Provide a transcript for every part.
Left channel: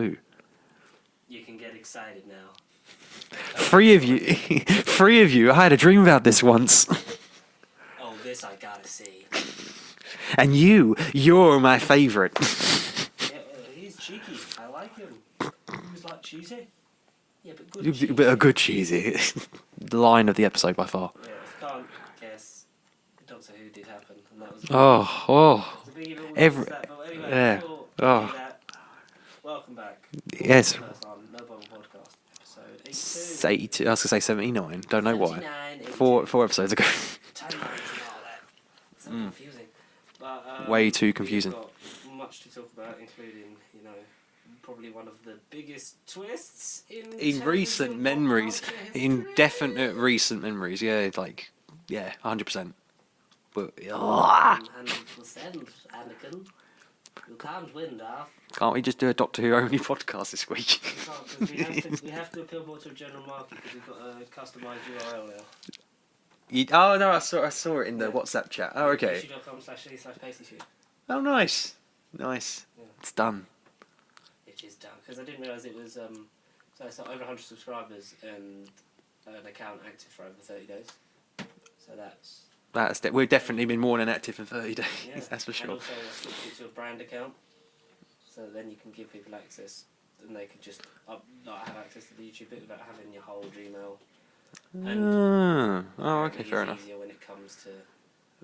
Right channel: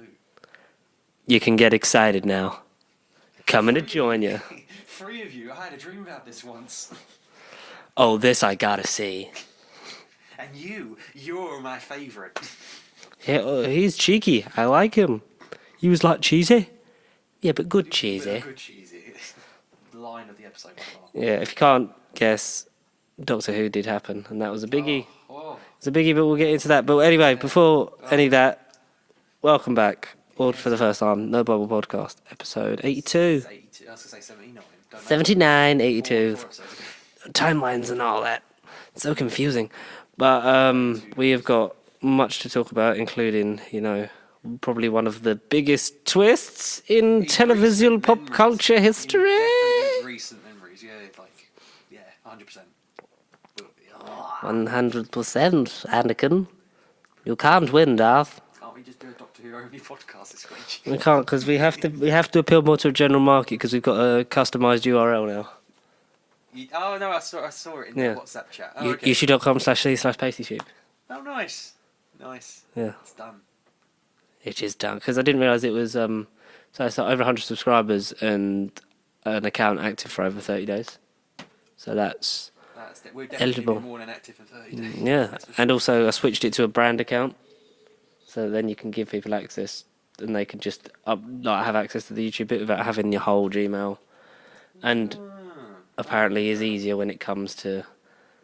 Ooh. You can get excited now. Come and Three join of you. you. Three of you. I had a dream about this once. Oh, this I gotta see. And you're my favourite. Yeah, he's cheeky. I like him. He was like cheesy. Yeah, but good cheesy. But a good cheesy. The line of the episode by far. Yeah, if you can't guess, Doctor Who did happen, and that was a biggie. It's a biggie, but we'll get into that. But anyway, before any of that, welcome back. For the first time, No Bubble Podcast, episode 82. 82. I was going to say 79. Don't know 79, 82. Four episodes ago. Timelines and all that. It's so confusing. But way too confusing. We have got much to talk about, including, probably one of the biggest twists in television pop culture history. In definite recent memories, 100%. But, 100%, Anakin. You can't win, Darth. Can't we just do a Doctor Who only podcast this week? We can't, because we have to appeal more to a general market, because we've got a customised URL now. I saw it in the WhatsApp chat. Oh, okay. youtube.com/c/pasty Oh, nice. Yeah. It's done. It is done, because I didn't realise it was, so it's over 100 subscribers and an account active for over 30 days. So we've definitely been more than active in 30 days. Yeah, that's for sure. And also I switched it to a brand account, so then you can give people access, and they can just have access to the YouTube bit without having your whole Gmail. And apparently is easier when it comes to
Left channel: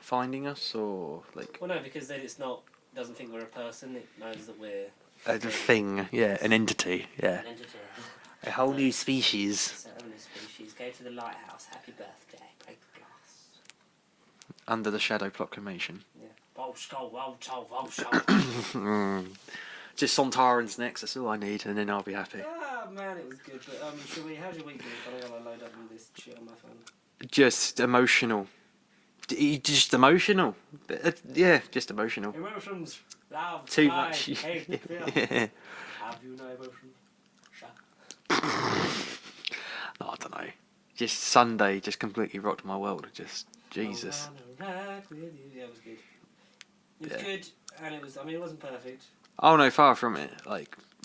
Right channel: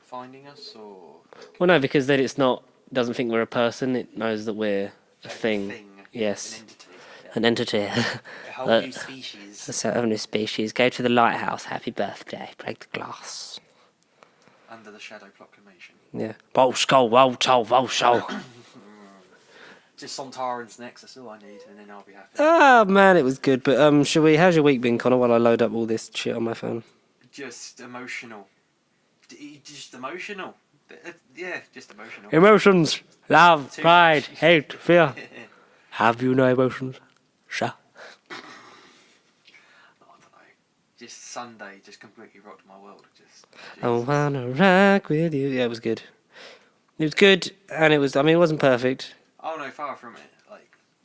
finding us, or well, no, because then doesn't think we're a person. It knows that we're a thing. Yes, an entity. Yeah, an entity. A whole new species. It's a whole new species. Go to the lighthouse. Happy birthday. Break the glass. Under the shadow proclamation. Yeah. Roll skull, roll toe, roll show. Just Sontarans next, that's all I need, and then I'll be happy. Oh man, it was good. But how's your week been, Connor, while I load up all this shit on my phone? Just emotional. Just emotional. Yeah, just emotional. Emotions. Love, pride, hate, fear. Have you no emotions? Sure. I don't know. Just Sunday just completely rocked my world. Just Jesus. I wanna rock with you. Yeah, it was good. It was good, and it wasn't perfect. Oh no, far from it.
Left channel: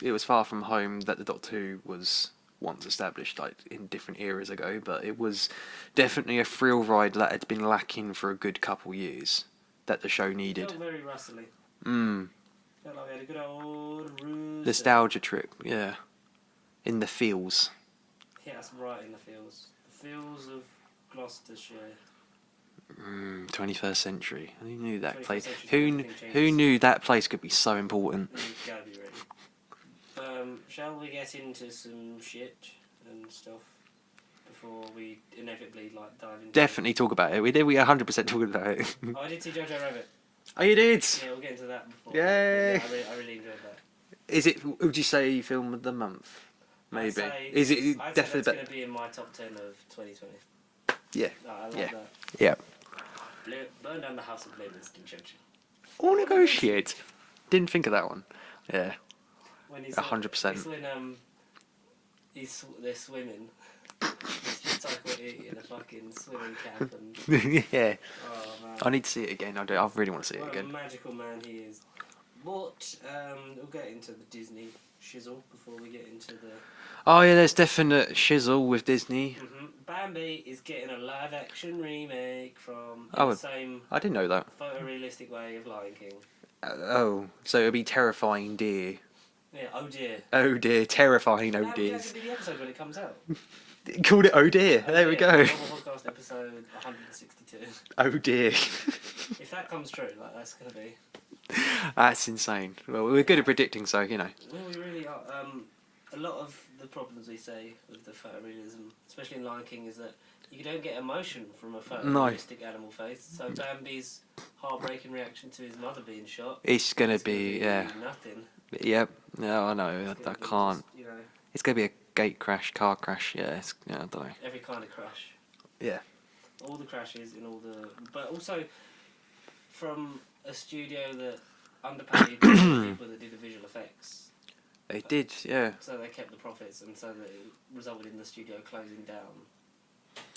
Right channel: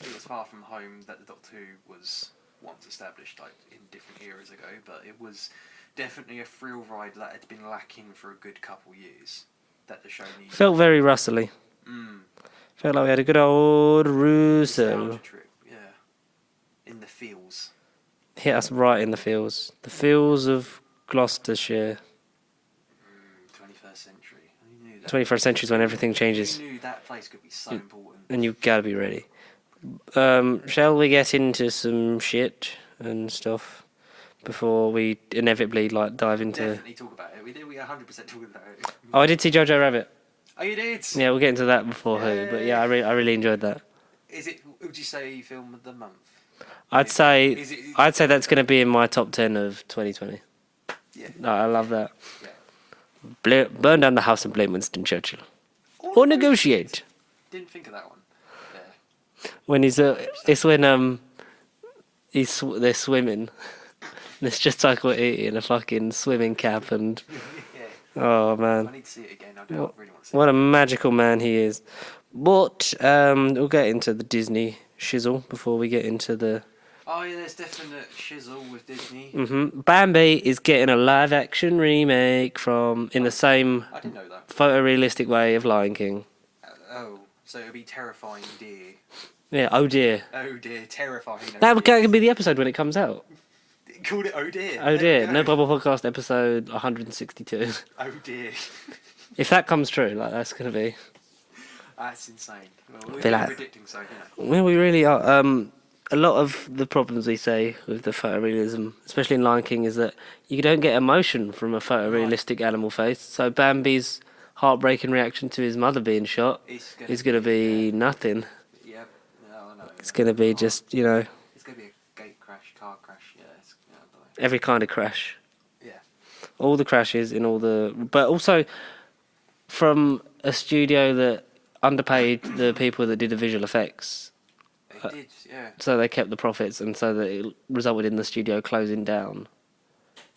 It was far from home that the Doctor Who was once established, in different eras ago. But it was definitely a thrill ride that had been lacking for a good couple years. That the show needed. Felt very Russell-y. Felt like we had a good old Russo. Nostalgia trip, yeah. In the feels. Hit us right in the feels. The feels of Gloucestershire. 21st century. Who knew that? 21st century is when everything changes. Who knew that place could be so important? And you've got to be ready. Shall we get into some shit and stuff before we inevitably dive into... Definitely talk about it. We 100% talking about it. Oh, I did see Jojo Rabbit. Oh, you did? Yeah, we'll get into that before. But yeah, I really enjoyed that. Would you say film of the month? I'd say that's going to be in my top 10 of 2020. Yeah. No, I love that. Yeah. Burn down the house and blame Winston Churchill. Or negotiate. Didn't think of that one. Yeah. When he's it's when they're swimming. It's just Taika Watiti in a fucking swimming cap and yeah. Oh man. I need to see it again. I really want to see it. What a magical man he is. But we'll get into the Disney shizzle before we get into the... Oh yeah, there's definite shizzle with Disney. Mm-hmm. Bambi is getting a live-action remake the same... I didn't know that. Photorealistic way of Lion King. So it'll be Terrifying Deer. Yeah, oh dear. Oh dear, terrifying. That could be the episode when it comes out. Called it Oh Dear. Oh dear. No Bubble Podcast episode 162. Oh dear. If that comes true, that's going to be... That's insane. Well, we're good at predicting, so, Well, we really are. A lot of the problems we say with the photorealism, especially in Lion King, is that you don't get emotion from a photorealistic animal face. So Bambi's heartbreaking reaction to his mother being shot is going to be nothing. Yep. No, I know. It's going to be just, It's going to be a gate crash, car crash. I don't know. Every kind of crash. Yeah. All the crashes in all the... But also from a studio that underpaid the people that did the visual effects. They did, yeah. So they kept the profits, and so that it resulted in the studio closing down.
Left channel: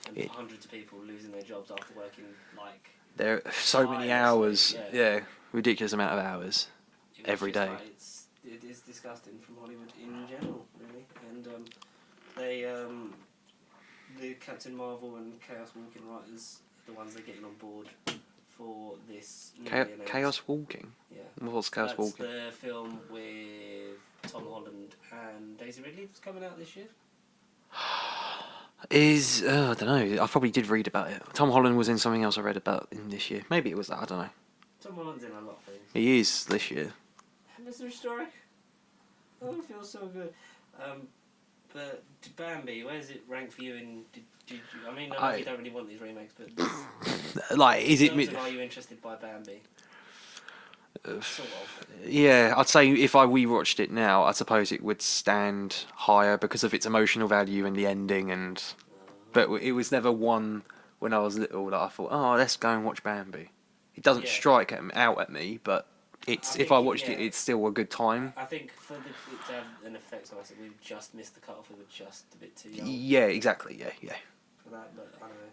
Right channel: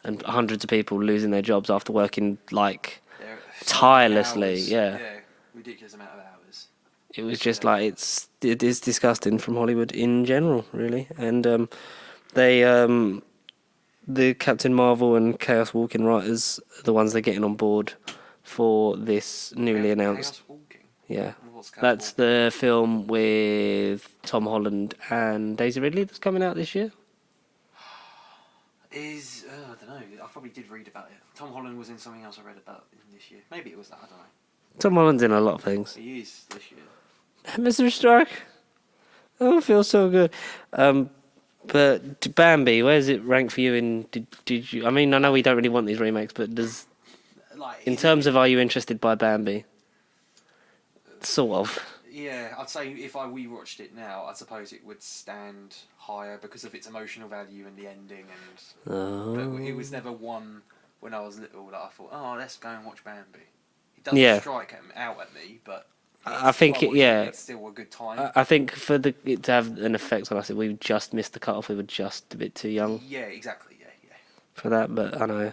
And hundreds of people losing their jobs after working, tirelessly. Yeah, ridiculous amount of hours. It was every just day. like it is disgusting from Hollywood in general, really. And they the Captain Marvel and Chaos Walking writers are the ones they're getting on board for this newly announced. Chaos Walking. Yeah, What's Chaos that's Walking? the film with Tom Holland and Daisy Ridley that's coming out this year. I don't know. I probably did read about it. Tom Holland was in something else I read about in this year. Maybe it was that. I don't know. Tom Holland's in a lot of things. He is this year. Mr. Stark. Oh, it feels so good. But Bambi, where does it rank for you? In did you? I mean, I know we don't really want these remakes, but does Like in terms of are you interested by Bambi? Sort of. Yeah, I'd say if we watched it now, I suppose it would stand higher because of its emotional value and the ending. And but it was never one when I was little that I thought, oh, let's go and watch Bambi. It doesn't strike out at me, but I think if I watched it, it's still a good time. I think for it to have an effect on us, we just missed the cutoff. We were just a bit too young. Yeah, exactly. Yeah. For that, but I know.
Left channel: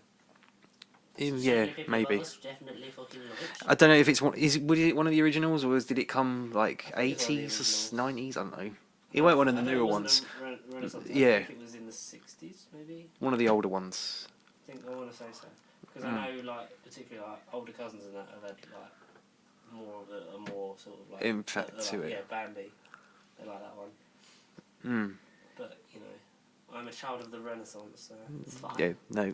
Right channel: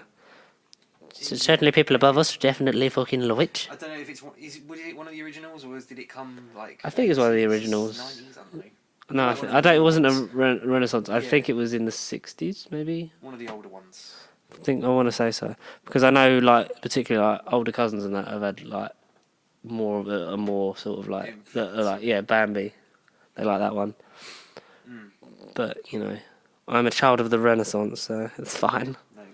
So Yeah, certainly, people above maybe. us definitely fucking love it. I don't know if it's one. Was it one of the originals, or did it come like? I think it's one of the 80s, originals. 90s. I don't know. No, One of I the don't. It newer wasn't ones. a Renaissance. I Yeah. think it was in the 60s, maybe. One of the older ones. I want to say so because I know, like, particularly like older cousins and that have had like more of a more sort of like, Influence, Bambi. They like that one. Mm. But I'm a child of the Renaissance, so it's fine. No.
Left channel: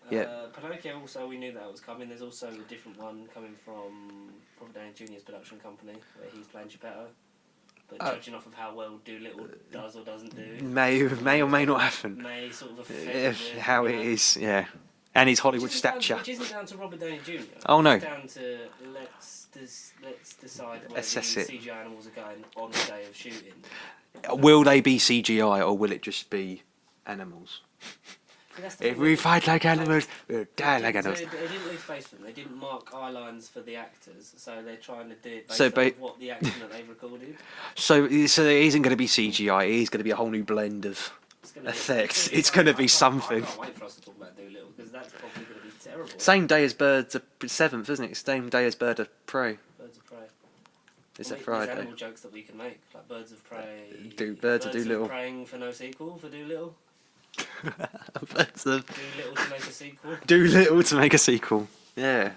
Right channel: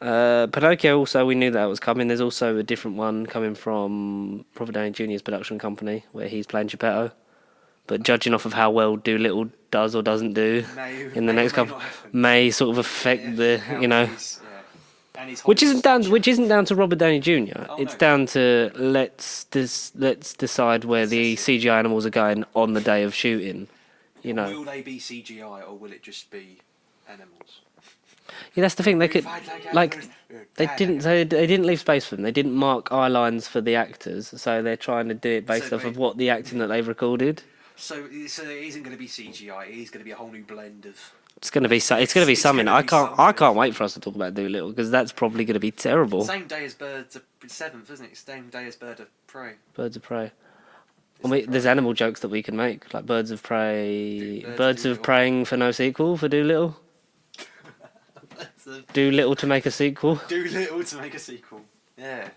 Pinocchio also, we knew that was coming. There's also a different one coming from Robert Downey Jr.'s production company where he's playing Geppetto. But judging off of how well Doolittle does or doesn't do, May in the or next may couple, not happen. may sort of affect the How it is, yeah. And his which Hollywood stature. isn't down to Robert Downey Jr. Oh, no. It's down to let's decide where the Assess it. CGI animals are going on the day of shooting. Will they be CGI or will it just be animals? Yeah, that's the thing. We fight like animals. They didn't leave space for them. They didn't mark eye lines for the actors, so they're trying to do it based off of what the acting that they've recorded. So it isn't going to be CGI. It is going to be a whole new blend of. It's going to be something. I can't wait for us to talk about Doolittle because that's probably going to be terrible. Same day as Birds of 7th, isn't it? Same day as Bird of Prey. Birds of Prey. Is Well, it there's Friday? animal jokes that we can make, like Birds of Prey. Birds of Birds of Doolittle. Praying for no sequel for Doolittle. Birds of Doolittle to make a sequel. Doolittle to make a sequel. Yeah.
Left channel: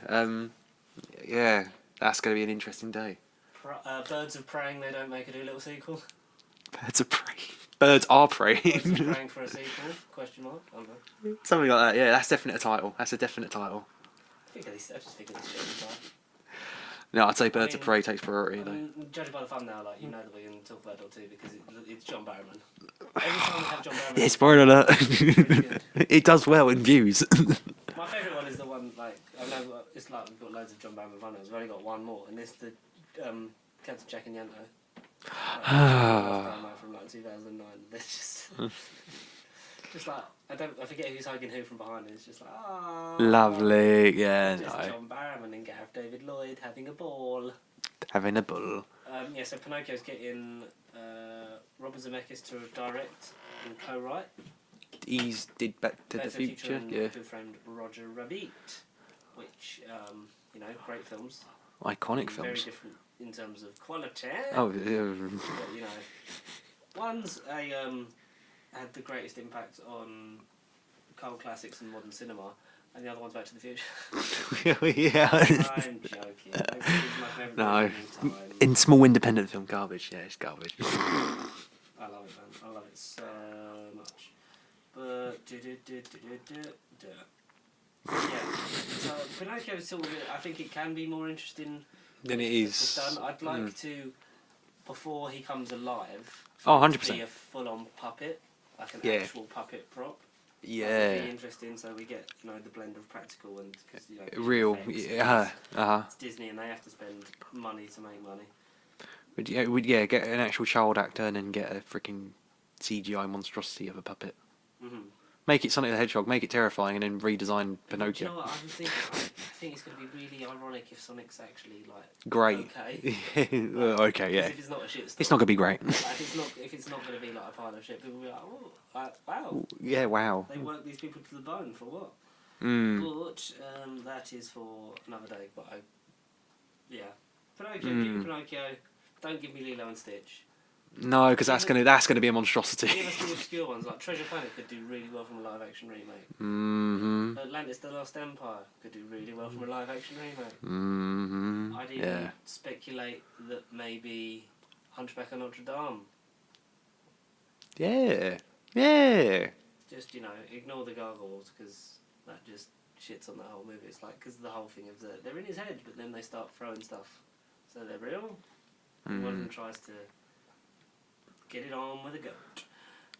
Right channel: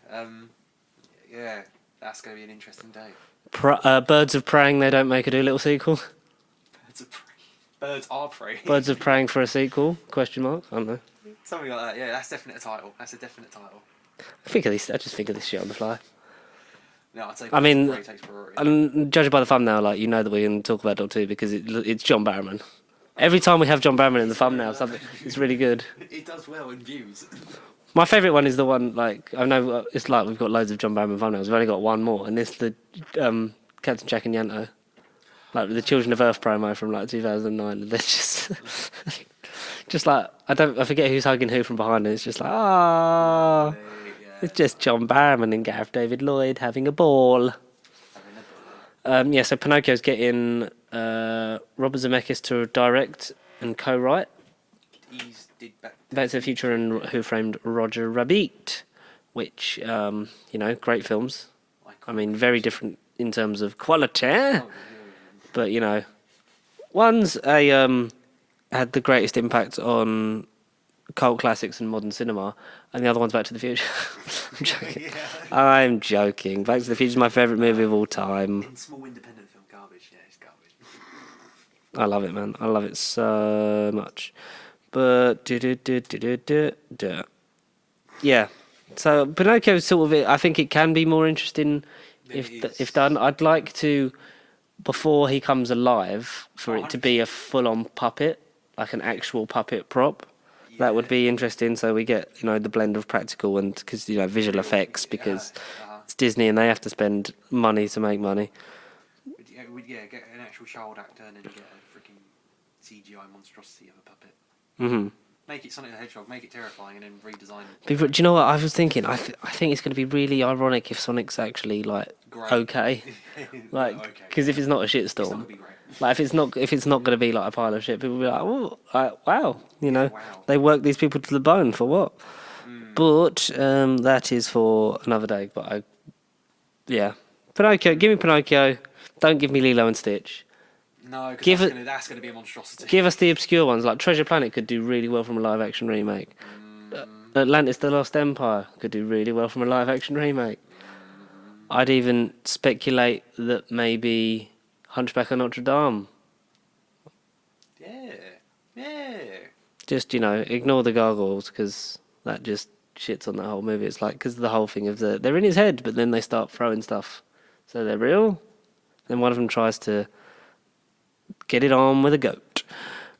Yeah. That's going to be an interesting day. Birds of Praying, they don't make a Doolittle sequel. Birds of Prey. Birds are prey. Birds of Praying for a sequel? Question mark. I don't know. Something like that. Yeah, that's definitely a title. That's a definite title. I just think of this shit on the fly. No, I'd say Birds of Prey takes priority. And judging by the thumbnail, like, you know that we're going to talk about Doctor Who because it's John Barrowman. Every time we have John Barrowman in the thumbnail, it's really good. It does well in views. My favourite one is the one, like, I know it's like we've got loads of John Barrowman thumbnails. We've only got one more, and it's the Captain Jack and Yanto. Like the Children of Earth promo from like 2009. They're just like I forget who's hugging who from behind. And it's just like Lovely, yeah. It's just John Barrowman and Gareth David Lloyd having a ball. Having a bull. So Pinocchio's getting Robert Zemeckis to direct and co-write. He's did Back to the Future and Who Framed Roger Rabbit, which great films. Iconic I mean, films. very different in terms of quality. Oh, But one's had the greatest impact on cult classics and modern cinema, and the other one's Back to the Future. yeah. I'm joking. Back to the Future is my favourite movie of all time. In small independent film, garbage. Yeah, it's garbage. I love it, man. I love it so much. But yeah. So Pinocchio is sort of it. I think it can be more interesting if done. I'd like to, before he comes alive, for it to be a full-on puppet, like an actual puppet prop. Yeah. That would be interesting. So we get the blend of practical and because visual effects because it's Disney and they have to spend money to make money. We'd get an actual child actor and then get a freaking CGI monstrosity of a puppet. Mm-hmm. Make it Sonic the Hedgehog, make it terrifying, and then redesign. People, do you know what I was thinking? I think it's going to be really ironic if Sonic's actually like great. Okay, like, okay, because if it's not a shitstorm, it's not going to be great. Like if it's not going to be like a pile of shit, people will be like, oh, wow, wow. They work these people to the bone for what? But that is for another day. But Pinocchio, give me Pinocchio. Don't give me Lilo and Stitch. No, because that's gonna be a monstrosity. Give us the obscure ones, like Treasure Planet could do really well from a live-action remake. Atlantis: The Lost Empire could do really well from a live-action remake. I'd even speculate that maybe Hunchback of Notre Dame. Yeah. Just, ignore the gargoyles, because that just shits on the whole movie. It's like, because the whole thing of they're in his head, but then they start throwing stuff. So they're real. Then one of them tries to get it on with a goat.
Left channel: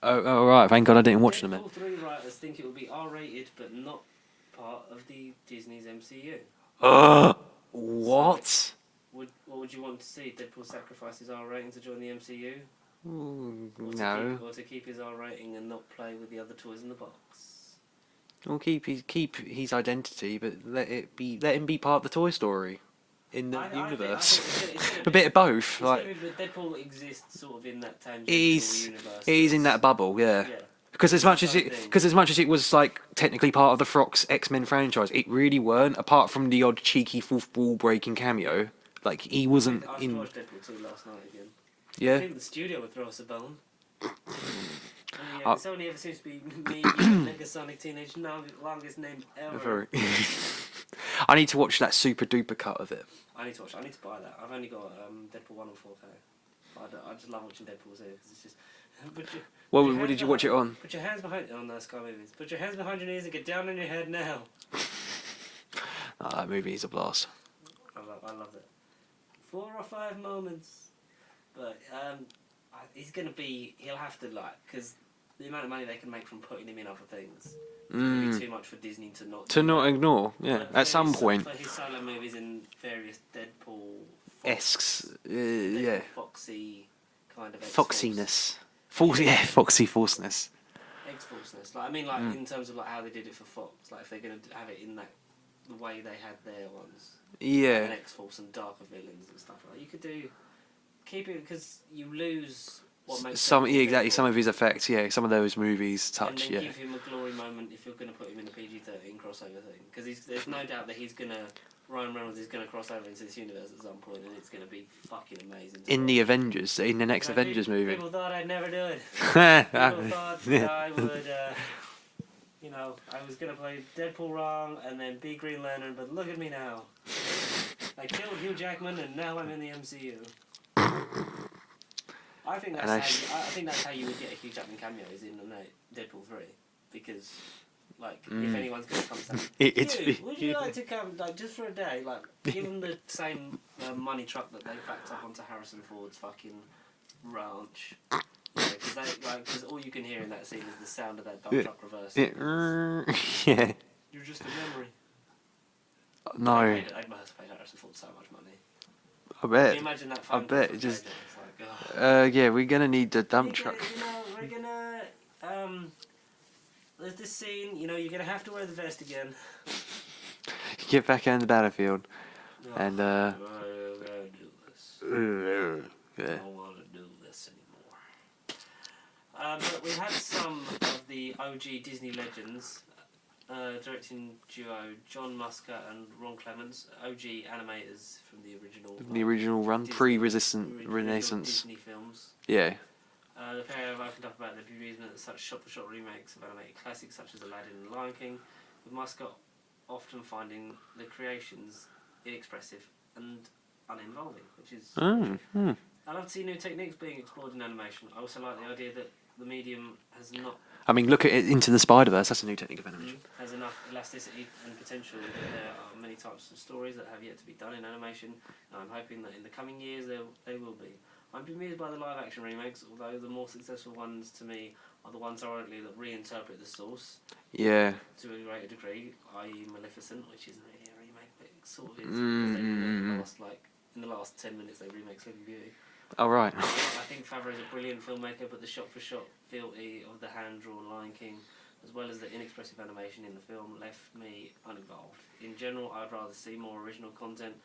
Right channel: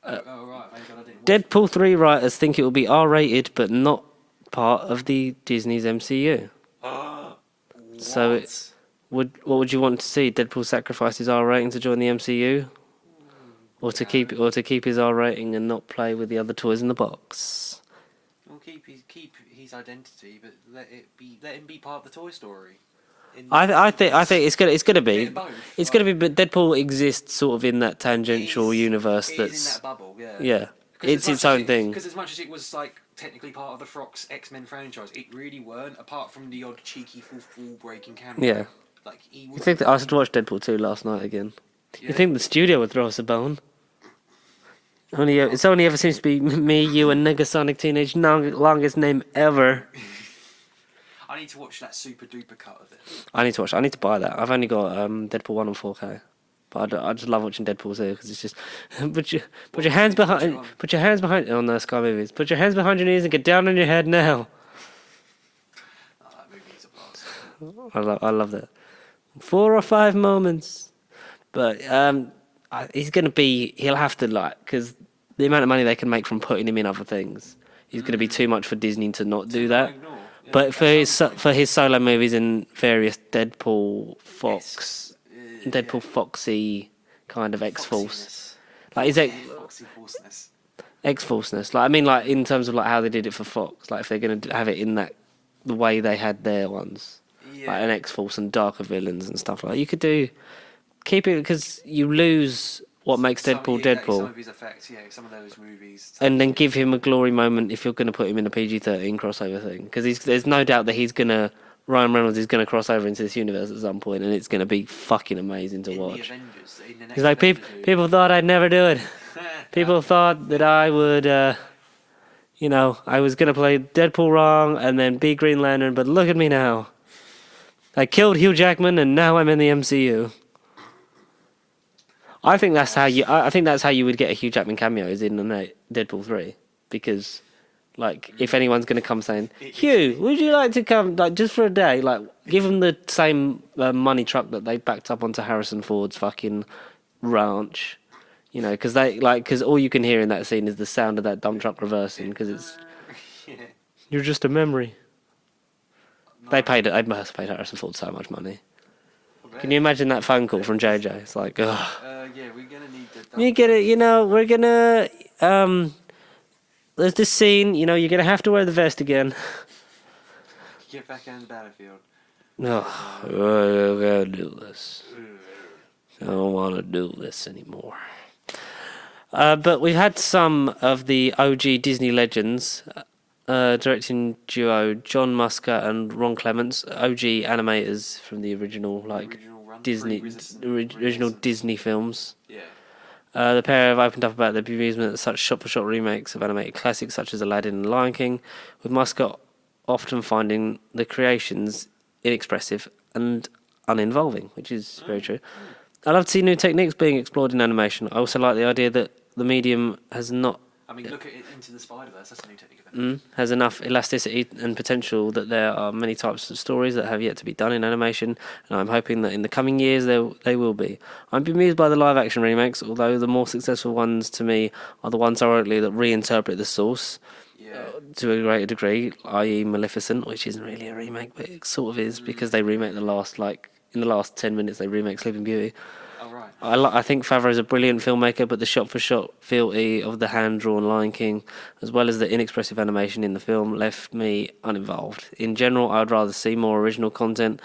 Oh, right. Thank God I didn't watch Deadpool 3 writers think it will be R-rated, but not part of the Disney's MCU. What? So what would you want to see? Deadpool sacrifice his R rating to join the MCU, or to keep his R rating and not play with the other toys in the box? Well, keep his identity, but let him be part of the Toy Story. I think it's gonna be a bit of both. It's gonna be, but Deadpool exists sort of in that tangential universe. He's in that bubble, yeah. Yeah. Because It's its own thing. as much as it was like technically part of the Fox X-Men franchise, it really weren't. Apart from the odd cheeky fourth wall breaking cameo, Yeah. like he I wasn't. think I watched Deadpool 2 last night again. Yeah. You think the studio would throw us a bone? It's only ever seems to be me, you, and Negasonic Teenage, longest name ever. I need to watch that super duper cut of it. I need to buy that. I've only got Deadpool 1 on 4K. But I just love watching Deadpool 2 because it's just put your hands behind on Sky Movies. Put your hands behind your knees and get down on your head now. Oh, that movie is a blast. I love that. 4 or 5 moments, but he'll have to because the amount of money they can make from putting him in other things is going to be too much for Disney to not do that. To not ignore. Yeah. But for his solo movies and various Deadpool Foxy kind of X-Force. Foxiness. Foxy Forceness. X-Forceness. In terms of how they did it for Fox. Like if they're going to have it in the way they had their ones. Yeah. Like an X-Force and darker villains and stuff like that. You could keep it because you lose what makes Deadpool Deadpool. Some of his effects, some of those movies. And then give him a glory moment if you're going to put him in a PG-13 crossover thing. Because there's no doubt that Ryan Reynolds is going to cross over into this universe at some point, and it's going to be fucking amazing to watch. In the Avengers, in the next Avengers movie. People thought I'd never do it. People thought that I would, I was going to play Deadpool wrong and then be Green Lantern, but look at me now. I killed Hugh Jackman, and now I'm in the MCU. I think that's how you would get a Hugh Jackman cameo is in Deadpool 3, because if anyone's going to come saying, Hugh, would you like to come just for a day? Give them the same money truck that they backed up onto Harrison Ford's fucking ranch, because all you can hear in that scene is the sound of that dump truck reversing because it's you're just a memory. No. They must have paid Harrison Ford so much money. I bet. Can you imagine that phone call from JJ? It's like, ugh. We're gonna need the dump You get it, we're gonna there's this scene, you're gonna have to wear the vest again. Get back on the battlefield. No, I gotta do this. I don't want to do this anymore. But we've had some of the OG Disney legends, directing duo John Musker and Ron Clements, OG animators from the original, the original run, Disney, original Disney films. Yeah. The pair have opened up about their bemusement at such shot-for-shot remakes of animated classics such as Aladdin and Lion King, with Musker often finding the creations inexpressive and uninvolving, which is very true. I love to see new techniques being explored in animation. I also like the idea that the medium has not... look at it, Into the Spider-Verse. That's a new technique of animation. Has enough elasticity and potential that there are many types of stories that have yet to be done in animation, and I'm hoping that in the coming years they will be. I'm bemused by the live-action remakes, although the more successful ones to me are the ones ironically that reinterpret the source to a greater degree, i.e. Maleficent, which isn't really a remake, but it sort of is because they remake in the last 10 minutes they remake Sleeping Beauty. Oh, right. I think Favreau's a brilliant filmmaker, but the shot-for-shot fealty of the hand-drawn Lion King, as well as the inexpressive animation in the film, left me uninvolved. In general, I'd rather see more original content,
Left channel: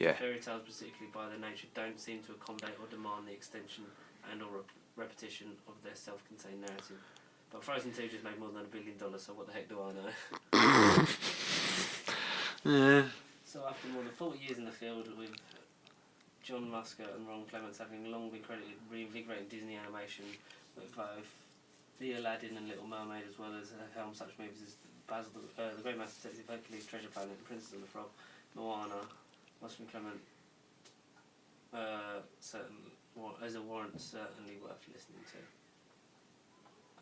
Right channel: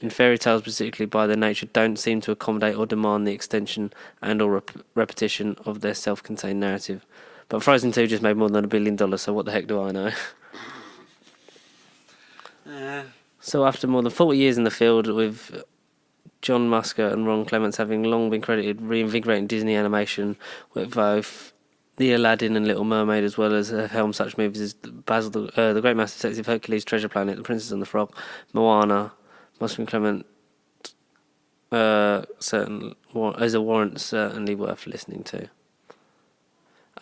and fairy tales, particularly by their nature, don't seem to accommodate or demand the extension and or repetition of their self-contained narrative. But Frozen 2 just made more than $1 billion, so what the heck do I know? Yeah. So after more than 40 years in the field with John Musker and Ron Clements having long been credited reinvigorating Disney animation with both The Aladdin and Little Mermaid, as well as helmed such movies as Basil, the Great Master Detective, Hercules, Treasure Planet, The Princess and the Frog, Moana. Musker and Clement as a warrant certainly worth listening to.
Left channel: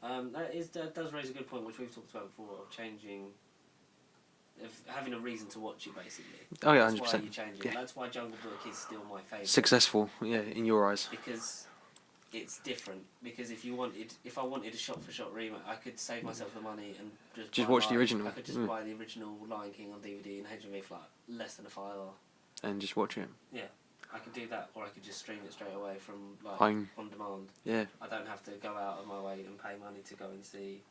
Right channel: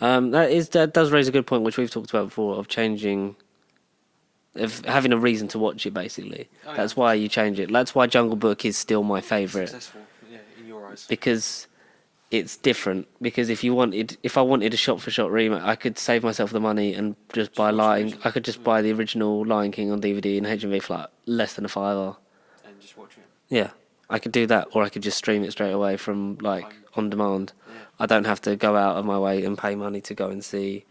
That does raise a good point, which we've talked about before, of having a reason to watch it. Basically, that's 100%. Why you change it. That's why Jungle Book is still my favourite. Successful, yeah, in your eyes, because it's different. Because if I wanted a shot-for-shot remake, I could save myself the money and just buy Lion. I could just buy the original Lion King on DVD and HMV for like less than a $5 and just watch it. Yeah. I could do that, or I could just stream it straight away from on demand. Yeah. I don't have to go out of my way and pay money to go and see,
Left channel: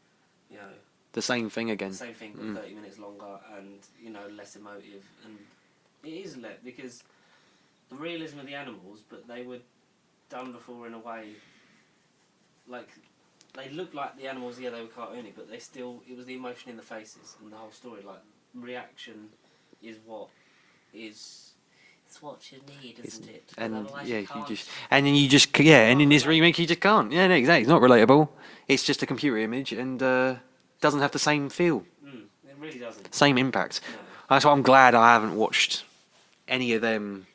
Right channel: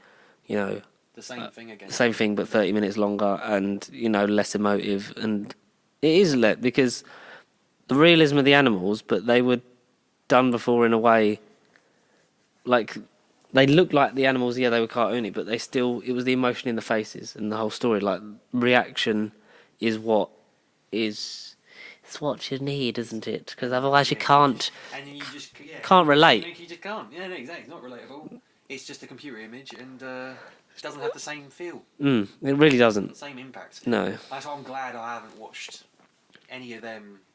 the same thing again. Same thing, but 30 minutes longer and less emotive. And it is because the realism of the animals, but they were done before in a way. Like they looked like the animals. Yeah, they were cartoony, but it was the emotion in the faces and the whole story. Like reaction is what is. It's what you need, isn't it? Because otherwise you can't. And then you just can't and relate. You just can't. Yeah, no, exactly. It's not relatable. It's just a computer image, and it doesn't have the same feel. It really doesn't. Same impact. No. That's why I'm glad I haven't watched any of them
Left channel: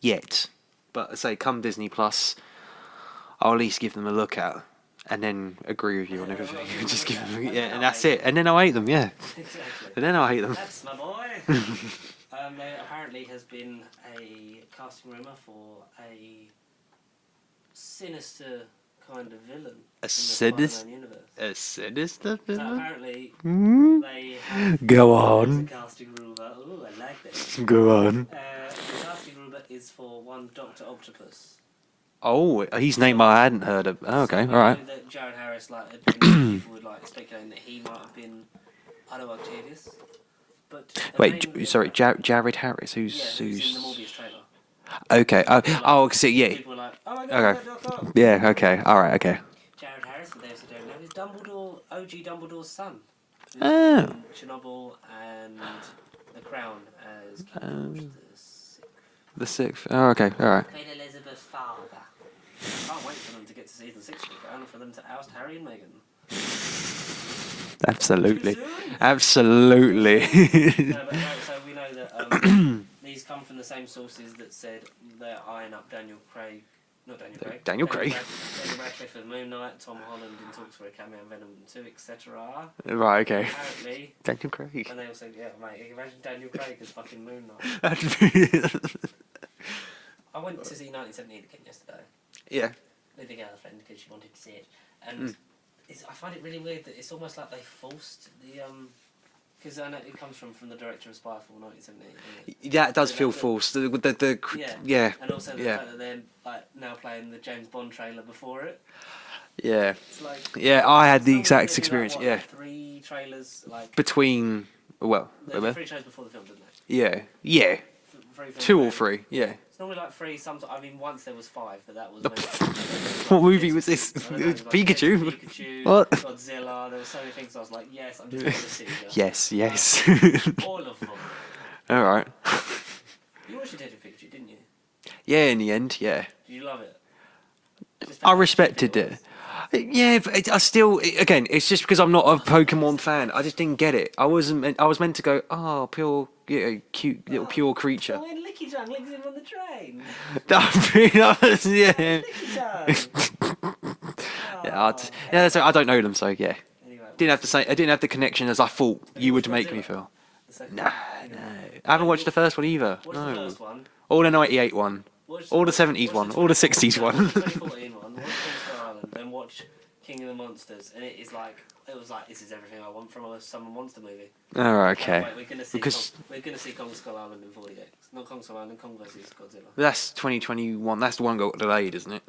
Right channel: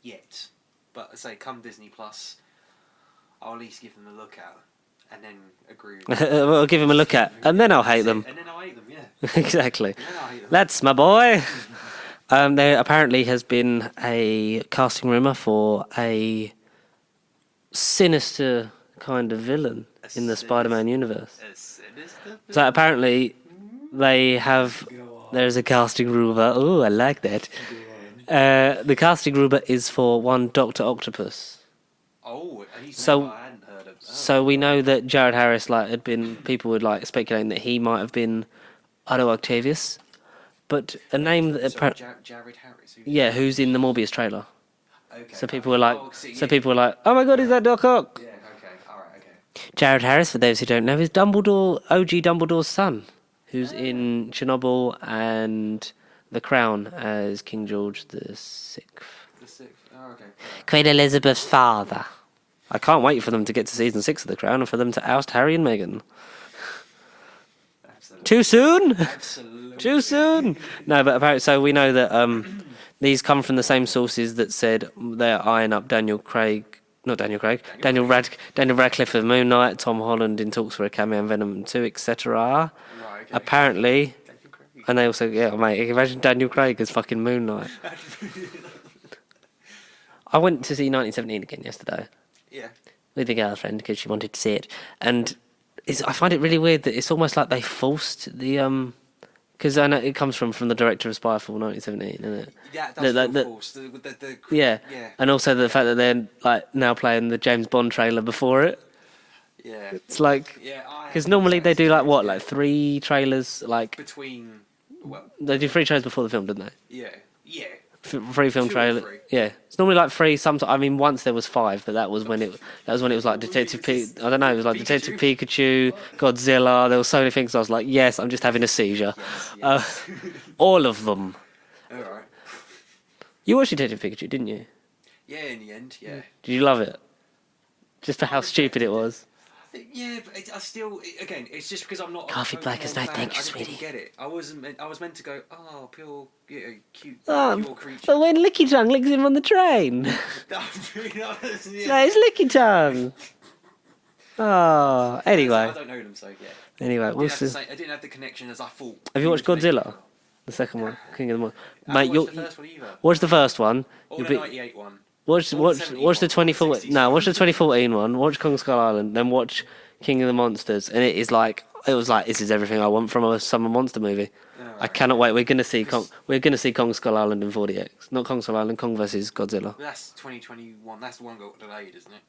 yet. But I say, come Disney Plus, I'll at least give them a look at, and then agree with you. Well, I'll give them a look at, and then I'll hate them. And then I'll hate them. Yeah. Exactly. And then I'll hate them. That's my boy. There apparently has been a casting rumour for a sinister kind of villain in the Spider-Man universe. A sinister villain? So apparently they have... Go on. There's a casting rumour. Oh, I like that. Go on. The casting rumour is for one Dr. Octopus. Oh, his name I hadn't heard of. Okay, so we know that Jared Harris had been... people were speculating that he might have been Otto Octavius. But Jared Harris, who's in the Morbius trailer. Okay. So people were like, oh my god, is that Doc Ock? Yeah, okay. All right, okay. Jared Harris, for those who don't know, is OG Dumbledore's son, who's in Chernobyl and The Crown as King George the Sixth. The Sixth. Oh, okay. All right. Queen Elizabeth's father. I can't wait for them to get to season 6 of The Crown and for them to oust Harry and Meghan. Absolutely. Too soon? Absolutely. Too soon? No, but apparently, so we know that these come from the same sources that said they're eyeing up Daniel Radcliffe of Moon Knight, Tom Holland in talks for a cameo in Venom 2, etc. Right, okay. Apparently. Daniel Craig. And they also, mate, imagine Daniel Craig as fucking Moon Knight. I went to see 1917 again yesterday. Yeah. With a girlfriend because she wanted to see it. And I find it really weird that it's almost like they forced the because I know it comes from the director of Spyfall 1917, isn't it? Yeah, it does feel forced. Yeah, and also the fact that they're now playing the James Bond trailer before it. Yeah, it's like I had the normally exact they do experience, like 3 trailers between. Well, they do 3 trailers before the film, didn't they? Yeah. 3 film 2 trailer. or 3. Yeah. It's normally like 3. Sometimes I mean, once there was 5, but that was when it was like Detective I don't know. It was like Detective Pikachu, Godzilla. There were so many things. I was like, yes, I'm just having a seizure. yes. All of them. All right. You watched Detective Pikachu, didn't you? Yeah, in the end, yeah. Did you love it? Just for I how respected stupid it was. Yeah, but I still, again, it's just because I'm not a Pokemon fan. I just didn't get it. I was meant to go, pure, cute, pure creature. But when Licky Tongue licks him on the train. Yeah, it's Licky Tongue. Anyway. I don't know them, so yeah. Anyway, I didn't have the connection as I thought. Have you watched would make me Godzilla? feel. The second one, King of the Moon. I haven't watched the first one either. Watch the first one. Or the 98 one. Watch the 70s one. Watch the 60s No, one. watch the 2014 one. Watch Kong Skull Island. Then watch King of the Monsters. And it was like, this is everything I want from a summer monster movie. All right, I cannot wait. We're going to see Kong Skull Island in 40X. Not Kong Skull Island, Kong vs Godzilla. That's 2021. That's the one got delayed, isn't it?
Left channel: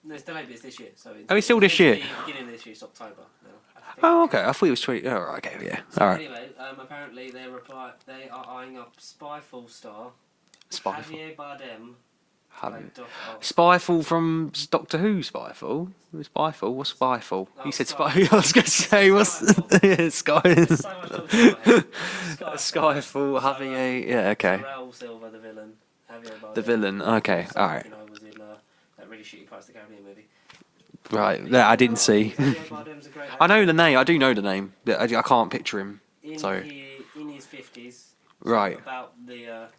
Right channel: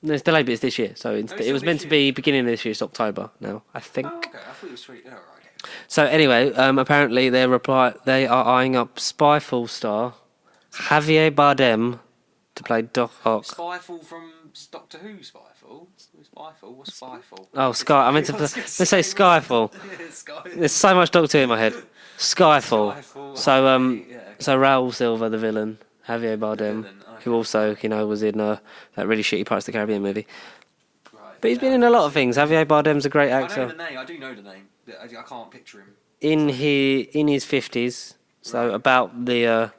No, it's delayed, but it's this year. So it was still meant this year? to be beginning of this year. It's October now, I think. Oh, okay. I thought it was 20. Oh, right, okay, yeah. So anyway, apparently they are eyeing up Spyfall star Javier Bardem to play Doc Ock. Spyfall from Doctor Who. Spyfall. What's Spyfall? Oh, Sky. I meant to say Skyfall. Sky. There's so much Doctor Who in my head. Skyfall. Skyfall. So yeah, okay. So Raul Silva, the villain, Javier Bardem. The villain. Okay. Also, alright. you know, was in that really shitty Pirates of the Caribbean movie. Right. But he's I been in a didn't lot see. of things. Javier Bardem's a great actor. I know the name. I do know the name. I can't picture him. In Sorry. his 50s, so Right. about the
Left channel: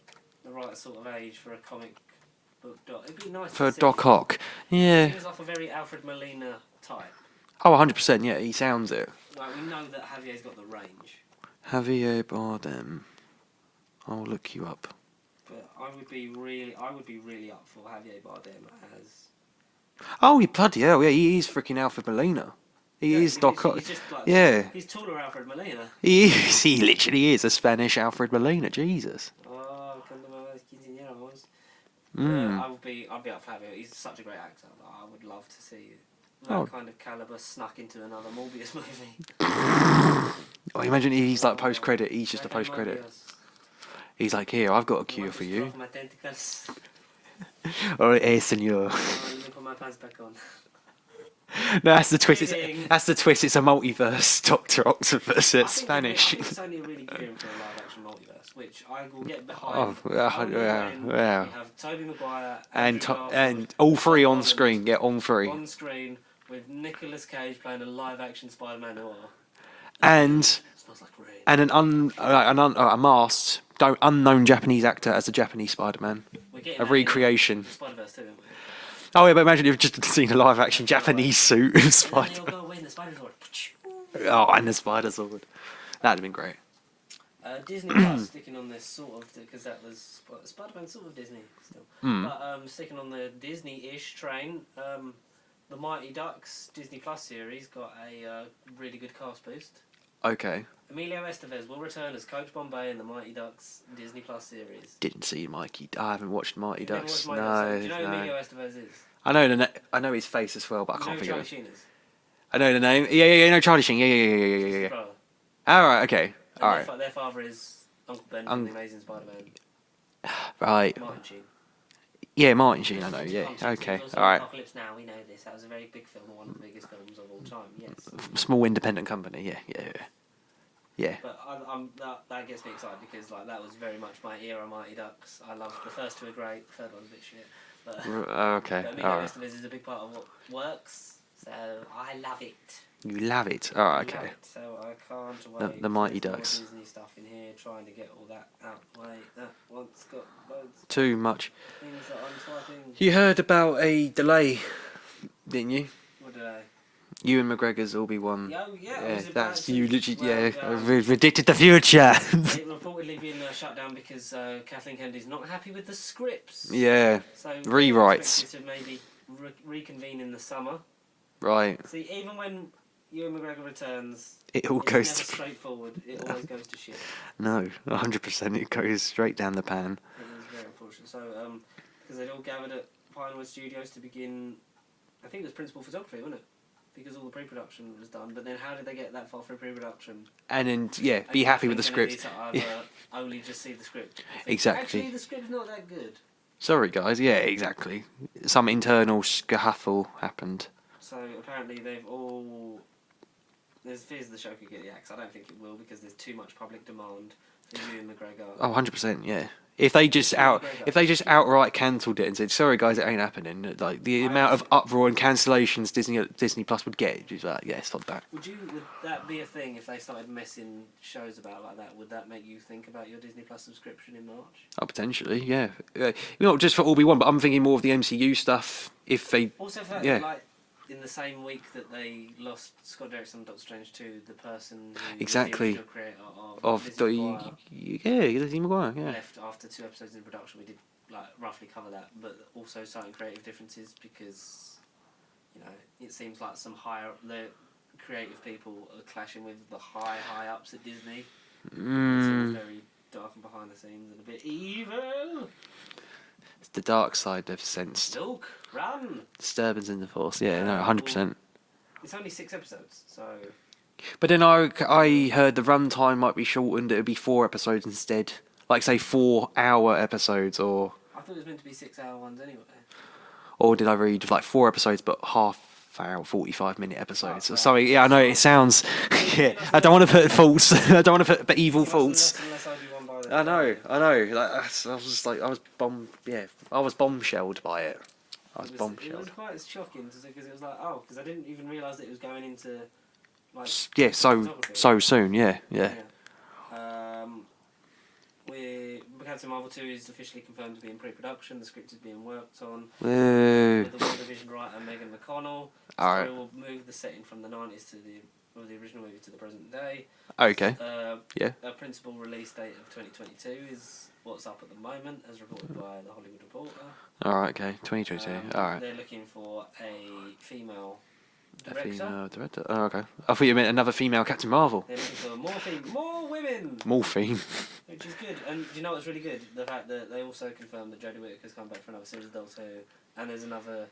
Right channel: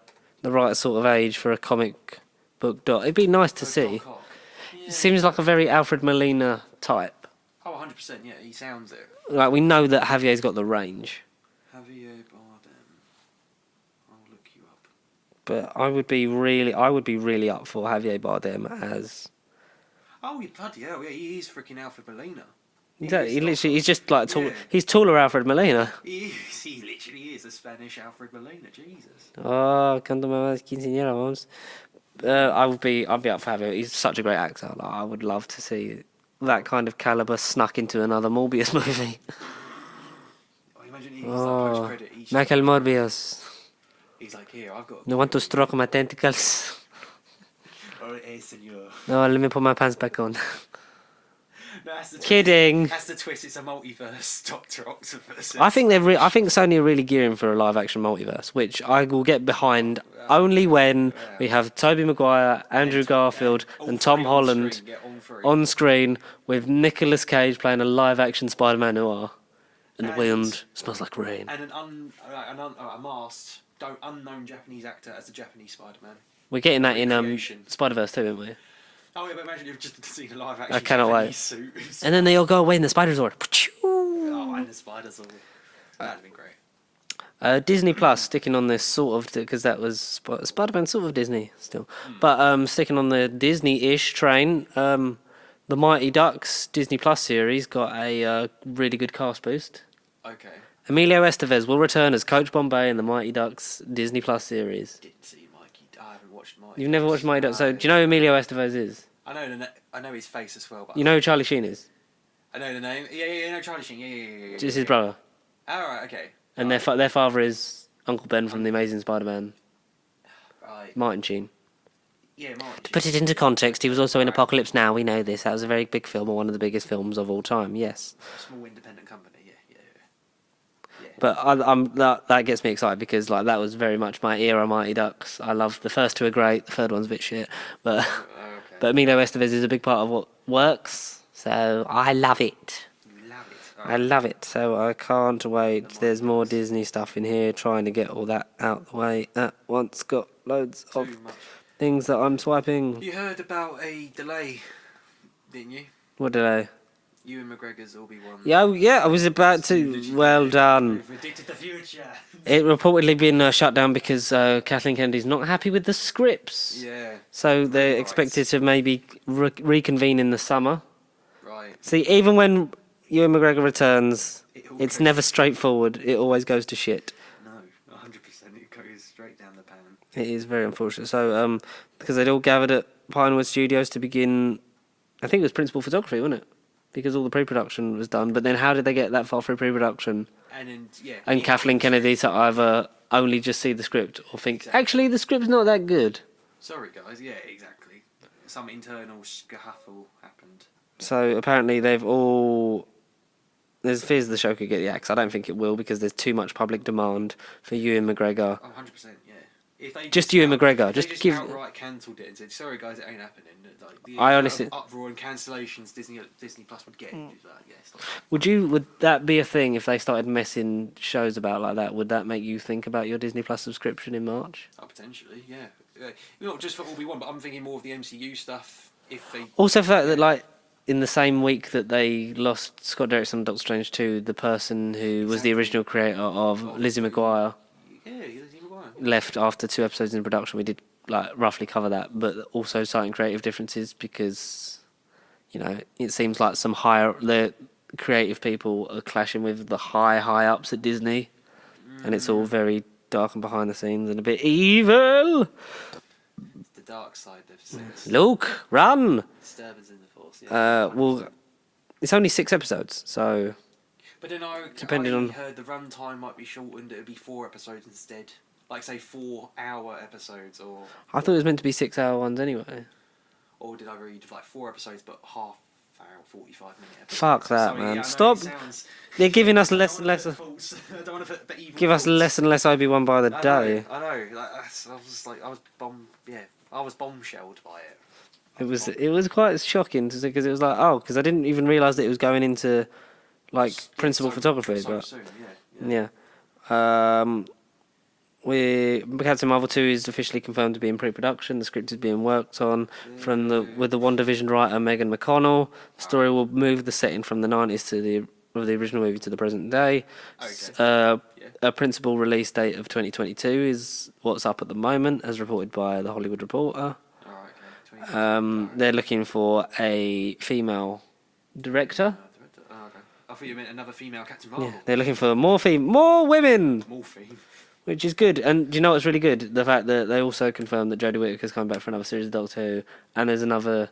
right sort of age for a comic book doc. It'd be nice to For see. Doc Ock. Yeah. Seems like a very Alfred Molina type. Oh, 100%. Yeah, he sounds it. Like we know that Javier's got the range, Javier Bardem. I'll look you up. but I would be really up for Javier Bardem as. Oh, you bloody hell! Yeah, he is freaking Alfred Molina. He's just like Yeah. he's taller Alfred Molina. He is. He literally is a Spanish Alfred Molina. Jesus. Oh, cuando me vas quinceañera, vamos. I'd be up for Javier. He's such a great actor. Like, I would love to see that kind of caliber snuck into another Morbius movie. Oh, imagine he's like post credit. He's just Michael post-credit. Morbius. He's like, here, I've got a You cure want to for stroke my tentacles? Oh, senor. Oh, let me put my pants back on. No, that's the twist. Kidding. That's the twist. It's a multiverse. Doctor Octopus. I think I think Sony are really gearing for a live-action multiverse, which I will get behind only when we have Tobey Maguire, Andrew Garfield, and all and Tom three on Holland screen. Yeah, on three. on screen with Nicolas Cage playing a live-action Spider-Man noir. And- the wind smells like rain. And a masked, unknown Japanese actor as a Japanese Spider-Man. We're getting a that recreation. in Spider-Verse too, aren't we? Oh yeah, but imagine if you've just seen a live-action I cannot Japanese wait. suit. And then they all go away in the Spider Sword. Oh, and the spider sword. That'd have been great. Disney Plus sticking on this sort of because that was Spider-Man sort of Disney still, Hmm. but sticking on the Disney-ish train. The Mighty Ducks Disney Plus series got a really good cast boost. Okay. Emilio Estevez will return as Coach Bombay in the Mighty Ducks Disney Plus series. Didn't see Mikey. I haven't watched Mighty. You've Ducks. never watched Mighty Ducks, so No, do you know who no. Emilio Estevez is? I know I know his face as well, but You know who Charlie Sheen is? I know the name. Yeah, I know Charlie Sheen. Yeah. It's his brother, All right, okay. and All their father is Uncle Ben from The Amazing Spider-Man, right. Martin Sheen. Yeah, Martin Sheen. Put it into context. He was also in Apocalypse Now. We know this. That was a very big film, or one of the biggest films of all time. Yes, Small independent company. Yeah. but that gets me excited because like that was very much my era. Mighty Ducks. I love the first two are great. The third one's a bit shit, but Okay. but Emilio All right. Estevez is a big part of what works. So I love it. You love it. I love it. So I can't wait. the Mighty There's more Ducks. Disney stuff in here. Trying to get all that out the way at once. Got loads Too of much. things that I'm swiping. You heard about a delay, didn't you? What did I? Ewan McGregor's Obi-Wan. Yeah, I was about That's- you to. literally- Well yeah, done. we predicted the future. It reportedly been shut down because Kathleen Kennedy's not happy with the scripts. Yeah. So they're Rewrites. expected to maybe reconvene in the summer. Right. See, even when Ewan McGregor returns, It all it's goes never to- straightforward. It always goes to shit. No, 100%. It goes straight down the pan. It is very unfortunate. So, because they'd all gathered at Pinewood Studios to begin, I think it was principal photography, wasn't it? Because all the pre-production was done. But then how did they get that far through pre-production? And then, yeah. And be happy Kathleen with the Kennedy script. to either only just see the script or think, Exactly. actually, the script's not that good. Sorry, guys. Yeah, exactly. Some internal scuffle happened. So apparently they've all... There's fears the show could get the axe. I don't think it will because there's too much public demand for Ewan McGregor. Oh, 100%, yeah. If they Just Ewan McGregor. If they Just just give- outright cancelled it and said, "Sorry guys, it ain't happening," like the I amount honestly- of uproar and cancellations Disney Plus would get, is like, yeah, stop that. Would that be a thing if they started messing shows about like that? Would that make you think about your Disney Plus subscription in March? Oh, potentially, yeah. Not just for Obi-Wan, but I'm thinking more of the MCU stuff. If they Also, for Yeah. that, like in the same week that they lost Scott Derrickson and Doctor Strange 2, the person who was Exactly. the original creator of Lizzie McGuire Yeah, Lizzie McGuire. Yeah. left after 2 episodes in production. We did like roughly cover that, but also citing creative differences because it seems like the creative people are clashing with the high ups at Disney, and it's all very dark and behind the scenes and a bit evil. It's the dark side they've sensed. Luke, run! Disturbance in the Force. Yeah, 100%. It's only 6 episodes, so But then I on- heard the runtime might be shortened. It would be 4 episodes instead. Like, say, 4-hour episodes, or I thought it was meant to be 6-hour ones anyway. did I read like 4 episodes but half half-hour, 45-minute episode. Fuck that, Sorry, man. yeah, I know Stop. it sounds. You're giving us I don't want to less put faults. I don't want to put evil Give faults. us less and less Obi-Wan by the day. I know. Like, I was just like, I was bombshelled by it. It was quite shocking because it was like, because I didn't even realise that it was going into like principal photography. So soon, yeah. Captain Marvel 2 is officially confirmed to be in pre-production. The script is being worked on with the WandaVision writer Megan McConnell. The story will move the setting from the 90s to the original movie to the present day. Okay. A principal release date of 2022 is what's up at the moment, as reported by The Hollywood Reporter. All right, okay. 2022. They're looking for a female director. Director. Oh, okay. I thought you meant another female Captain Marvel. Yeah, they're looking for more women. Morphine. Which is good. And do you know what's really good? The fact that they also confirmed that Jodie Whittaker's coming back for another series of Doctor Who, and there's another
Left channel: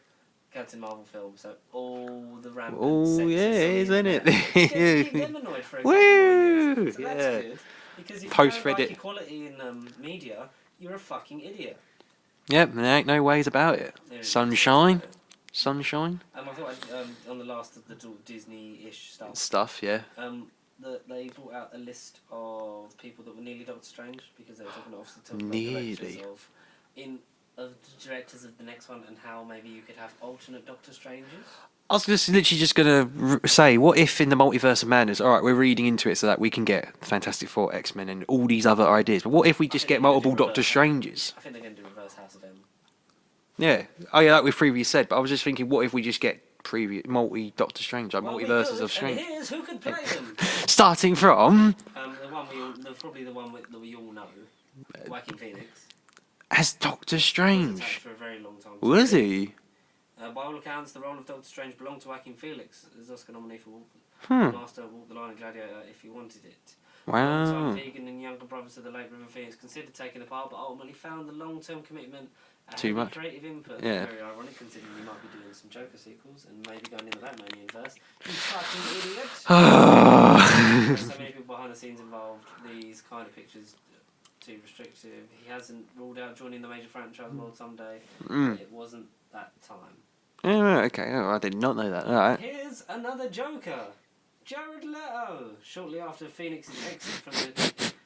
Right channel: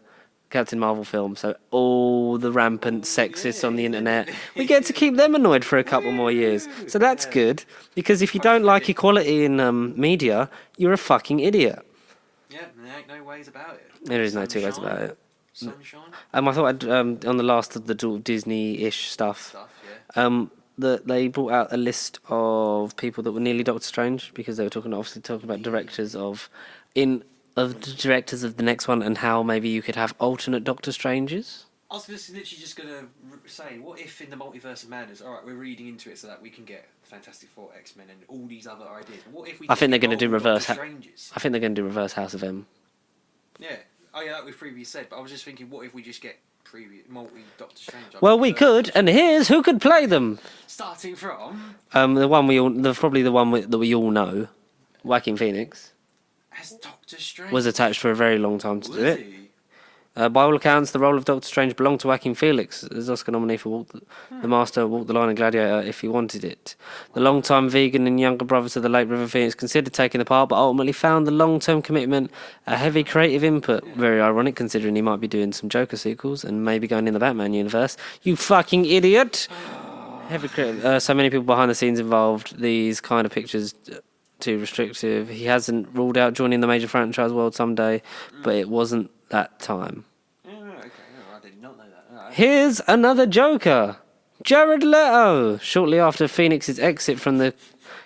Captain Marvel film. So all the rampant sexists on the internet, you get to keep them annoyed for a couple more years. So that's good. Because if you don't like equality in media, you're a fucking idiot. Yep, there ain't no ways about it. There is Sunshine. Sunshine. I thought I'd on the last of the Disney-ish stuff. Yeah. That they brought out a list of people that were nearly Doctor Strange because they were talking about directors of the directors of the next one and how maybe you could have alternate Doctor Stranges. I was literally just gonna say, what if in the Multiverse of Madness, all right, we're reading into it so that we can get the Fantastic Four, X-Men, and all these other ideas. But what if we just get multiple Doctor Stranges? I think they're going to do reverse House of M. Yeah. Oh yeah, like we've previously said. But I was just thinking, what if we just get multi-Doctor Strange? Like well, we could, and here's who could play them. Starting from the one probably the one that we all know, Joaquin Phoenix. As Doctor Strange was attached for a very long time. Was he? By all accounts, the role of Doctor Strange belonged to Joaquin Phoenix as Oscar nominee for The Master, Walk the Line and Gladiator if he wanted it. Wow. The long-time vegan and younger brother to the late River Phoenix considered taking the part, but ultimately found the long-term commitment a heavy creative input. Yeah. Very ironic, considering he might be doing some Joker sequels and maybe going in the Batman universe. You fucking idiot! So many people behind the scenes involved. These kind of pictures too restrictive. He hasn't ruled out joining the major franchise world someday, but it wasn't that time. Oh, okay. Oh, I did not know that. All right. Here's another Joker. Jared Leto. Shortly after Phoenix's exit from the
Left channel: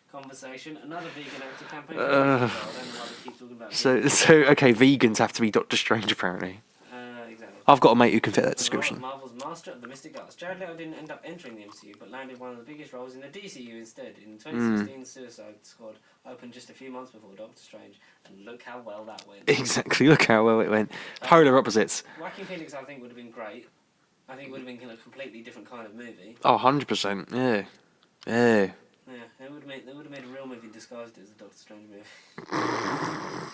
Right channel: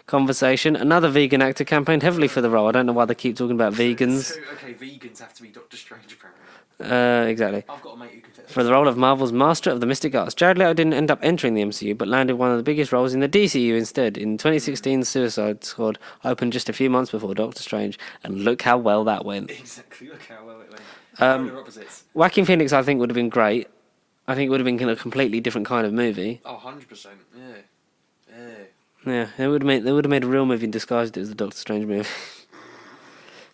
conversation, another vegan actor campaigned heavily for the role. I don't know why they keep talking about vegans. Okay, vegans have to be Doctor Strange, apparently. Exactly. I've got a mate who can fit that. For the role of Marvel's Master of the Mystic Arts, Jared Leto didn't end up entering the MCU, but landed one of the biggest roles in the DCU instead. In 2016, Suicide Squad opened just a few months before Doctor Strange, and look how well that went. Exactly, look how well it went. Polar opposites. Joaquin Phoenix, I think, would have been great. I think it would have been a completely different kind of movie. Oh, 100%. Yeah. Yeah. Yeah, they would have made a real movie and disguised it as the Doctor Strange movie.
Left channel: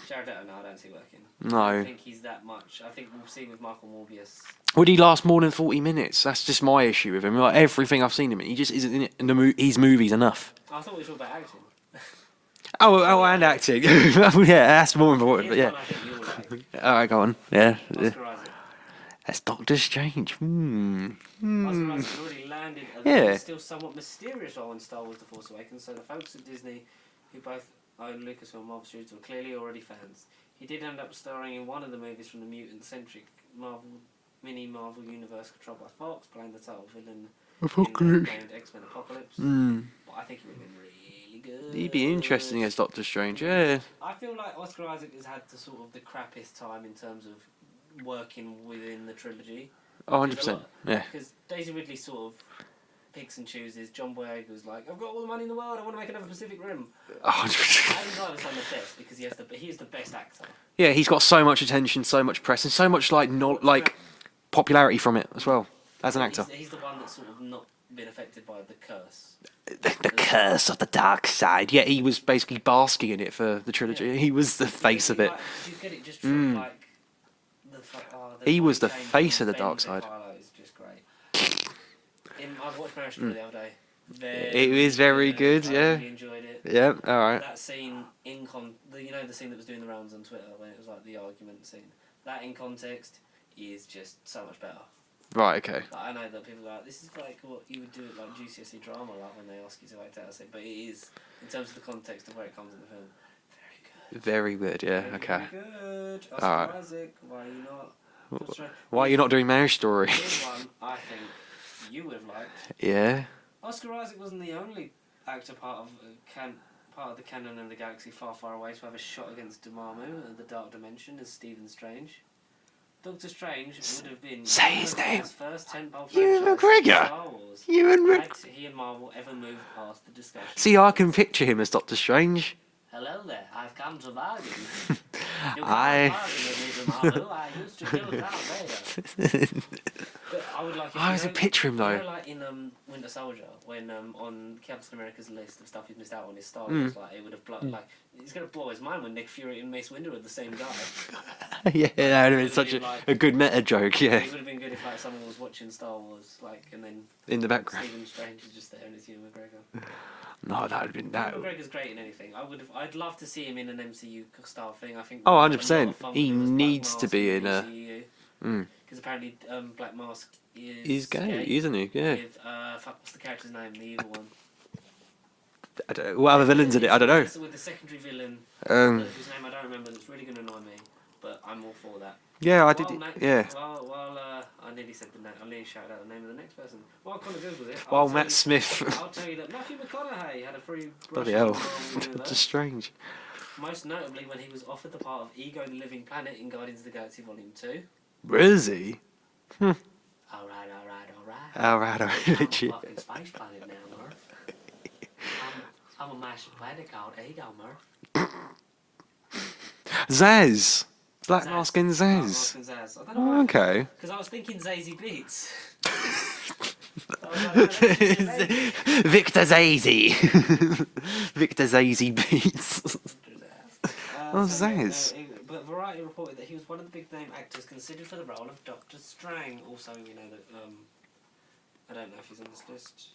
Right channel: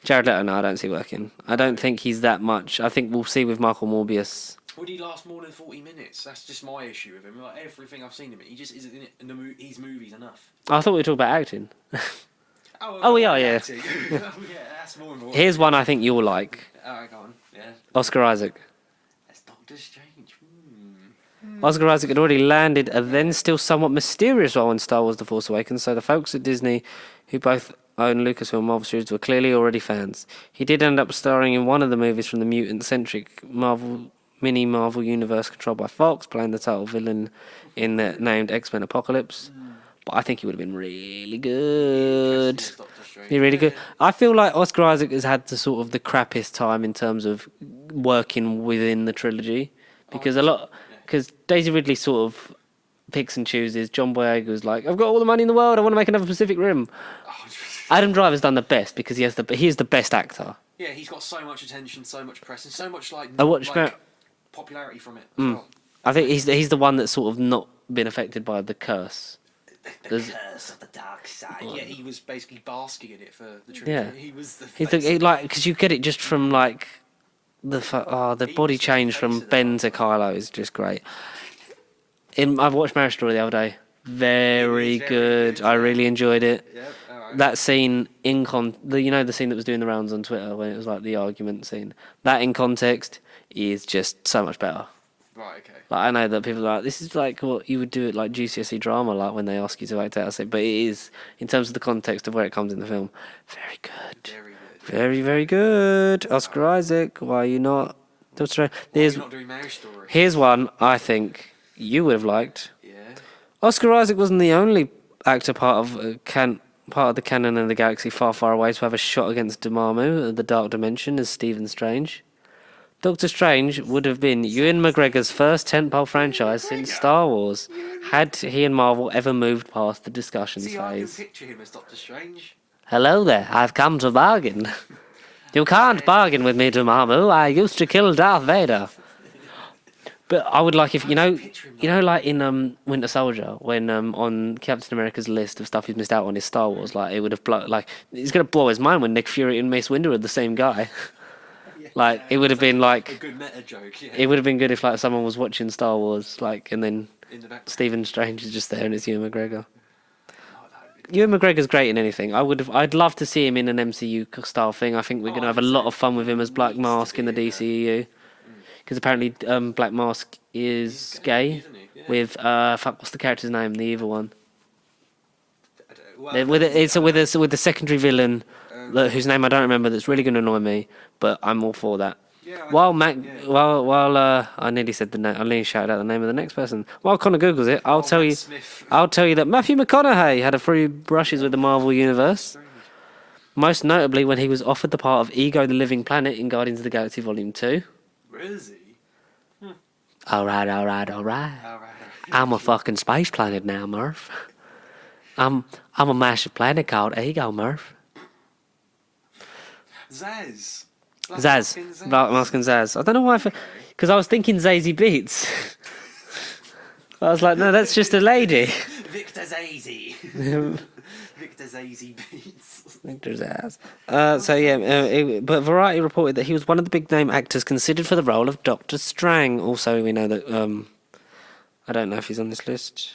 Jared Leto, no, I don't see working. No. I don't think he's that much. I think we'll see with Michael Morbius. Would he last more than 40 minutes? That's just my issue with him. Like, everything I've seen him in, he just isn't in it. In his movies enough. I thought we were talking about acting. Acting. Yeah, that's more important. Here's one I think you'll like. All right, go on. Yeah. Oscar Isaac. That's Doctor Strange. Oscar Isaac had already landed a then still somewhat mysterious role in Star Wars The Force Awakens, so the folks at Disney, who both own Lucasfilm Marvel Studios, were clearly already fans. He did end up starring in one of the movies from the mutant-centric Marvel universe controlled by Fox, playing the title villain in the named X-Men Apocalypse. But I think he would have been really good. He'd be interesting as Doctor Strange. He'd be really good. I feel like Oscar Isaac has had the crappiest time in terms of working within the trilogy. Because because Daisy Ridley sort of picks and chooses. John Boyega was like, I've got all the money in the world, I want to make another Pacific Rim. Adam Driver's done the best because he is the best actor. Yeah, he's got so much attention, so much press, and so much popularity from it as well. I think he's the one that's sort of not been affected by the curse. The curse of the dark side. Yeah, he was basically basking in it for the trilogy. Yeah. He was the face of it. Because you get it just from the body change from Ben to Kylo is just great. I've watched Marriage Story the other day. Very good. I really enjoyed it. Yep, all right. That scene the scene that was doing the rounds on Twitter when it was like the argument scene. That in context is just so much better. Right, okay. Like, I know that people are like, this is like what you would do at like GCSE drama, like when they ask you to act out. I say, but it is, in terms of the context of where it comes in the film, very good. Very good, yeah. Very good. Oscar Isaac, why are you not Doctor Strange. Why are you not doing Marriage Story? Here's one I think you would have liked. Yeah. Oscar Isaac wasn't the only actor part of the canon of the galaxy far, far away to have a shot against Dormammu, the Dark Dimension, as Stephen Strange. Doctor Strange would have been Ewan McGregor's first tentpole franchise since Star Wars, had he and Marvel ever moved past the discussion See, phase. I can picture him as Doctor Strange. Hello there, I've come to bargain. You can't bargain with me, Dormammu. I used to kill Darth Vader. But I would like if, picture him, you know, like in Winter Soldier, when on Captain America's list of stuff he's missed out on is Star Wars, like it would have he's gonna blow his mind when Nick Fury and Mace Windu are the same guy. Yeah, it would have been like a good meta joke. Yeah, it would have been good if like someone was watching Star Wars, like, and then in the back, Stephen Strange is just there and it's Ewan McGregor. No, that would have been. Ewan McGregor's great in anything. I'd love to see him in an MCU style thing. I think we're gonna have a lot of fun with him as Black Mask in the DCEU. Because apparently Black Mask is gay, isn't he? Yeah. With what's the character's name? The evil one. I don't, with the secondary villain whose name I don't remember. That's really going to annoy me, but I'm all for that. Yeah. I nearly said the name. I nearly shouted out the name of the next person. While Connor Googles it, I'll tell you. Smith. I'll tell you that Matthew McConaughey had a few brushes with the Marvel Universe. Strange. Most notably when he was offered the part of Ego the Living Planet in Guardians of the Galaxy Volume 2. Is he? All right. I'm a fucking space planet now, Murph. I'm a massive planet called Ego, Murph. Zaz. Black Mask and Zaz. I don't know why. Okay. Because I was thinking Zazie Beats. I was like, no, that's just a lady. Victor Zazie. Victor Zazie Beats. Victor Zaz. But Variety reported that he was one of the big name actors considered for the role of Dr. Strang. Also, we know that I don't know if he's on this list.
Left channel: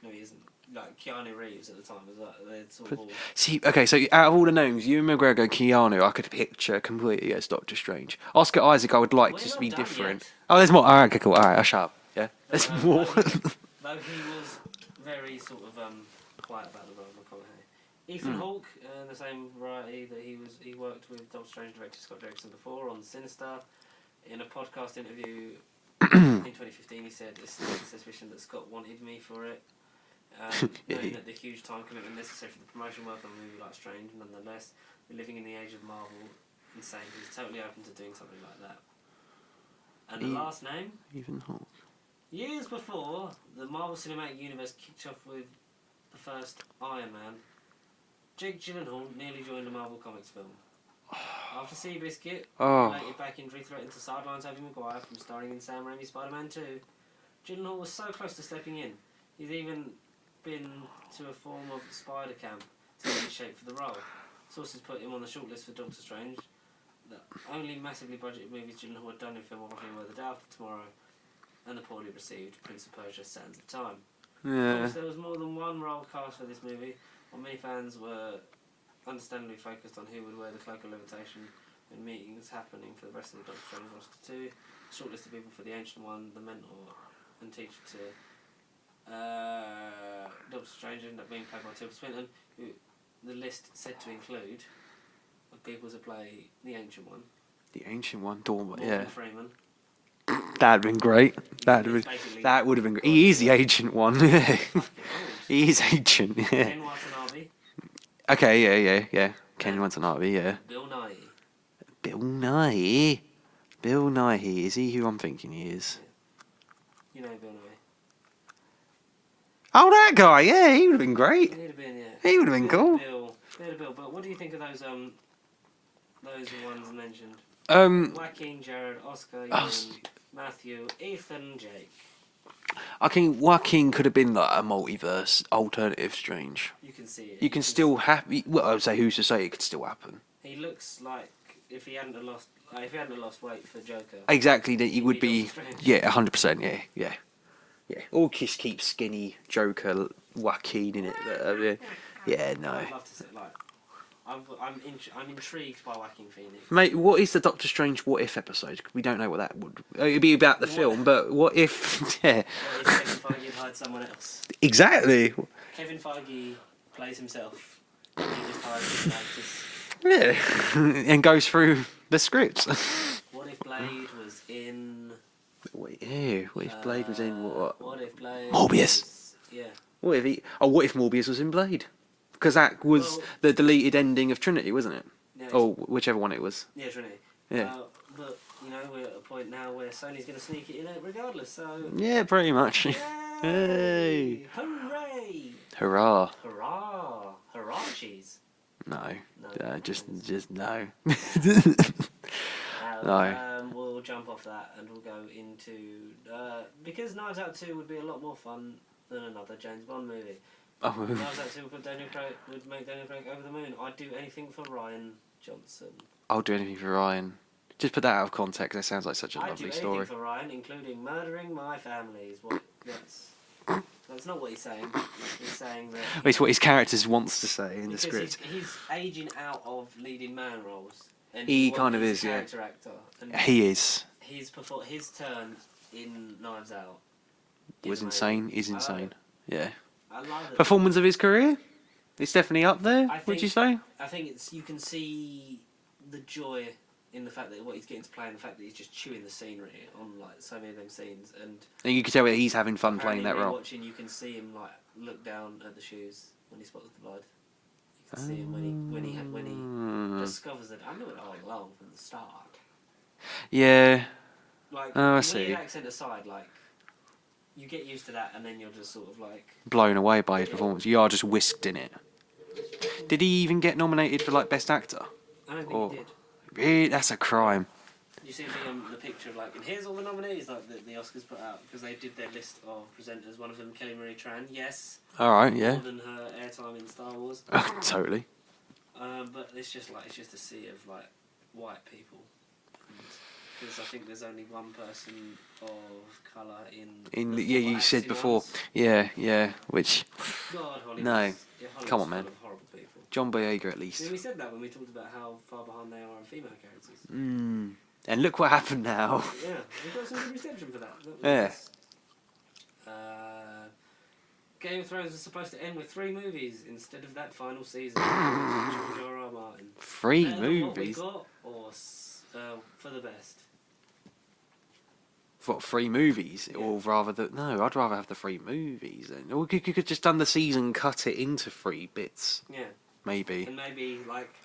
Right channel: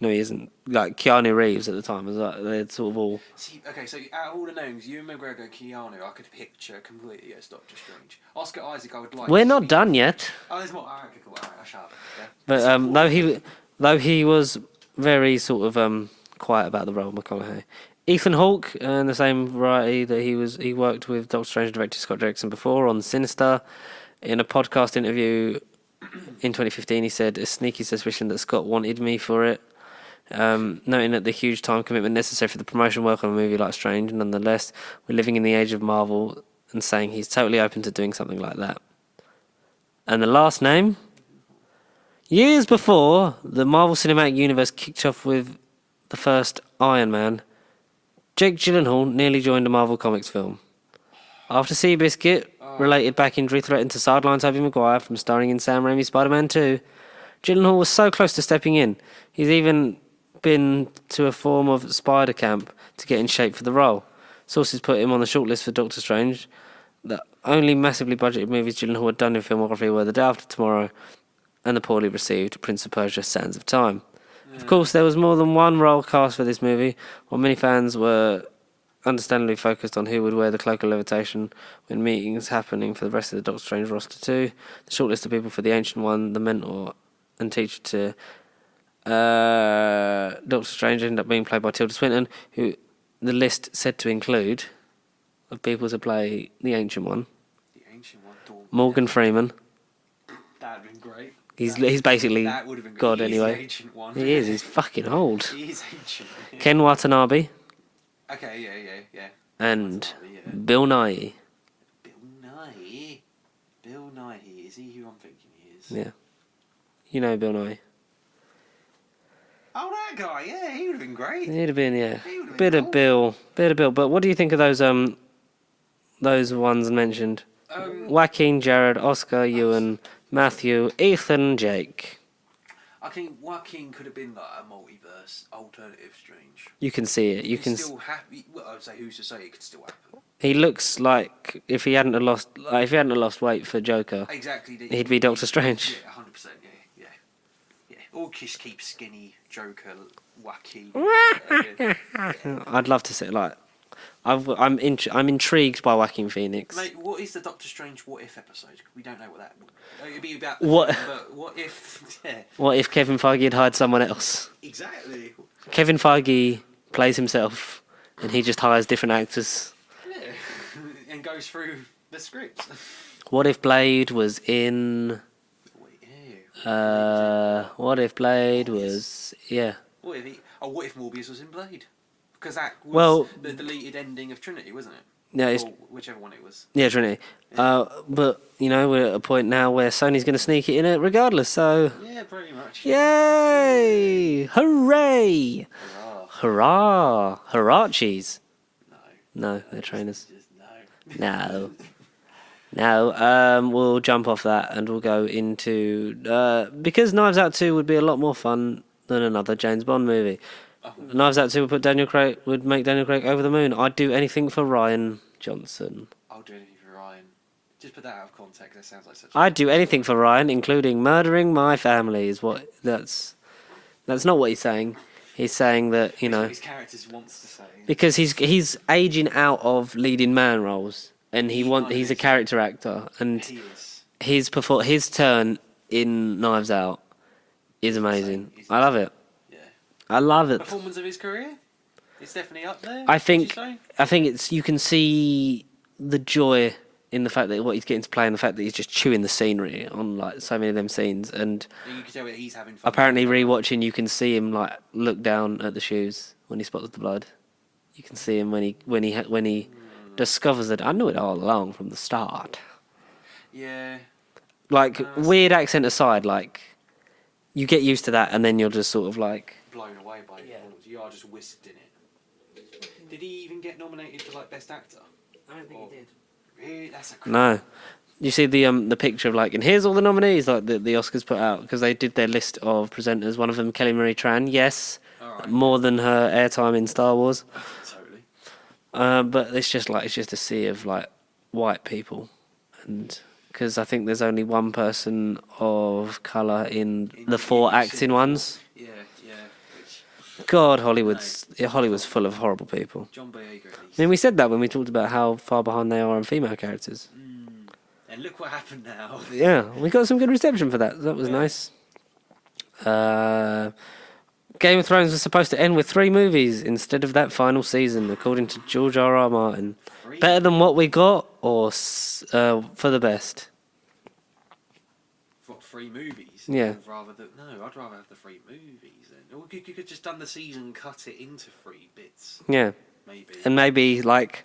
No, he isn't. Like Keanu Reeves at the time was like they're sort of all. See, okay, so out of all the names, Ewan McGregor, Keanu, I could picture completely as Doctor Strange. Oscar Isaac, I would like. We're not done yet. Oh, there's more. All right, okay, cool. All right, I'll shut up. Yeah. But though he was very sort of quiet about the role of McConaughey. Ethan Hawke, in the same variety that he worked with Doctor Strange director Scott Derrickson before on Sinister. In a podcast interview in 2015, he said a sneaky suspicion that Scott wanted me for it. Noting that the huge time commitment necessary for the promotion work on a movie like Strange, nonetheless, we're living in the age of Marvel, and saying he's totally open to doing something like that. And the last name? Years before the Marvel Cinematic Universe kicked off with the first Iron Man, Jake Gyllenhaal nearly joined a Marvel Comics film. After Seabiscuit, related back injury threatened to sideline Tobey Maguire from starring in Sam Raimi's Spider-Man 2, Gyllenhaal was so close to stepping in. He's even been to a form of spider camp to get in shape for the role. Sources put him on the shortlist for Doctor Strange. The only massively budgeted movies Gyllenhaal had done in filmography were The Day After Tomorrow and the poorly received Prince of Persia: Sands of Time. Yeah. Of course, there was more than one role cast for this movie, while many fans were understandably focused on who would wear the Cloak of Levitation when meetings happening for the rest of the Doctor Strange roster too. The shortlist of people for the Ancient One, the mentor and teacher to Doctor Strange ended up being played by Tilda Swinton, who the list said to include of people to play the Ancient One. The Ancient One, Dormammu. Morgan Freeman. That'd been great. He's basically that would have been great. He's the Ancient One. He's fucking old. He's ancient. Yeah. Ken Watanabe. Okay, yeah. Ken And Watanabe, yeah. Bill Nighy. Bill Nighy. Is he who I'm thinking he is? Yeah. You know Bill Nighy. Oh, that guy, yeah, he would have been great. He'd have been, yeah. He would have been bit cool. Bit of Bill. But what do you think of those ones mentioned? Joaquin, Jared, Oscar, Ewan, Matthew, Ethan, Jake. I think Joaquin could have been like a multiverse alternative Strange. You can see it. You can still well, I would say who's to say it could still happen. He looks like if he hadn't have lost weight for Joker. Exactly, he'd be Doctor Strange. Yeah, 100%. Yeah. Or just keep skinny Joker Joaquin. Yeah. No. I'd love to see it. Like, I'm intrigued by Joaquin Phoenix. Mate, what is the Doctor Strange What If episode? We don't know what that would. It'd be about the film, but what if? Yeah. What if Kevin Feige had hired someone else? Exactly. Kevin Feige plays himself, and he just hires different actors. Yeah, and goes through the scripts. What if Blade was in? Wait, ew. What if Blade was in what? What if Blade Morbius. was? Yeah. What if Morbius was in Blade? Because that was Well- the deleted ending of Trinity, wasn't it? Yeah, it's- Or whichever one it was. Yeah, Trinity. Yeah. But we're at a point now where Sony's going to sneak it in it regardless. So Yeah, pretty much. yay! Hooray! Hurrah! Hurrah! Hurrah-cheese. No. No, Uh, no just, trainers. just no. No. No, No. we'll jump off that and we'll go into because Knives Out 2 would be a lot more fun than another James Bond movie. Oh, Knives Out 2 would make Daniel Craig over the moon. I'd do anything for Ryan Johnson. I'll do anything for Ryan. Just put that out of context. That sounds like such a I'd do lovely anything story. for Ryan, including murdering my family. Is what that's not what he's saying. He's saying that It's what his character wants to say. in the because script. he's aging out of leading man roles, and He kind of he's a is, character actor, and He is. his turn in Knives Out is Was amazing. insane. He's I love insane. it. Yeah. I love it. Performance of his career? It's definitely up there. I would think you say? you can see the joy in the fact that what he's getting to play and the fact that he's just chewing the scenery on like so many of them scenes, and You can tell that he's having fun. apparently playing that role. rewatching you can see him like look down at the shoes when he spots the blood. You can see him when he discovers it. I knew it all along from the start. Yeah. Like Oh, I see. weird accent aside, like you get used to that, and then you're just sort of like, Blown away by his performance. You are just whisked in it. Did he even get nominated for like best actor? I don't Or- Really? That's a crime. You see the picture of like, and here's all the nominees like the Oscars put out because they did their list of presenters. One of them, Kelly Marie Tran. Yes, All right. more yeah. than her airtime in Star Wars. Totally. But it's just a sea of like white people, and because I think there's only one person of color in the four you said acting before. ones. Yeah, yeah. Which God, Hollywood's No. Hollywood's Come on, full man. of horrible people. John Boyega at least. I mean, we said that when we talked about how far behind they are on female characters. And look what happened now. Yeah, we got some good reception for that. That was Yeah. nice. Game of Thrones was supposed to end with 3 movies instead of that final season, according to George R.R. Martin. 3 Better than what we movies. got, or for the best? What, 3 movies? Yeah. Or no, I'd rather have the 3 movies. Then. Or you could just done the season, cut it into 3 bits, Yeah, maybe. and maybe like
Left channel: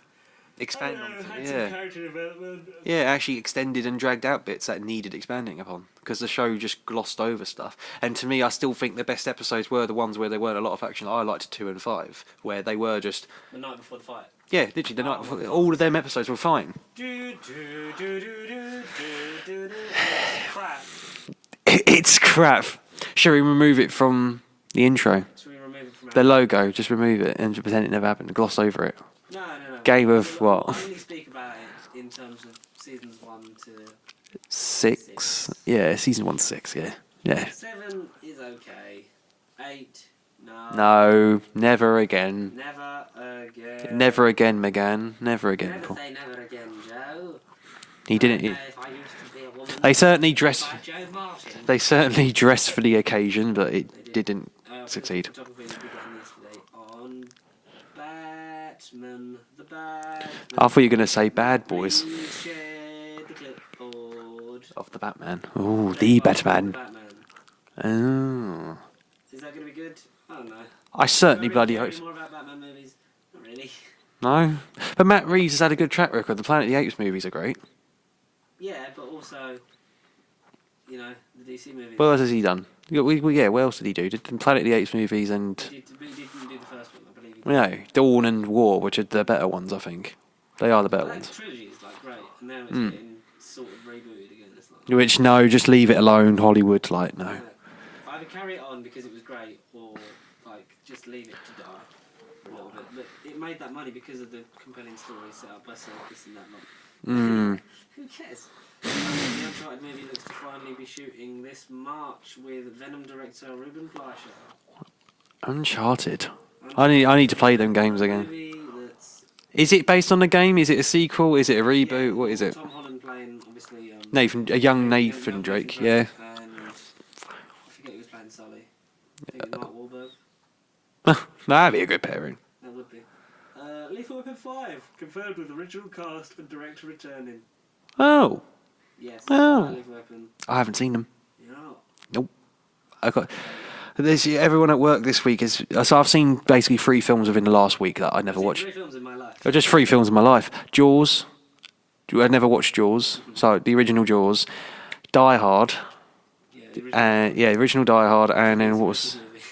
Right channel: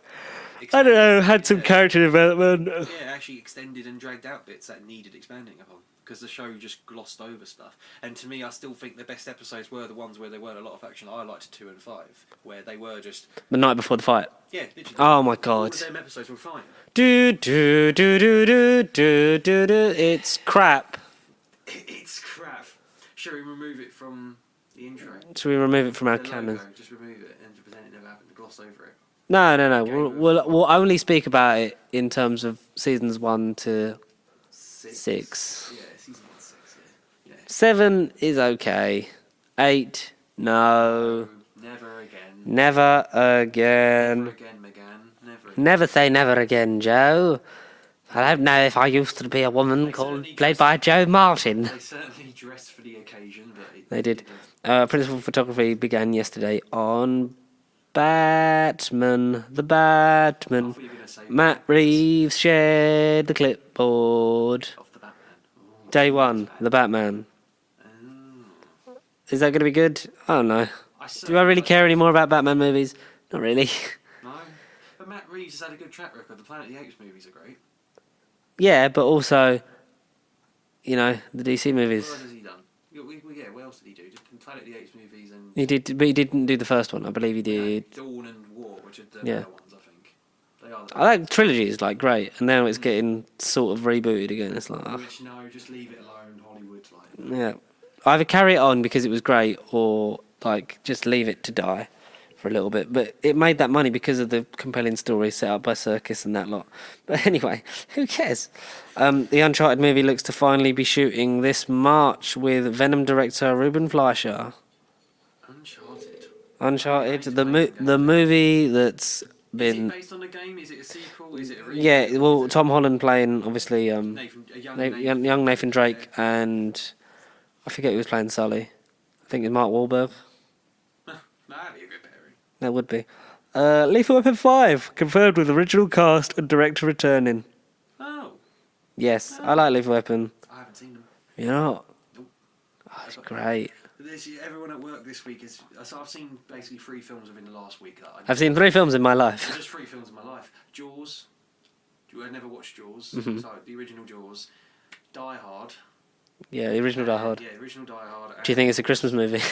I Expand don't know, it, had some yeah. character development. Yeah, actually extended and dragged out bits that needed expanding upon because the show just glossed over stuff. And to me, I still think the best episodes were the ones where there weren't a lot of action. I liked 2 and 5, where they were just The night before the fight. literally. Oh my God. All of them episodes were fine. Do do do do do do do do. It's crap. It's crap. Shall we remove it from the intro? Should we remove it from our The agenda? logo, just remove it and pretend it never happened. Gloss over it. No. Game of what? We'll only speak about it in terms of seasons 1 to 6. 6. Yeah, season 1, 6. Yeah. Yeah. 7 is okay. 8, no. No, never again. Never again. Never again, Megan. Never again. Never say never again, Joe. He I don't didn't. know if I used to be a woman. They called- certainly played dress- by Joe Martin. They certainly dressed for the occasion, but it They did. didn't. Principal succeed. photography began yesterday on Batman. The Batman. I thought you were going to say Matt Bad Boys. Reeves shared the clipboard. Of the Batman. Oh, Day the 1, Batman. the Batman. Oh. Is that going to be good? I don't know. I Do certainly I really bloody care hope so. anymore about Batman movies? Not really. No. But Matt Reeves has had a good track record. The Planet of the Apes movies are great. Yeah, but also, the DC movies. What else has he done? What else did he do? Did the Planet of the Apes movies and... He did, but he didn't do the first one. I believe he did. Yeah, Dawn and War, which are the better ones, I think. They are the better I like ones. the trilogy is like great, and now it's getting sort of rebooted again. It's like, Which, no, just leave it alone, Hollywood, no. yeah, either carry it on because it was great, or like just leave it to die for a little bit. But it made that money because of the compelling story set up by Circus and that lot. But anyway, who cares? The Uncharted movie looks to finally be shooting this March with Venom director Ruben Fleischer. Uncharted. Uncharted, I need to play them games The again. movie that's Is it based on the game? Is it a sequel? Is it a reboot? yeah, What well, is it? Tom Holland playing obviously young Nathan young Nathan Drake, Yeah. and I forget who was playing Sully. I think it's Mark Wahlberg. That'd be a good pairing. That would be. Lethal Weapon 5 confirmed with original cast and director returning. Oh, Yes, Well, I like Lethal Weapon. I haven't seen them. You're not? Nope. I've got. Great. Everyone at work this week is. So I've seen basically 3 films within the last week that I never I've seen watched. 3 films in my life. Just 3 films in my life. Jaws. I never watched Jaws. Mm-hmm. So the original Jaws. Die Hard. Yeah, the original Die Hard. Yeah, the original Die Hard. And Do you think it's a what was- Christmas movie?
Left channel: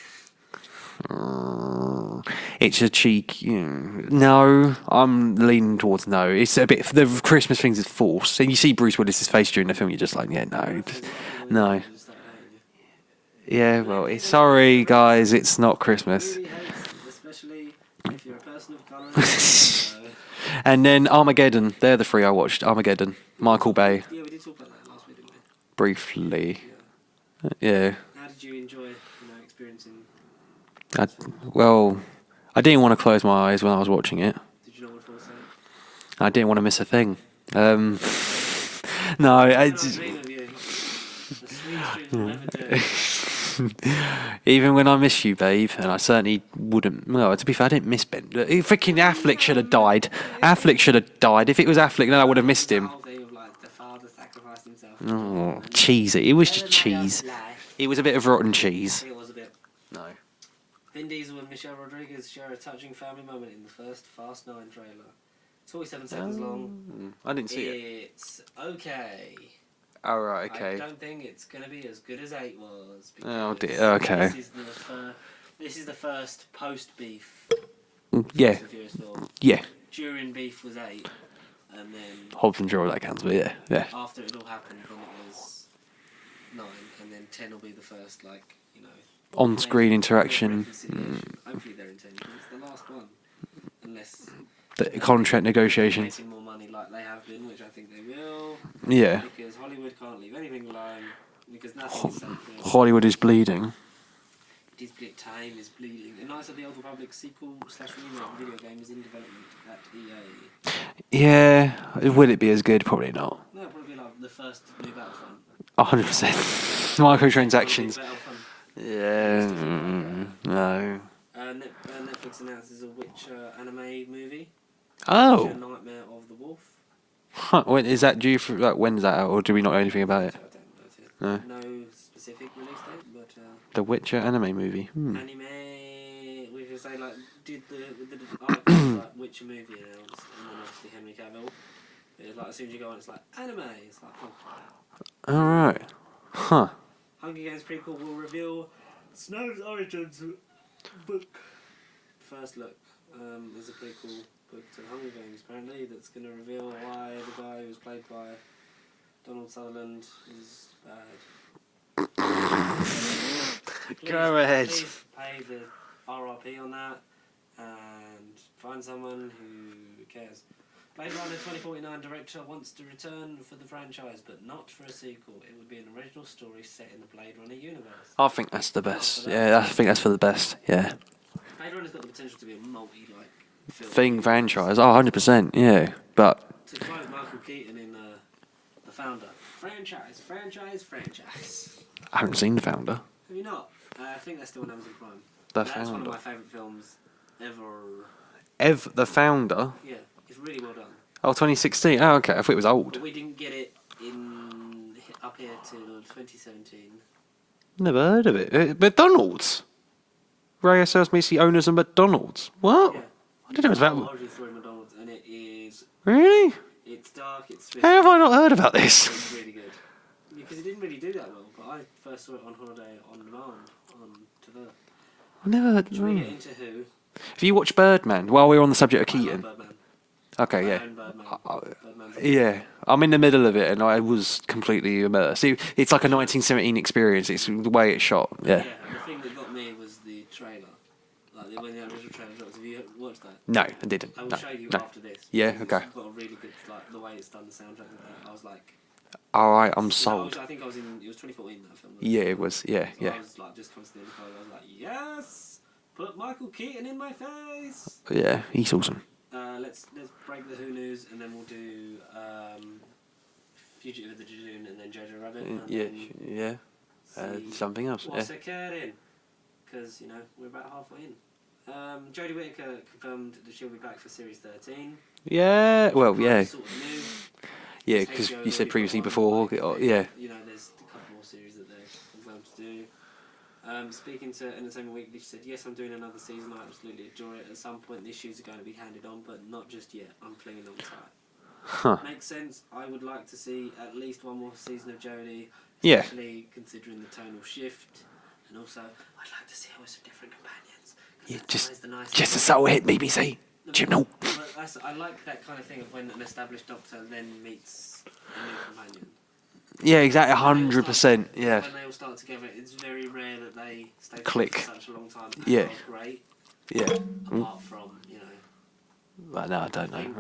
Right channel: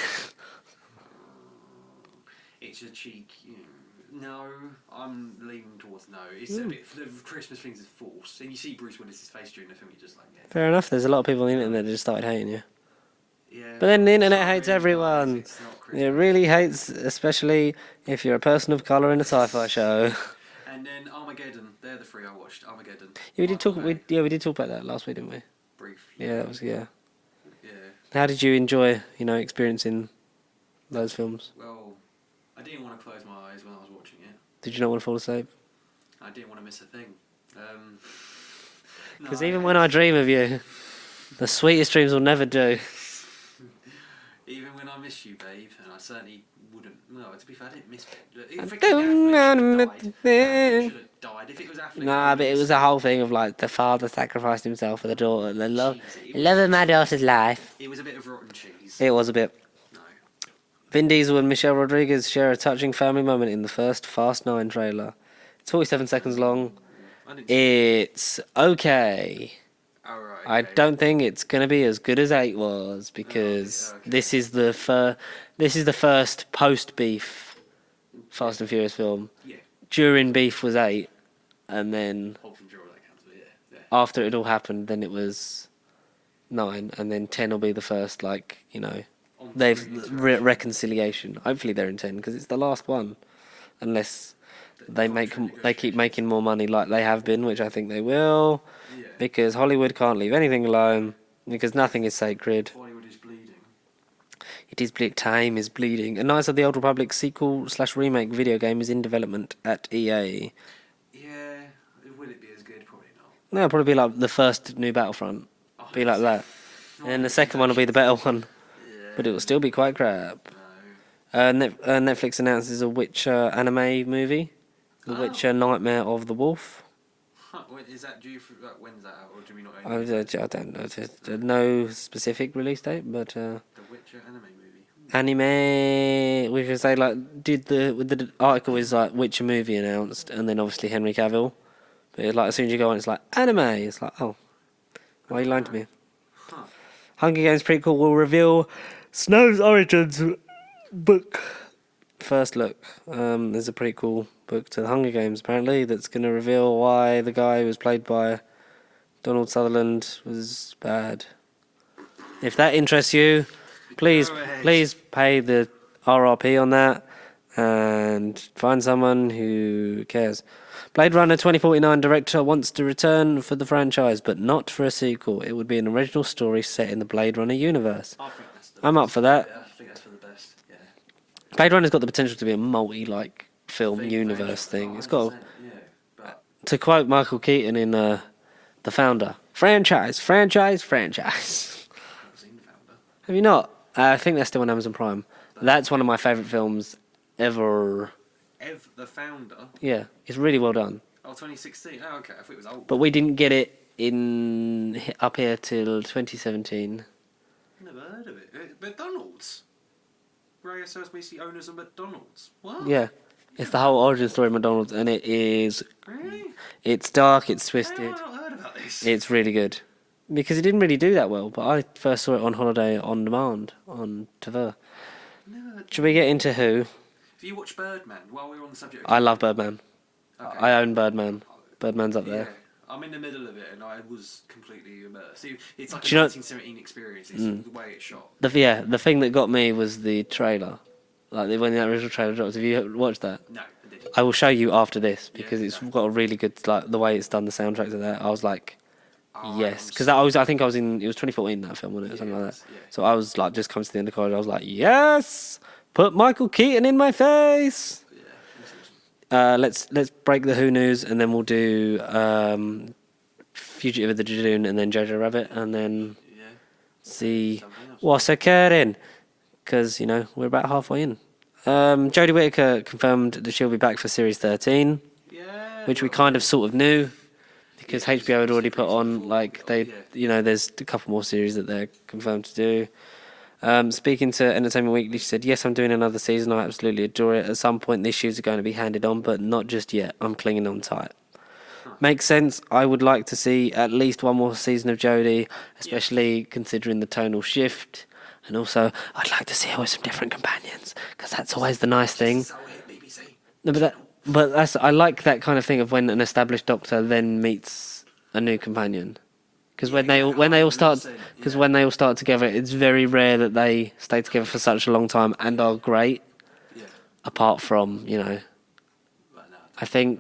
It's a cheek. No, I'm leaning towards no. It's a bit. The Christmas things is forced. And you see Bruce Willis's face during the film, you're just like, yeah, no. Fair enough. There's a lot of people on the No. internet that just started hating you. Yeah, But then well, the internet sorry hates guys, everyone. it's not Christmas. It really hates, especially if you're a person of colour in a sci-fi show. And then Armageddon. They're the 3 I watched. Armageddon. Yeah, Michael Bay. We did talk about that last week, didn't we? Briefly. Yeah. Yeah. How did you enjoy, experiencing those films? Well, I didn't want to close my eyes when I was watching it. Did you not want to fall asleep? I didn't want to miss a thing. No, Even when I dream of you, the sweetest dreams will never do. even when I miss you, babe, and I certainly wouldn't. Well, to be fair, I didn't miss Ben. Freaking Affleck should have died. Affleck should have died. If it was Affleck, then I would have missed It was him. the whole thing of like the father sacrificed himself for the daughter. And the cheesy. It was love of my cheese. daughter's life. It was a bit of rotten cheese. It was a bit. No. Vin Diesel and Michelle Rodriguez share a touching family moment in the first Fast 9 trailer. It's 47 seconds long. I didn't see It's okay. All right. I don't think it's gonna be as good as 8 was because Okay. this is the first post beef Yeah. Fast and Furious film. Yeah. During beef was 8, and then Hobbs and Shaw that counts, but yeah. after it all happened, then it was 9, and then 10 will be the first On-screen interaction. reconciliation. Hopefully they're in 10 because it's the last one, unless The they contract they keep negotiations. making more money like they have been, which I think they will. Yeah. Because Hollywood can't leave anything alone because nothing is sacred. Hollywood is bleeding. It is time is bleeding. A Knights of the Old Republic sequel/remake video game is in development at EA. Yeah. Will it be as good? Probably not. No, it'll probably be like the first new Battlefront. 100%. Be like that. And the second one will be the better one. Yeah. But it will still be quite crap. No. Netflix announces a Witcher anime movie. Oh. Witcher Nightmare of the Wolf. Huh, is that due for when's that out, or do we not know anything about it? I don't know. There's no specific release date, but The Witcher anime movie. anime. We could say did the article is like Witcher movie announced, and then obviously Henry Cavill. But it's like as soon as you go on, it's like anime. It's like what are you going to Alright. me? Huh. Hunger Games prequel will reveal Snow's origins book. First look. There's a prequel book to the Hunger Games apparently that's going to reveal why the guy who was played by Donald Sutherland was bad. If that interests you, please Go ahead. pay the RRP on that and find someone who cares. Blade Runner 2049 director wants to return for the franchise, but not for a sequel. It would be an original story set in the Blade Runner universe. I think that's the best. I'm up for that. Yeah, I think that's for the best. Yeah. Blade Runner's got the potential to be a film Thing universe franchise. thing. Oh, It's got- 100%. Yeah. But To quote Michael Keaton in The Founder, franchise. I haven't seen The Founder. Have you not? I think that's still on Amazon Prime. The That's one Founder. of my favourite films ever. The Founder? Yeah, it's really well done. Oh, 2016. Oh, okay. I thought it was old. But we didn't get it up here till 2017. Never heard of it. McDonald's. Ray sells me the owners of McDonald's. What? Yeah. It's the whole origin story of McDonald's, and it is. Really? It's dark, it's twisted. How have I not heard about this? It's really good. Because it didn't really do that well, but I first saw it on holiday on demand on TV. I never heard. Should we get into who? Have you watched Birdman? While we're on the subject of I Keaton. love Birdman. Okay. I yeah. own Birdman. Birdman's up there. Yeah. I'm in the middle of it, and I was completely immersed. It's like a Do you know- 1917 experience. It's the way it's shot. The thing that got me was the trailer. Like when the original trailer dropped. Have you watched that? No, I didn't. I will show you after this. Yeah, Because okay. it's got a really good, the way it's done, the soundtrack to that. I was like, All right, yes. I'm Because sorry. I think I was in, it was 2014 that film, wasn't it? Yeah, Something it like was, that. yeah, So yeah. I was like, just comes to the end of college, I was like, yes! Put Michael Keaton in my face! Yeah, he's awesome. Let's break the Who news, and then we'll do Fugitive of the Judoon, and then Jojo Rabbit, and then Yeah. see something else. what's occurring. Because, we're about halfway in. Jodie Whittaker confirmed that she'll be back for Series 13, Yeah. which we kind of sort of knew. Yeah, Because 'cause HBO had you already said put previously on, before, like, oh, they, yeah. you know, there's a couple more series that they're confirmed to do. Speaking to Entertainment Weekly, she said, "Yes, I'm doing another season. I absolutely adore it. At some point, these shoes are going to be handed on, but not just yet. I'm clinging on tight." Huh. Makes sense. I would like to see at least one more season of Jodie, Yeah. especially considering the tonal shift. And also, I'd like to see her with some different companions, because that's always the nice thing. Just a subtle hit, BBC. No, but I like that kind of thing of when an established Doctor then meets a new companion. Because Yeah, when exactly, when they all start, 100%, because yeah. when they all start together, it's very rare that they stay together for Click. such a long time and Yeah. are great. Yeah. Apart from, you know, Well, no, I don't know. think-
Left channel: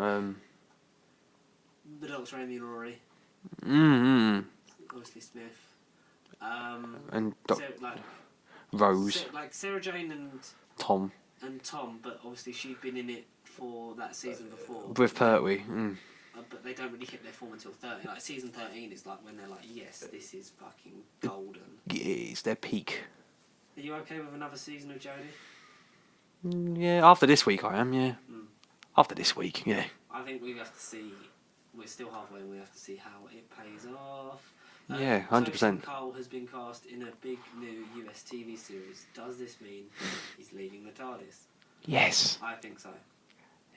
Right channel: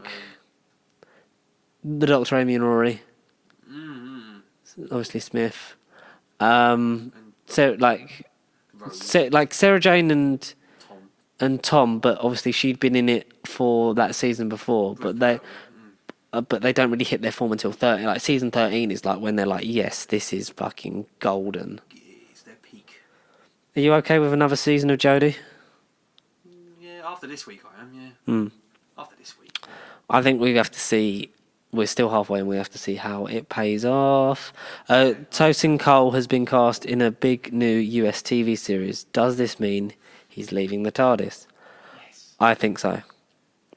the Doctor, Amy and Rory, obviously Smith, and so like Rose, like Sarah Jane Tom, and Tom, but obviously she'd been in it for that season before. with but Pertwee. but they don't really hit their form until 30. Like season 13 is like when they're like, yes, this is fucking golden. Yeah, it's their peak. Are you okay with another season of Jodie? Yeah, after this week I am, yeah. After this week, yeah. I think we have to see. We're still halfway, and we have to see how it pays off. Yeah, 100%. Tosin Cole has been cast in a big new US TV series. Does this mean he's leaving the TARDIS? Yes. I think so.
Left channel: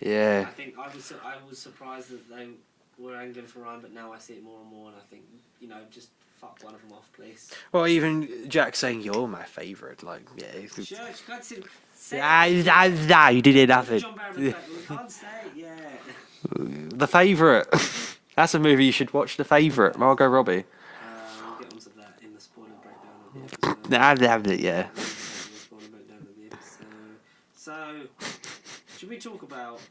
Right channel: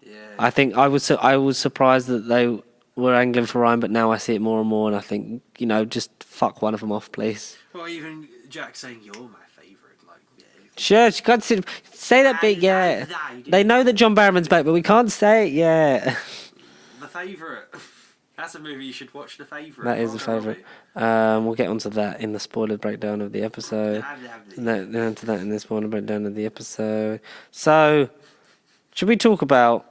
Yeah. I think I was surprised that they were angling for Ryan, but now I see it more and more, and I think, you know, just fuck one of them off, please. Well, even Jack saying you're my favourite, like, yeah. Sure, you can't say that bit yet. Nah, you did They it, know nothing. that John Barrowman's back, but we can't say it yet. The Favourite. That's a movie you should watch. The Favourite. That is Margot the Robbie. favourite. We'll get onto that in the spoiler breakdown of the episode. Yeah. Get onto that in the spoiler breakdown of the episode. So, should we talk about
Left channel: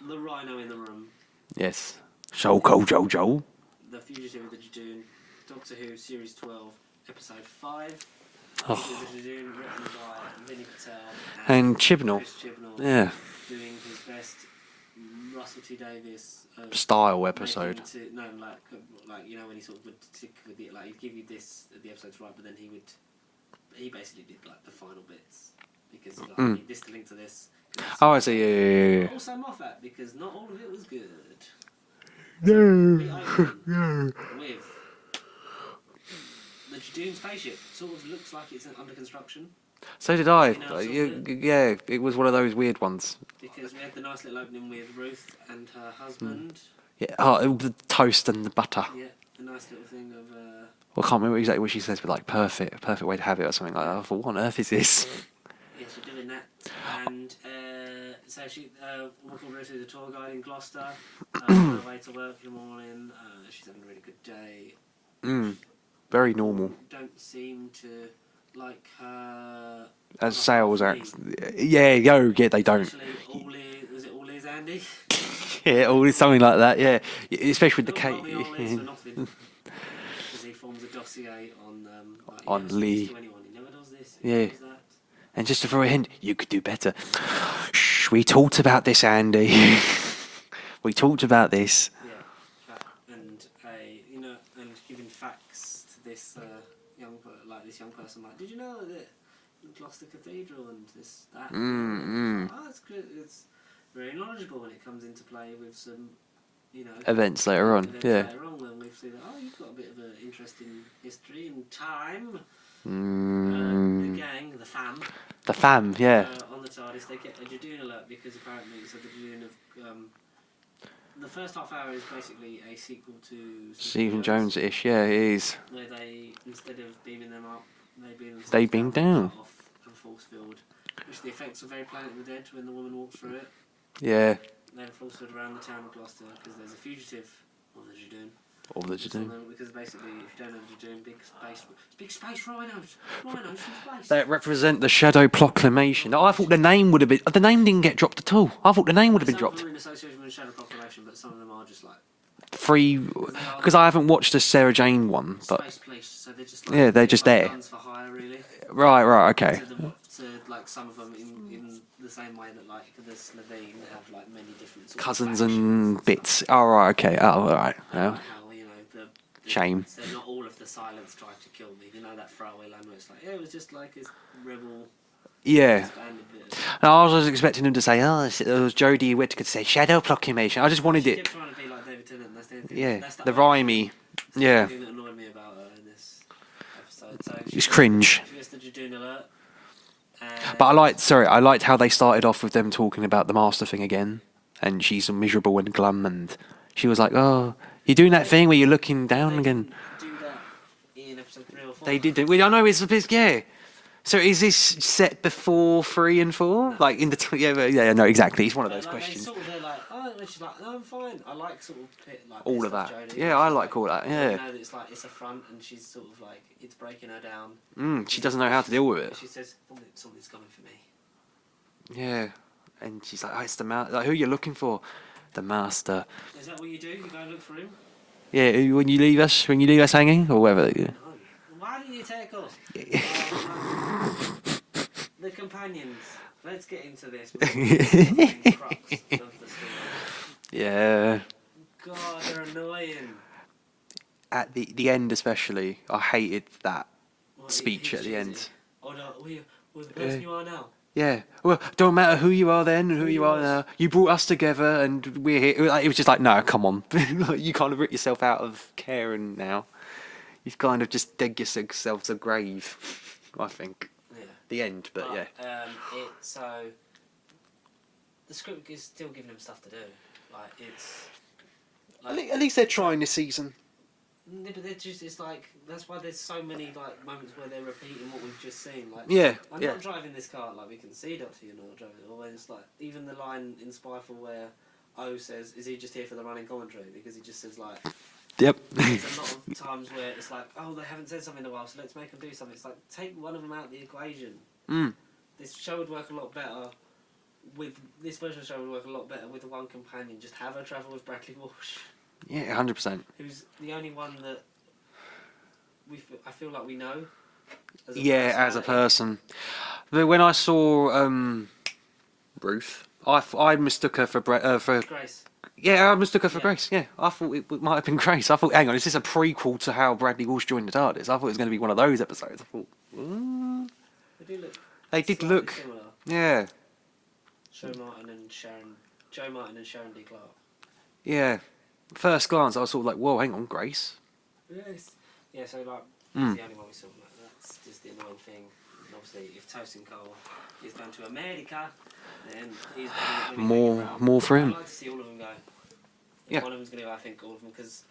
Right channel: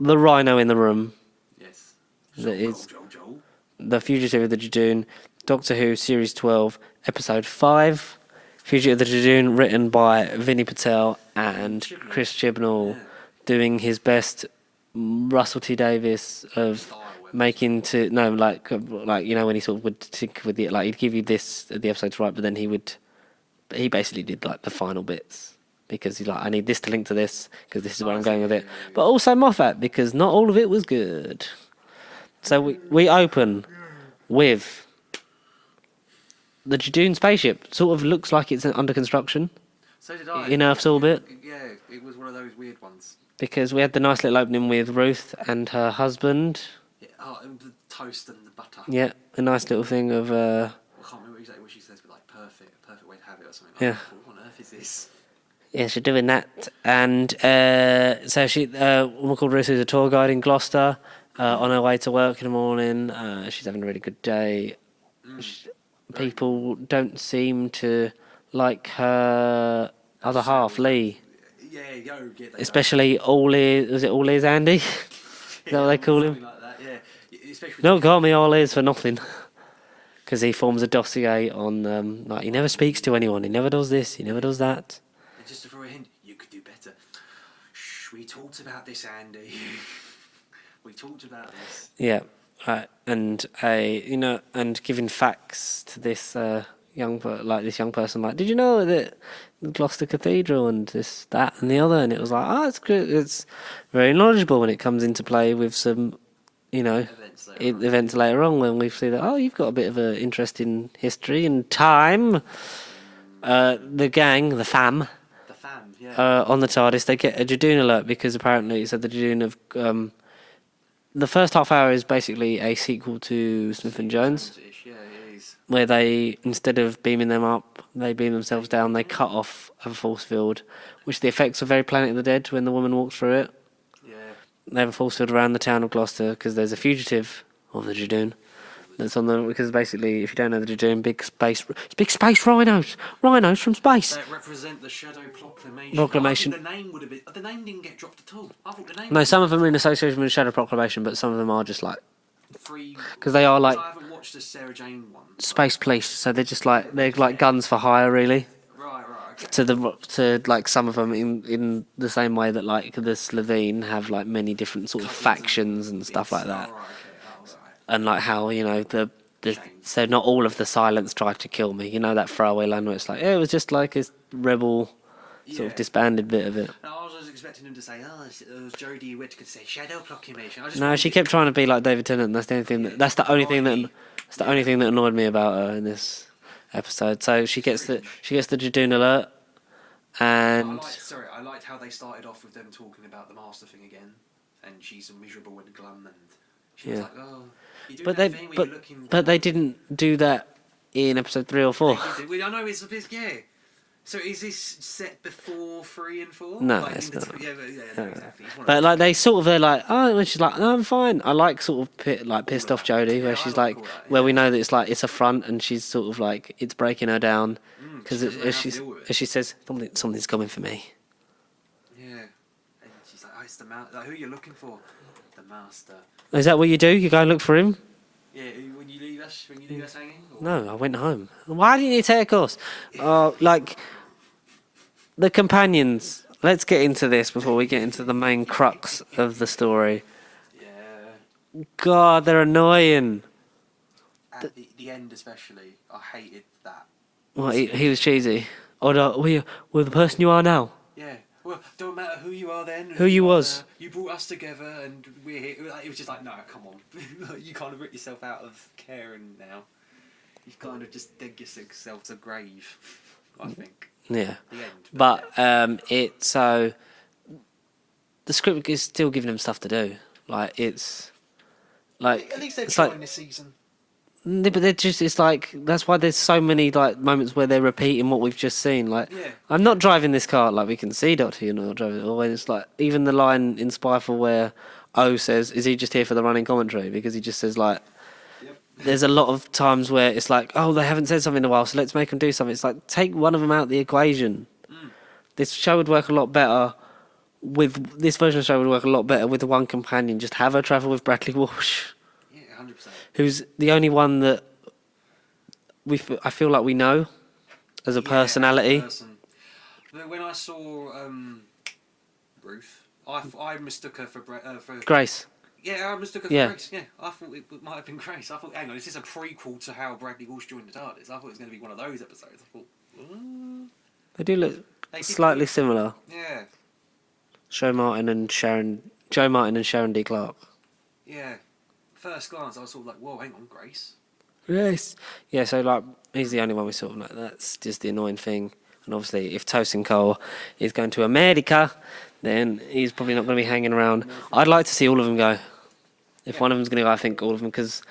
the Rhino in the room? Yes. Jojo. The Fugitive of the Judoon, Doctor Who Series 12, Episode 5. Fugitive of the Judoon, written by Vinny Patel and Chibnall. Chris Chibnall, Yeah. doing his best Russell T Davies of Style episode. making to like you know when he sort of would think with the like he'd give you this the episode's right, but then he basically did like the final bits. Because he's like, I need this to link to this, because this is what I'm going with it. But also Moffat, because not all of it was good. So we open with the Judoon spaceship. Sort of looks like it's under construction, So did I. In Earth's orbit? Yeah, it was one of those weird ones. because we had the nice little opening with Ruth and her husband. Yeah. Oh, the toast and the butter. Yeah, a nice little thing of... Well, I can't remember exactly what she says, but like perfect way to have it or something like that. I thought, what on earth is this? Yeah, she's doing that. And so she, a woman called Ruth, who's a tour guide in Gloucester, on her way to work in the morning. She's having a really good day. Very People normal. don't seem to like her As other sales half, Lee. Yeah, they don't. Especially All Ears, was it All Ears Andy? Yeah, they call something like that. Yeah, especially with No, the call me All Ears for nothing. Because he forms a dossier on, like, he On never speaks Lee. to anyone. He never does this, he never does that. And just to throw a hint, you could do better. Shh, we talked about this, Andy. We talked about this. Yeah, and and giving facts to this young person, like, did you know that Gloucester Cathedral and this, that, and the other, and it was like, oh, it's good. It's very knowledgeable when it comes into play with some, Events later on. events yeah. later on when we see that, oh, you've got a bit of an interest in history and time. The gang, the fam. The fam, yeah. On the TARDIS, they get a Judoon alert because apparently it said the Judoon have. The first half hour is basically a sequel to Smith and Stephen Jones, Jones-ish, yeah, it is. where they, instead of beaming them up, they beam themselves They beam down. They down. cut off a force field, which the effects are very Planet of the Dead when the woman walks through it. Yeah. They have a force field around the town of Gloucester because there's a fugitive of the Judoon. It's on the, because basically, if you don't know the Judoon, big space rhinos from space. They represent the Shadow Proclamation. No, I thought the name would have been... The name didn't get dropped at all. I thought the name would No, have been some of dropped. them are in association with the Shadow Proclamation, but some of them are just like Free... because they are like Because I haven't watched the Sarah Jane one. but- space police, so they're just like Yeah, they're just like there. guns for hire, really. Right, okay. To like some of them in the same way that like the Slovene have like many different sort of Cousins factions and and bits. stuff like that. Oh, right, okay. Oh, all right. And like how the Shame. So not all of the silence tried to kill me. You know that throwaway line where it's like, it was just like a rebel Yeah. disbanded bit of it. I was expecting him to say, "Oh, it was Jodie Whittaker to say shadow proclamation." I just No, wanted she it. kept trying to be like David Tennant. And that's the only thing. Yeah, That's the the only thing. rhymey. That's the only thing that annoyed me about her in this episode. So she It's gets cringe. she gets the Judoon alert. And But I liked how they started off with them talking about the master thing again, and she's miserable and glum, and she was like, "Oh, you're doing that thing where you're looking down." But they again. didn't do that in episode 3 or 4. They did. I know it's yeah. So is this set before 3 and 4? No, like it's in the not. yeah, no, exactly. It's one of But those like they questions. sort of they're like, oh, and she's like, no, I'm fine. I like sort of pissed of off that. Jodie, Yeah, where I she's like like, all that, where we yeah. know that it's like it's a front, and she's sort of like it's breaking her down. She doesn't know how to deal with it. As she says, something's coming for me. Yeah, and she's like, "Oh, it's the master. Like, who are you looking for? The master." Is that what you do? You go and look for him? Yeah, when you leave us hanging, or whatever. No, I went home. Why didn't you take us? Like the companions. Let's get into this before we get into the main crux of the story. Yeah. God, they're annoying. At the end, especially, I hated that. What, speech he was at the end. cheesy. Oh no, we're the person you are now. Yeah. Well, don't matter who you are then. Who you are was. now. You brought us together, and we're here. Like, it was just like, no, come on. You kind of rip yourself out of caring now. You've kind of just dug yourselves a grave, I think. Yeah. The end. But yeah. so the script is still giving them stuff to do. Like it's like At least they're it's trying like- this season. But they're just it's like that's why there's so many like moments where they're repeating what we've just seen. Like Yeah, I'm yeah. not driving this car. Like we can see Doctor, you're not driving it. Or when it's like even the line in Spyfall where O says, "Is he just here for the running commentary?" Because he just says like. Yep. There's a lot of times where it's like, oh, they haven't said something in a while, so let's make them do something. It's like, take one of them out of the equation. This show would work a lot better with this version of the show would work a lot better with the one companion. Just have her travel with Bradley Walsh, Yeah, 100%. who's the only one that I feel like we know as a personality. As a person. But when I saw Ruth, I mistook her for Grace. Yeah, I mistook her for Yeah. Grace. Yeah, I thought it might have been Grace. I thought, hang on, is this a prequel to how Bradley Walsh joined the TARDIS? I thought it was going to be one of those episodes. I thought, They do look They did slightly look- similar. yeah, Joe Martin and Sharon D. Clark. yeah. First glance, I was sort of like, whoa, hang on, Grace. Yes. Yeah, so like he's the only one we sort of like. That's just the annoying thing. And obviously, if Tosin Cole is going to America, then he's probably not going to be hanging around. more for I'd him. like to see all of them go. If Yeah. one of them's going to go, I think all of them because,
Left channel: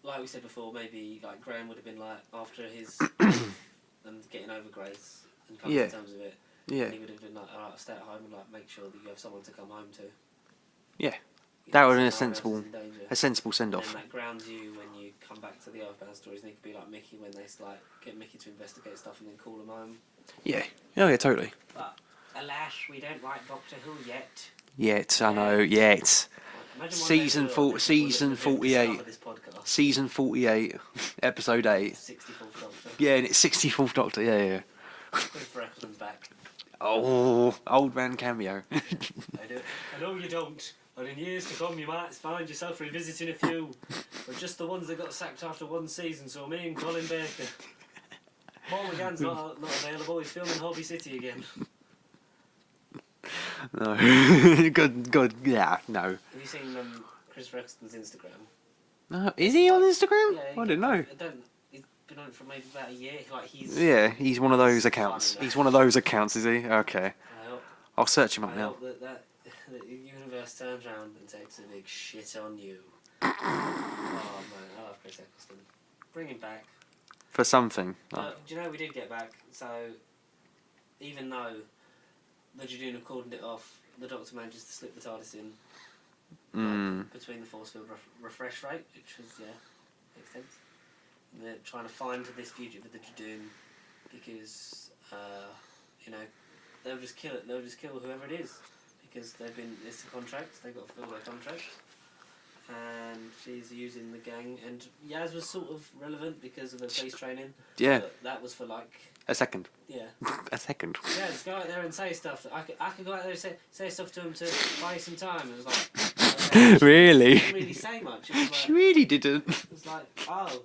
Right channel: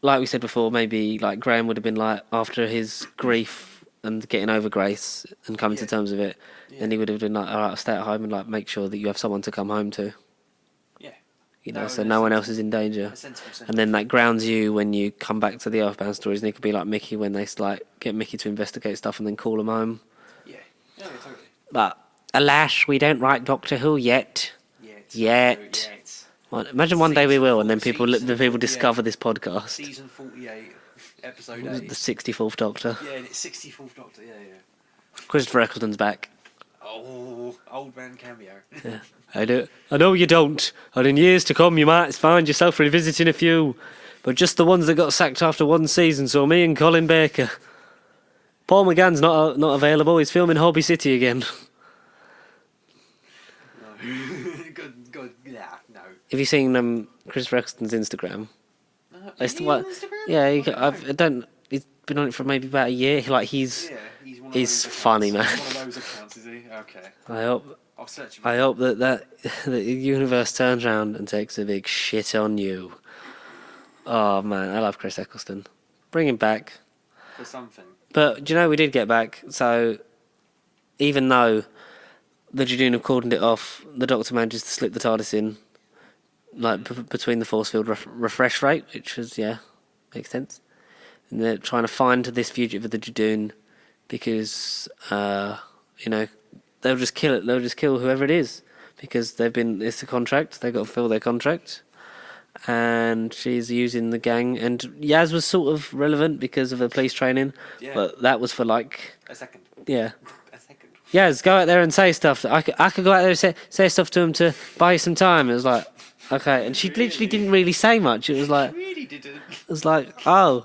like we said before, maybe like Graham would have been like after his grief and getting over Grace and coming Yeah. to terms with it, Yeah. then he would have been like, all right, I'll stay at home and like make sure that you have someone to come home to. Yeah, You That know, would so be a no one else sensible- is in danger. a sensible send And then that grounds you when you come back to the Earthbound stories, and it could be like Mickey when they like get Mickey to investigate stuff and then call him home. Yeah, oh yeah, totally. But alas, we don't write Doctor Who yet. Yet. Well, imagine one day we Season will, and four- then people season the people 48. discover this podcast. Season 48, episode The 8. 64th Doctor. Yeah, and it's 64th Doctor. Yeah. Christopher Eccleston's back. Oh, old man cameo. I know you don't, and in years to come you might find yourself revisiting a few, but just the ones that got sacked after one season. So me and Colin Baker. Paul McGann's not available. He's filming Hobby City again. No. Good. Yeah, no. Have you seen Christopher Eccleston's Instagram? Is It's he on like- Instagram? Yeah, I don't know. He's been on it for maybe about a year. Like he's. Yeah, he's one of He's those accounts. funny, man. He's one of those accounts, is he? Okay. I hope. I'll search him up. I hope that the universe turns around and takes a big shit on you. Oh man, I love Chris Eccleston. Bring him back. For something. But do you know we did get back? So even though the Judoon have cordoned it off, the Doctor manages to slip the TARDIS in, like between the force field refresh rate, which was makes sense. And they're trying to find this fugitive of the Judoon because they'll just kill it. They'll just kill whoever it is because it's a contract. They've got to fill their contract. And she's using the gang, and Yaz was sort of relevant because of the police training. Yeah. But that was for like, A second. yeah. A second. Yaz, go out there and say stuff. I could go out there and say stuff to him to buy you some time. It was like, okay. She Really? didn't really say much. It was like, Really didn't. it was like, oh.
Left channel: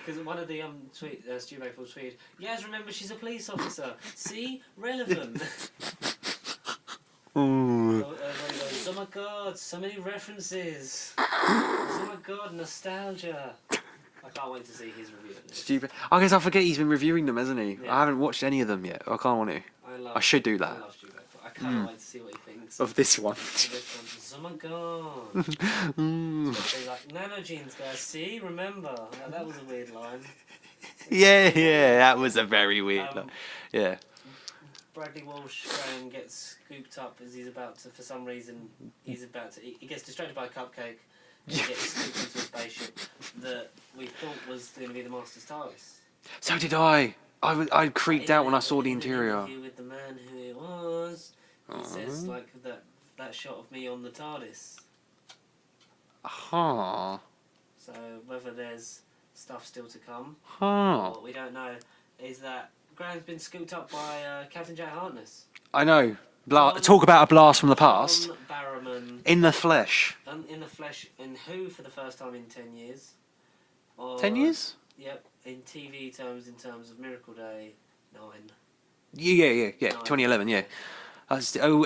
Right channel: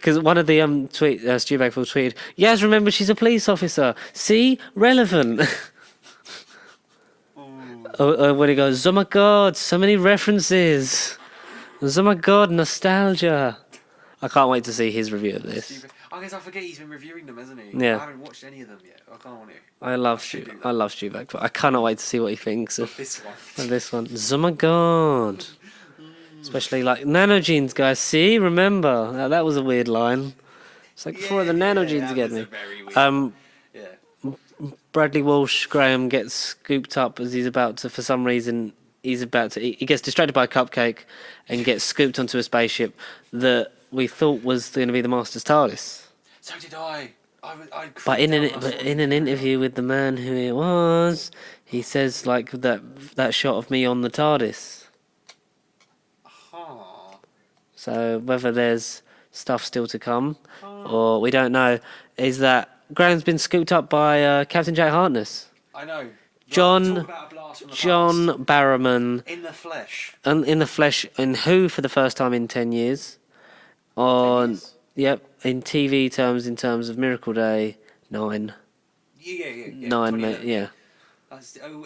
Because one of the Stu Bagful tweeted, Yaz, remember she's a police officer. See? Relevant. When he goes, oh my god, so many references. Oh my god, nostalgia. I can't wait to see his review of this. I guess I forget he's been reviewing them, hasn't he? Yeah. I haven't watched any of them yet. I can't want to. I should do that. I love Stu Bagful. I cannot wait to see what he thinks Of this one. Of this one. Oh my god. Especially like nanogenes, guys. See? Remember? Now, that was a weird line. It's like, Yeah, put the nanogenes that was together. a very weird. Yeah. Bradley Walsh Graham gets scooped up as he's about to, for some reason, he gets distracted by a cupcake and gets scooped onto a spaceship that we thought was going to be the Master's TARDIS. So did I. I creeped out when I saw the in an interview with the man who it was, he says like that shot of me on the TARDIS. Huh. So whether there's stuff still to come or we don't know, is that Graham's been scooped up by Captain Jack Harkness. I know. John- Talk about a blast from the past. John Barrowman. In the flesh. And in the flesh, in Who for the first time in 10 years. 10 years? Yep, in TV terms, in terms of Miracle Day, 9. Yeah. 2011, yeah.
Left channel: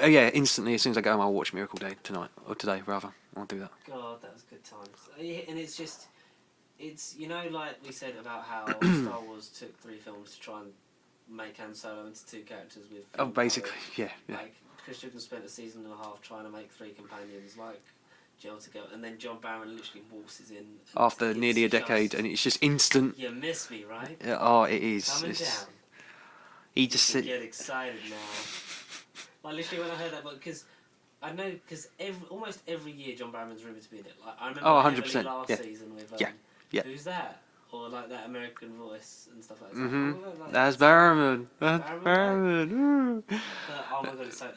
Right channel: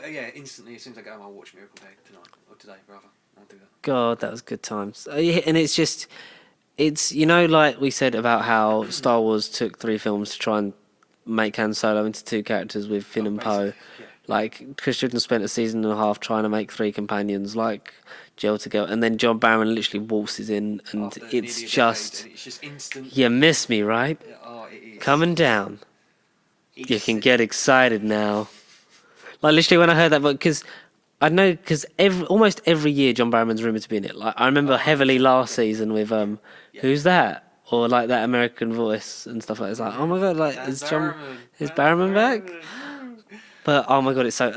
Yeah, instantly, as soon as I go home, I'll watch Miracle Day tonight. Or today, rather. I'll do that. God, that was good times. And it's just, you know, like we said about how Star Wars took 3 films to try and make Han Solo into 2 characters with Finn and Poe. Basically, yeah. Like, Chris Judoon spent a season and a half trying to make 3 companions, like Jill to go, and then John Barrowman literally waltzes in, and After it's nearly a decade, and it's just instant. You miss me, right? Oh, it is. Coming down. He You just can said- get excited now. Like, literally, when I heard that, because I know, because almost every year John Barrowman's rumoured to be in it. Like, I remember heavily 100%, last yeah. season with Yeah. Who's That? Or like that American voice and stuff like that. It's like, oh my god, like That's is John- Barrowman. Is Barrowman back? But oh my god, it's so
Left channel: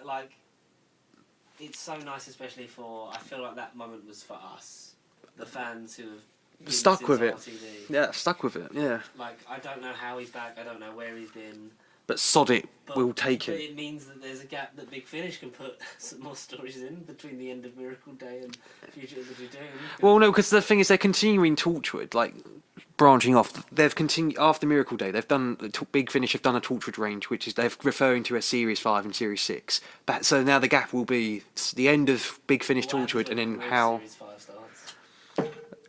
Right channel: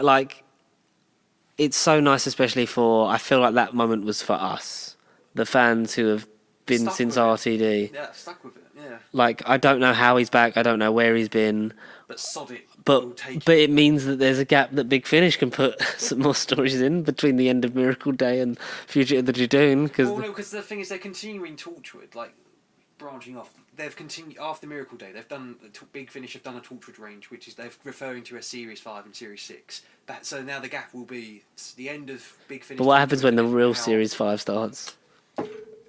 it's so nice, especially for, I feel like that moment was for us, the fans who have been Stuck since with it. RTD. Yeah, stuck with it, yeah. Like, I don't know how he's back, I don't know where he's been, But sod it, but we'll take but it. it means that there's a gap that Big Finish can put some more stories in between the end of Miracle Day and Future of the Judoon. Well, no, because the thing is, they're continuing Torchwood, like, branching off. They've continued, after Miracle Day, they've done, Big Finish have done a Torchwood range, which is, they're referring to as Series 5 and Series 6. But, so now the gap will be the end of Big Finish. But what Torchwood happens when the and then real how- Series 5 starts?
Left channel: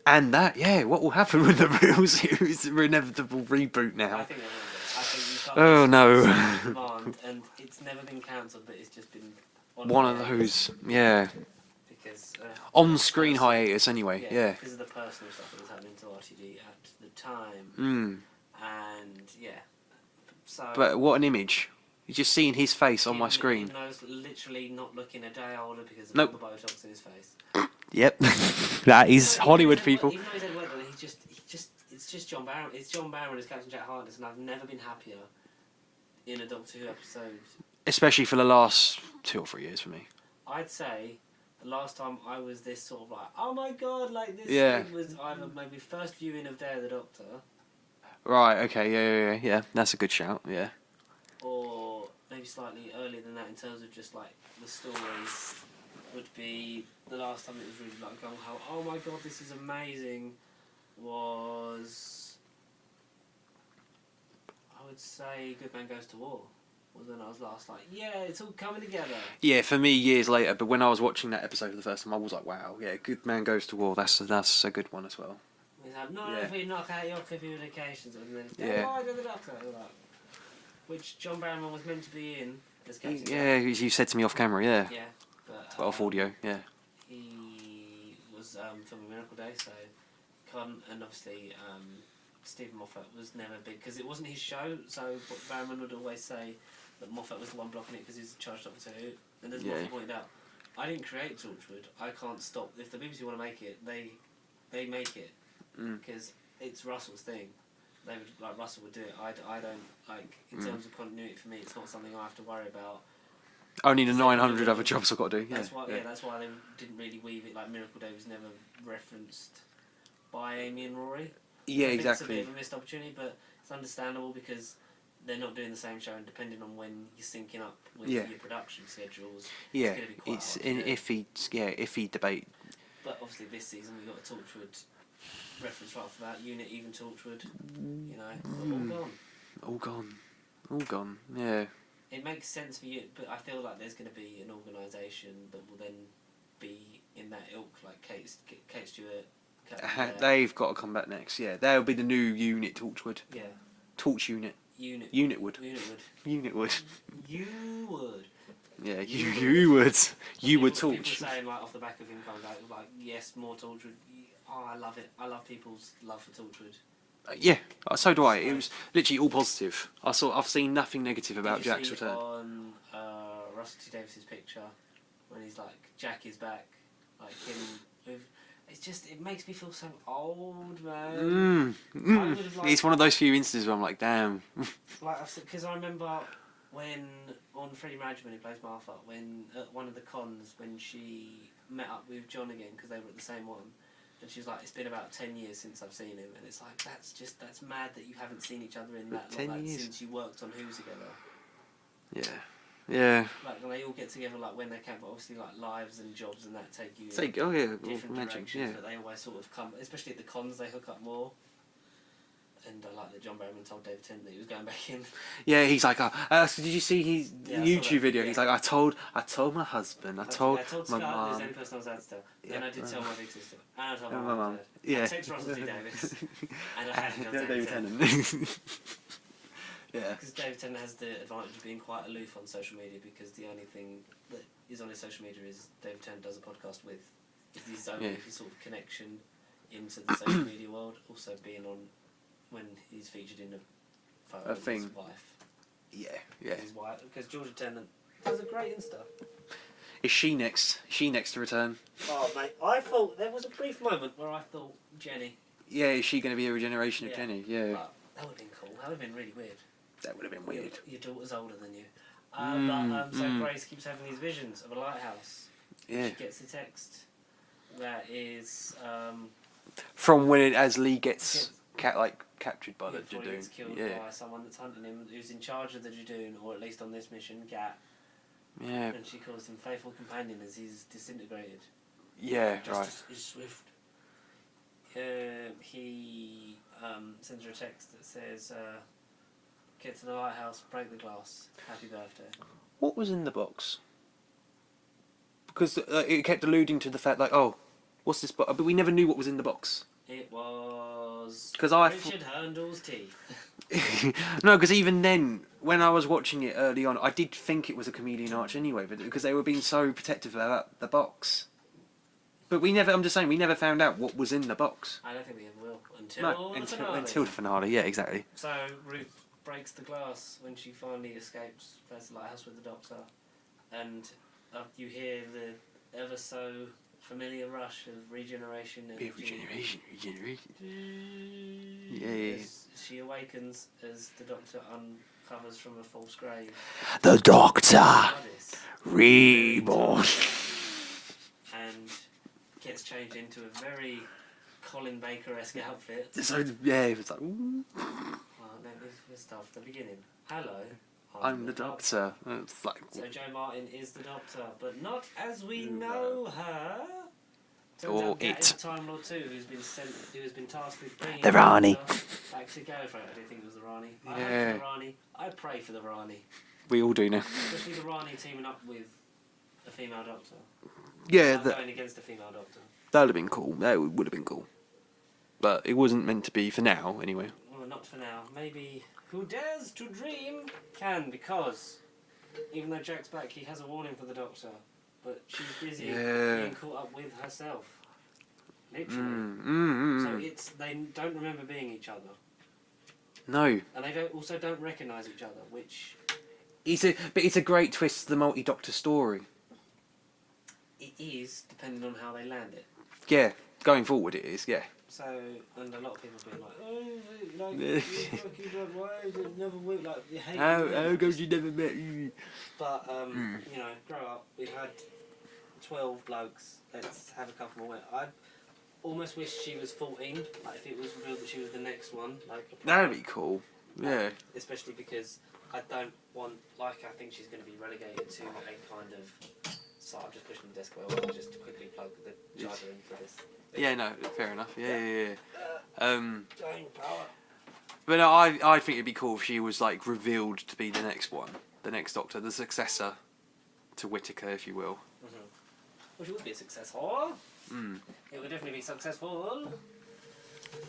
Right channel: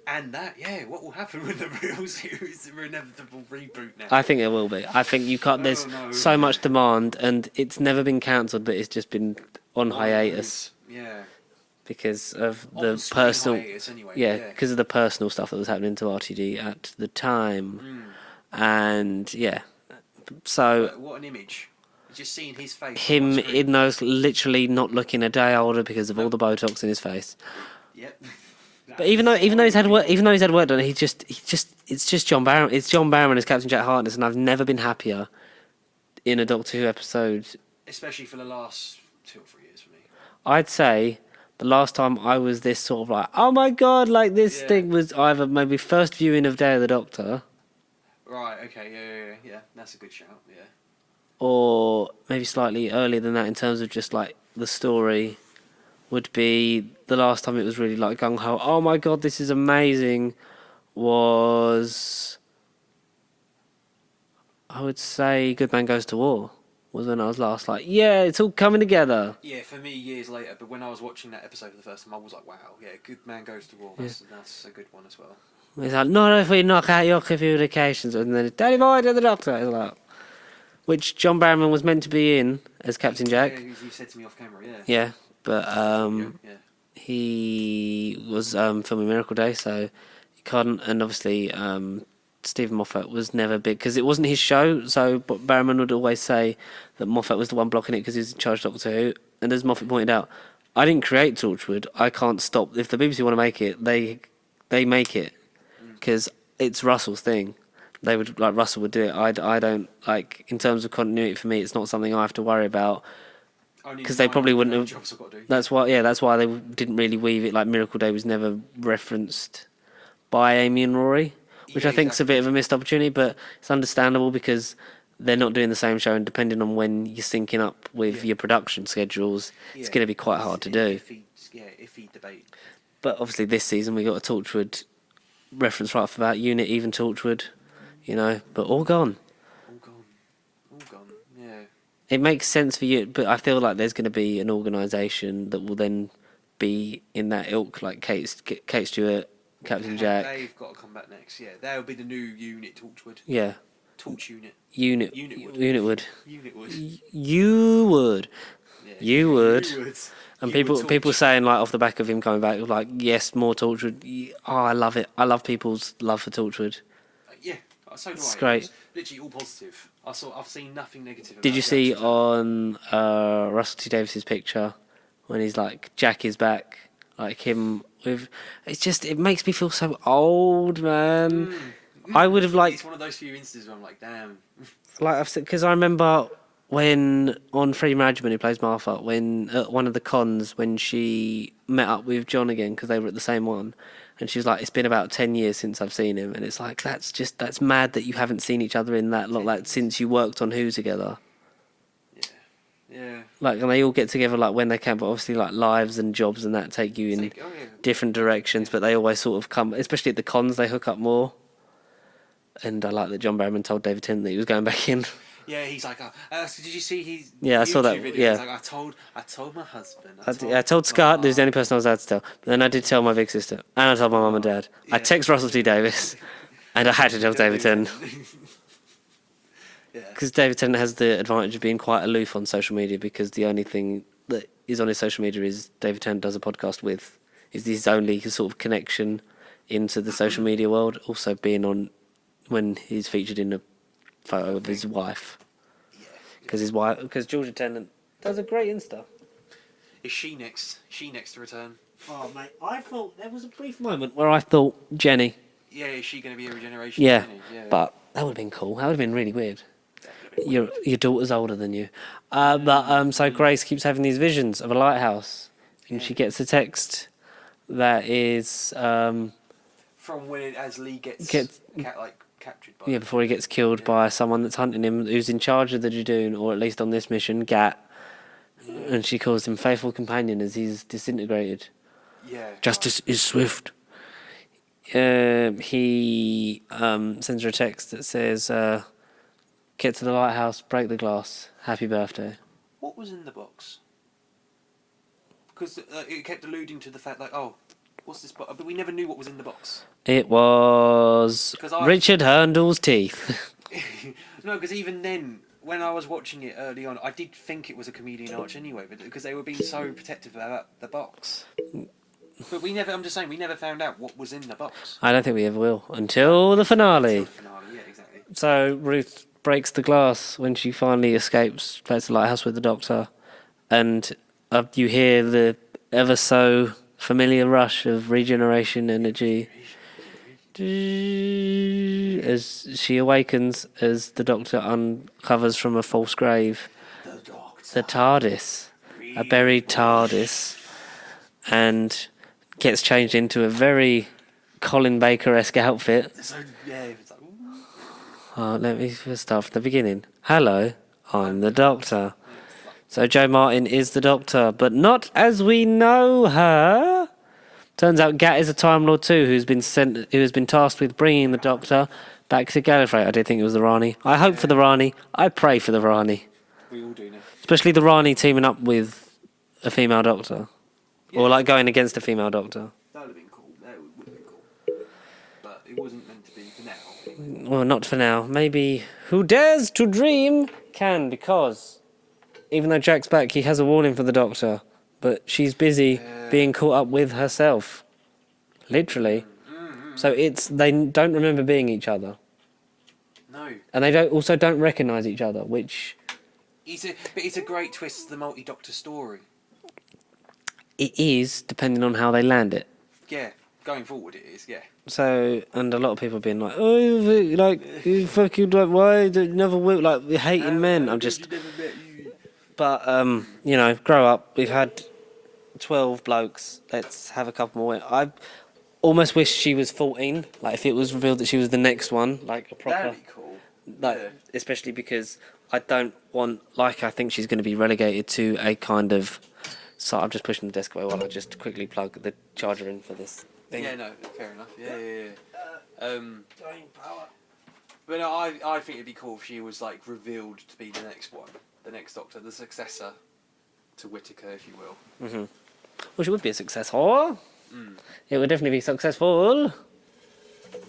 And that, yeah, what will happen with the real series, inevitable reboot now? I think it will be. I think you can't. Oh, There's no. so much demand, and it's never been cancelled, but it's just been on One of hiatus those, yeah. because of the On-screen personal, hiatus, anyway. Yeah, Yeah. because of the personal stuff that was happening to RTD at the time, and yeah. So But what an image. You're just seeing his face on him my screen. in those literally not looking a day older because of all the Botox in his face. Yep. Even though he's had work done, it's just John Barrowman. It's John Barrowman as Captain Jack Harkness, and I've never been happier in a Doctor Who episode. Especially for the last 2 or 3 years for me. I'd say the last time I was this sort of like, oh my god, like this Yeah. thing was either maybe first viewing of Day of the Doctor, Right, okay, yeah. That's a good shout, yeah. or maybe slightly earlier than that in terms of just like the story. Would be the last time it was really like gung ho. Oh my god, this is amazing. Was I would say Good Man Goes to War was when I was last like, yeah, it's all coming together. Yeah, for me, years later, but when I was watching that episode for the first time, I was like, wow, yeah, Good Man Goes to War, that's a good one as well. It's like, not if we knock out your communications, and then it's Danny Boy to the Doctor. It's like, which John Barrowman was meant to be in as Captain Jack. Yeah, as you said to me off camera, yeah. Yeah, but Off audio, yeah. he was filming Miracle Day, so he couldn't. And obviously, Stephen Moffat was never big because it wasn't his show. So Barrowman would always say that Moffat was the one blocking it because he was in charge of Doctor Who. And as Moffat pointed out, I didn't create Torchwood. I can't stop. If the BBC want to make it, they make it because it's Russell's thing. They would like Russell would do it. I don't like in terms of continuity for me. It's not something I have to worry about. Only Because the they probably 900 wouldn't other have- jobs I've got to do. That's why. Yeah, that's why they didn't really weave it. Like Miracle Day was never referenced by Amy and Rory, which Yeah, I think is a exactly. bit of a missed opportunity. But it's understandable because they're not doing the same show, and depending on when you're syncing up with Yeah. your production schedules, it's Yeah, going to be quite hard to do. Iffy debate. But obviously, this season we got a Torchwood reference right off the bat. Unit, even Torchwood, you know, but all gone. All gone. All gone. Yeah. It makes sense for you, but I feel like there's going to be an organisation that will then be in that ilk, like Kate Stewart, Captain Jack. They've got to come back next. Yeah, they'll be the new Unit Torchwood. Yeah. Torch Unit. Unitwood. Unitwood. You would. Yeah, You would. You would. And people saying, like, off the back of him coming back, like, yes, more Torchwood. Oh, I love it. I love people's love for Torchwood. Yeah, so do It's I. great. It was literally all positive. I've seen nothing negative about Did you the see actor. on Russell T Davies's picture when he's like, Jack is back, like him with... It's just, it makes me feel so old, man. I would have liked... It's one of those few instances where I'm like, damn. Like I've said, because I remember when on Freddie Mercury, who plays Martha, when at one of the cons when she met up with John again because they were at the same one, and she was like, "It's been about 10 years since I've seen him," and it's like that's mad that you haven't seen each other in that lot, like since you worked on Who together. Yeah. Like, and they all get together like when they can, but obviously like lives and jobs and that take you in different directions, but they always sort of come, especially at the cons, they hook up more. And I like that John Barrowman told David Tennant that he was going back in. Yeah, he's like, so did you see his I YouTube saw that, video? yeah. He's like, I told my husband. I told Scott, who's the only person I was allowed to tell. But then I did tell my big sister, and I told my mum and dad. Yeah. I text Russell T Davies, and I had to tell David Tennant. Because David Tennant has the advantage of being quite aloof on social media, because the only thing that is on his social media is David Tennant does a podcast with. Is his only sort of connection into the social media world, also being on when he's featured in a photo with his wife. Because Georgia Tennant does a great Insta. Is she next? She next to return? Oh mate, I thought there was a brief moment where I thought Jenny. Yeah, is she going to be a regeneration? Yeah, Jenny? Yeah, but that would have been cool. That would have been really weird. That would have been Your daughter's older than you, so Grace keeps having these visions of a lighthouse, and she gets a text that is from when as Lee gets captured by before he gets killed by someone that's hunting him, who's in charge of the Judoon, or at least on this mission, Gat. Yeah. And she calls him faithful companion as he's disintegrated. Yeah. Justice is swift. He sends her a text that says, "Get to the lighthouse, break the glass. Happy birthday." What was in the box? Because it kept alluding to the fact, like, oh, what's this box? But we never knew what was in the box. It was Richard Hurndall's teeth. No, because even then, when I was watching it early on, I did think it was a comedian arch anyway, but because they were being so protective about the box. But we never found out what was in the box. I don't think we ever will until the finale. Until the finale, yeah, exactly. So Ruth breaks the glass when she finally escapes back to the lighthouse with the Doctor, and you hear the ever so familiar rush of regeneration energy as she awakens, as the Doctor uncovers from a false grave The Doctor. a TARDIS, a buried TARDIS, and gets changed into a very Colin Baker-esque outfit. So, yeah, it's like, ooh. Let me start from the beginning. Hello, I'm the Doctor. It's like, So Jo Martin is the Doctor, but not as we know her. Turns out Gat is a Time Lord too, who has been tasked with bringing the Doctor back to Gallifrey. I don't think it was the Rani. I hope for the Rani. I pray for the Rani. we all do now. Especially the Rani teaming up with a female Doctor. Yeah, or like going against a female Doctor. That would have been cool. That would have been cool. But it wasn't meant to be for now, anyway. Well, not for now. Maybe who dares to dream can, because even though Jack's back, he has a warning for the Doctor. But she's busy being caught up with herself. Literally. So they don't remember being each other. No. And they don't recognise each other, which... But it's a great twist to the multi-Doctor story. It is, depending on how they land it. Yeah, going forward it is, yeah. So, and a lot of people being like, oh, like, you fucking, like, why? They never will, like, hating men. I'm just... But, you know, grow up. We've had 12 blokes. Let's have a couple more. I almost wish she was 14. Like, if it was revealed that she was the next one, like a proper... That'd be cool. Like, yeah. Especially because I don't want... Like, I think she's going to be relegated to a kind of... So I'm just pushing the desk away while I just quickly plug the charger in for this thing. Yeah, no, fair enough. Yeah. But no, I think it'd be cool if she was like revealed to be the next one, the next Doctor, the successor to Whittaker, if you will. Mm-hmm. Well, she would be a successful. It would definitely be successful.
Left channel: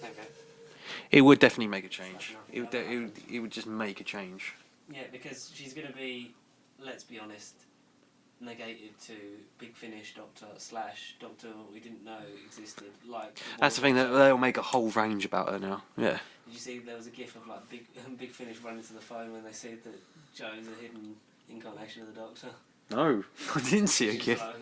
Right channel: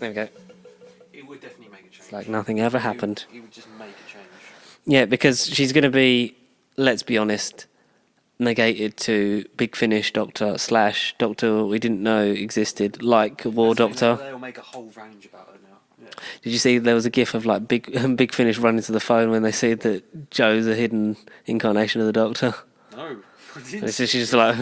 There we go. It would definitely make a change. It's like nothing ever happened. It would just make a change. Yeah, because she's going to be, let's be honest, negated to Big Finish Doctor / Doctor we didn't know existed, like War That's the thing, Doctor. they'll make a whole range about her now. Yeah. Did you see there was a gif of like Big Finish running to the phone when they see that Joe's a hidden incarnation of the Doctor? No, I didn't And so see she's it. just like...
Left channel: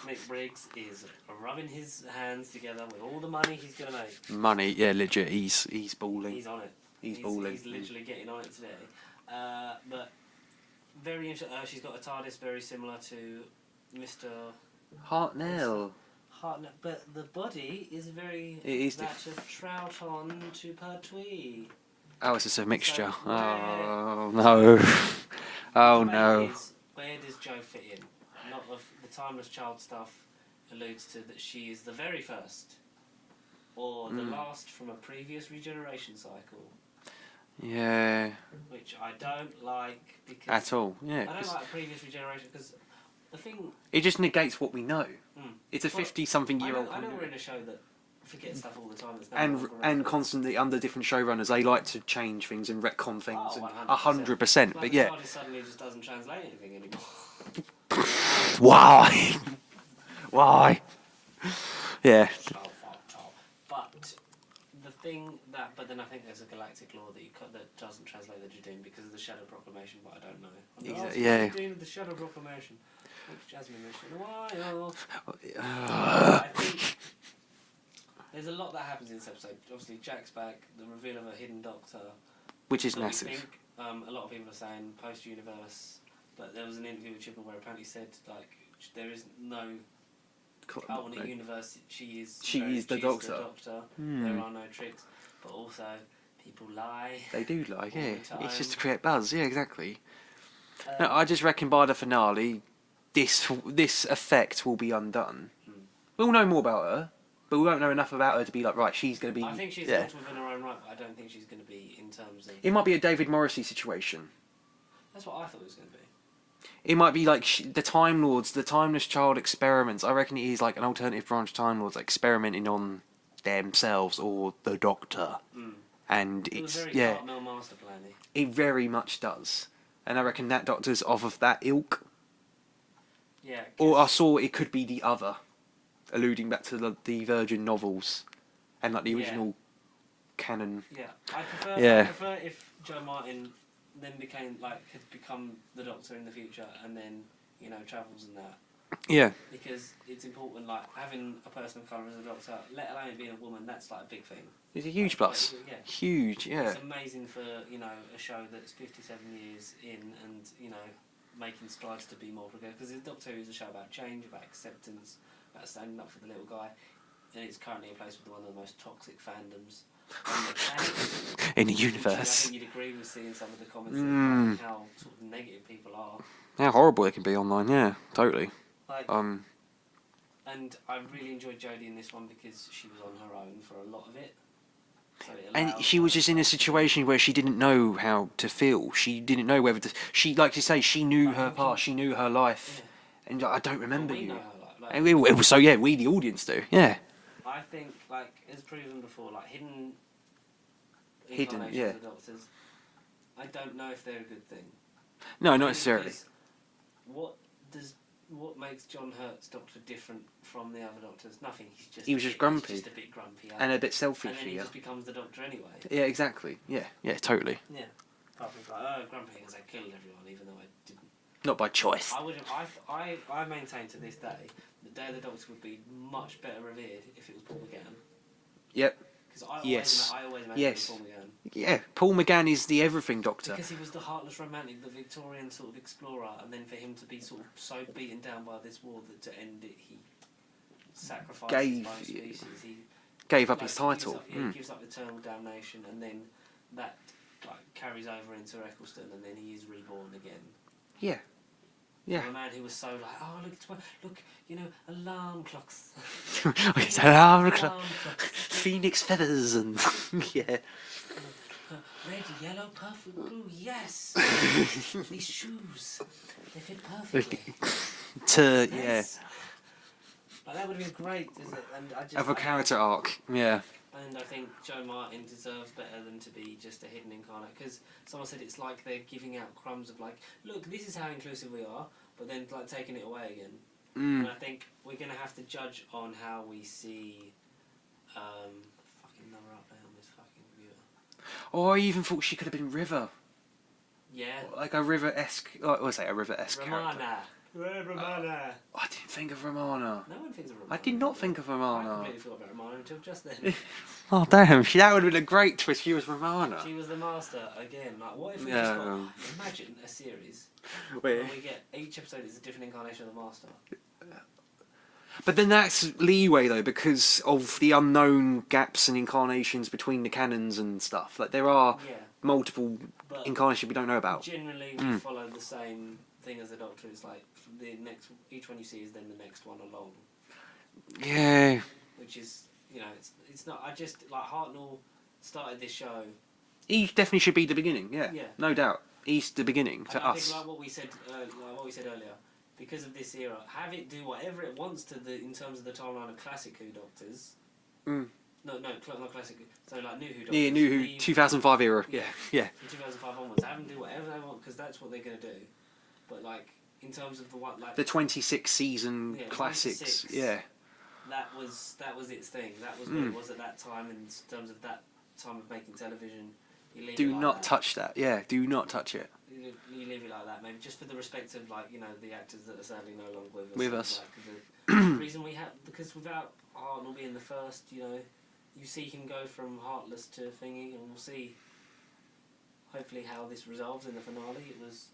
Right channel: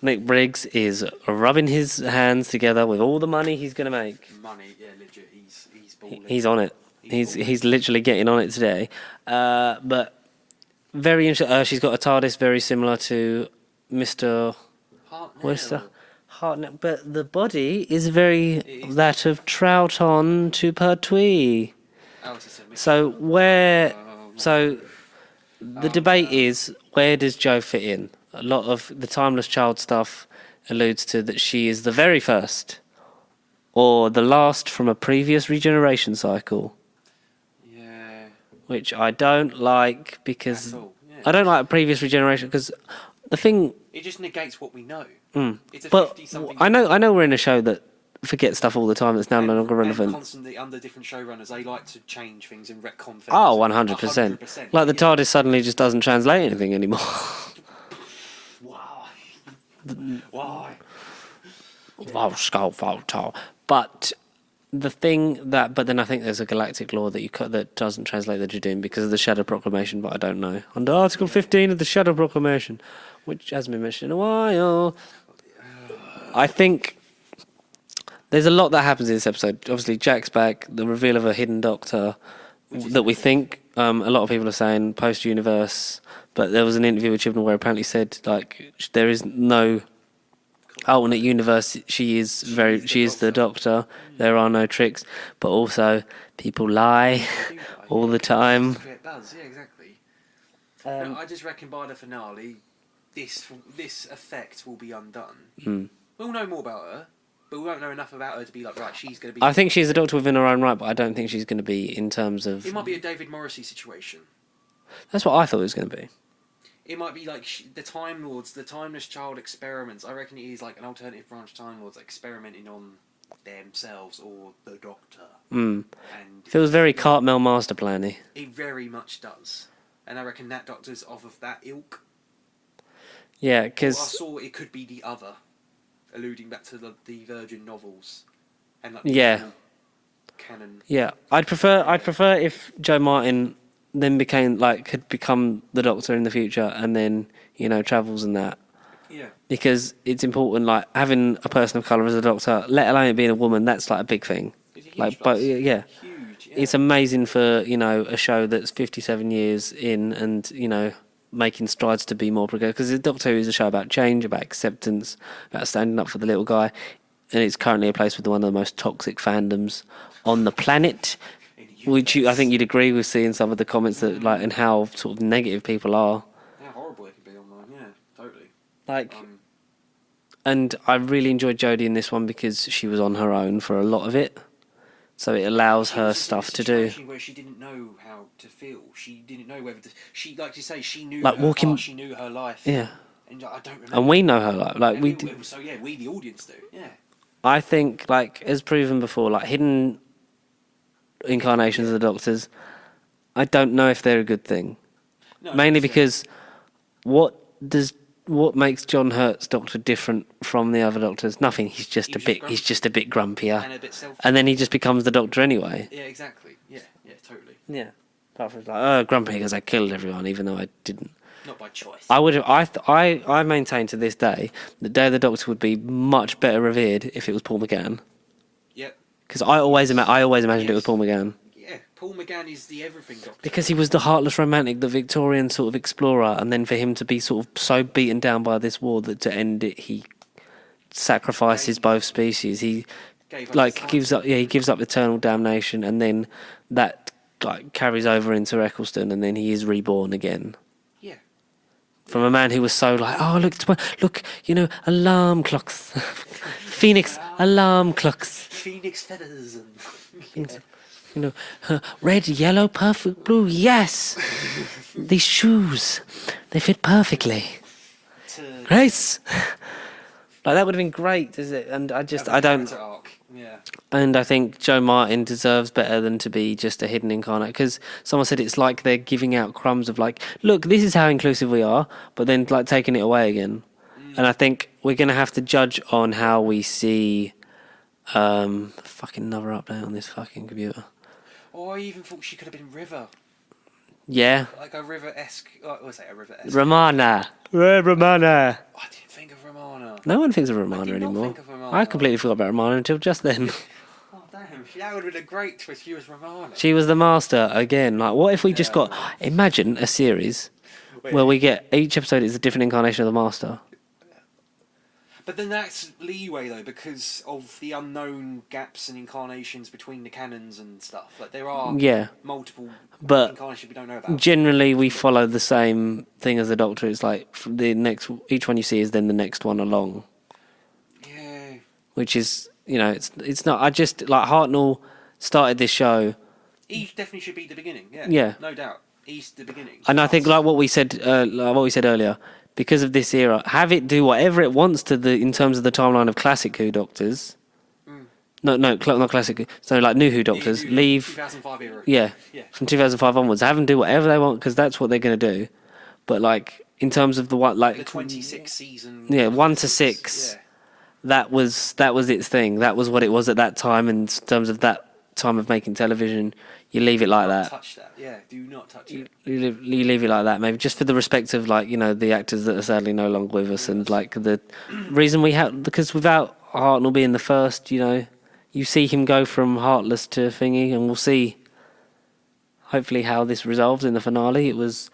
Nick Briggs is rubbing his hands together with all the money he's going to make. Money, yeah, legit. He's balling. He's on it. He's balling. He's literally getting on it today. But very interesting. She's got a TARDIS very similar to Mr. Hartnell. Hartnell, but the body is very is. that of Troughton to Pertwee. Oh, it's just a mixture. So where? Oh, no. So the debate no. is, where does Jo fit in? A lot of the Timeless Child stuff alludes to that she is the very first, or the last from a previous regeneration cycle. Yeah. Which I don't like because At all. Yeah. I don't like previous regeneration because the thing. It just negates what we know. It's a But 50-something. I know we're in a show that forgets stuff all the time that's now no longer relevant. And constantly under different showrunners, they like to change things and retcon things. Oh, 100%. 100%. Like the yeah. TARDIS suddenly just doesn't translate anything anymore. Why? Why? Yeah. But the thing that, but then I think there's a galactic law that that doesn't translate the Judoon because of the Shadow Proclamation, but I don't know. Under Article 15 of the Shadow Proclamation, which hasn't been mentioned in a while. I think there's a lot that happens in this episode. Obviously, Jack's back, the reveal of a hidden Doctor, Which is that we massive. think a lot of people are saying post-universe, but there was an interview with Chibnall where apparently said like there is no alternate universe. She is the Doctor. There are no tricks, but also people lie They do lie, all yeah, the time. Just to create buzz, yeah, exactly. No, I just reckon by the finale, this effect will be undone. We'll know more about her, but we won't know enough about her to be like, right, she's going to be... I think she's a there. Doctor within her own right, but I don't think she's going to be in terms of... It might be a David Morrissey situation. That's what I thought it was going to be. It might be like the Time Lords, the Timeless Child experiments. I reckon it is like an alternative branch Time Lords experimenting on themselves or the Doctor. And Feels very Cartmel master plan-y. It very much does. And I reckon that Doctor's off of that ilk. Yeah, Or I because... saw it could be the other, alluding back to the Virgin novels and like the Yeah. original canon. Yeah, I'd prefer Yeah. if Joe Martin then could become the Doctor in the future and then, travels and that. Yeah. Because it's important, like, having a person of colour as a Doctor, let alone it being a woman, that's, like, a big thing. It's a huge Like, plus. yeah. Huge, yeah. It's amazing for, a show that's 57 years in and, making strides to be more progressive. Because the Doctor Who is a show about change, about acceptance, about standing up for the little guy. And it's currently a place with one of the most toxic fandoms on the planet. In the universe. Which I think you'd agree with seeing some of the comments that, like, and how sort of negative people are. How horrible it can be online, yeah, totally. Like, and I really enjoyed Jodie in this one because she was on her own for a lot of it. So it allows she her was just in a stuff to do. situation where she didn't know how to feel. She didn't know whether to... She, like you say, she knew Like her walking- past, she knew her life. Yeah. And I don't remember. And we know her like And we, the audience do. Yeah. I think, like, as proven before, like, hidden incarnations yeah. of the Doctors, I don't know if they're a good thing. No, not Mainly necessarily. because what makes John Hurt's Doctor different from the other Doctors? Nothing. He's just He a was bit. just He's just a bit grumpier. And a bit selfish. And then he just becomes the Doctor anyway. Yeah, exactly. Yeah, totally. Yeah. Apart from like, grumpy because I killed everyone, even though I didn't. Not by choice. I would have. I maintain to this day that Day of the Doctor would be much better revered if it was Paul McGann. Yep. Because I always imagined it was Yes. Paul McGann. Yeah, Paul McGann is the everything Doctor. Because he was the heartless romantic, the Victorian sort of explorer, and then for him to be sort of so beaten down by this war that to end it, he sacrifices both species. He Gave up like his gives title. up, he gives up eternal damnation, and then that like carries over into Eccleston, and then he is reborn again. Yeah. From a man who was so like, oh look, alarm clocks, Phoenix alarm clocks, Phoenix feathers and yeah. Red, yellow, perfect blue. Yes, these shoes, they fit perfectly. Grace, like that would have been great, is it? And I don't. Arc. Yeah. And I think Joe Martin deserves better than to be just a hidden incarnate, because someone said it's like they're giving out crumbs of like, look, this is how inclusive we are, but then like taking it away again. And I think we're gonna have to judge on how we see. Fucking another update on this fucking computer. Oh, I even thought she could have been River. Yeah. Like a River-esque... Oh, was it a River-esque? Romana. Romana. I didn't think of Romana. No one thinks of Romana I did anymore. not think of Romana. I completely forgot about Romana until just then. Oh, damn. That would have been a great twist. She was Romana. She was the master again. Like, what if we just got... Imagine a series where we get... Each episode is a different incarnation of the master. But then that's leeway, though, because of the unknown gaps and incarnations between the canons and stuff. Like, there are multiple incarnations we don't know about. Generally, we follow the same thing as the Doctor. It's like, each one you see is then the next one along. Yeah. Which is, it's not... I just... Like, Hartnell started this show... He definitely should be the beginning, Yeah. No doubt. He's the beginning. And I think, like what we said earlier... Because of this era, have it do whatever it wants in terms of the timeline of classic Who Doctors. No, not classic Who. So like new Who Doctors, leave 2005 era. Yeah, from 2005 onwards, have them do whatever they want because that's what they're going to do. But like in terms of the 26 season. 1 to 6. Yeah, that was its thing. That was what it was at that time in terms of that time of making television. You leave it like that. Do not touch that. Yeah, do not touch it. You leave it like that, maybe just for the respect of the actors that are sadly no longer with us, like the reason we have, because without Hartnell being the first, you see him go from heartless to thingy, and we'll see hopefully how this resolves in the finale. It was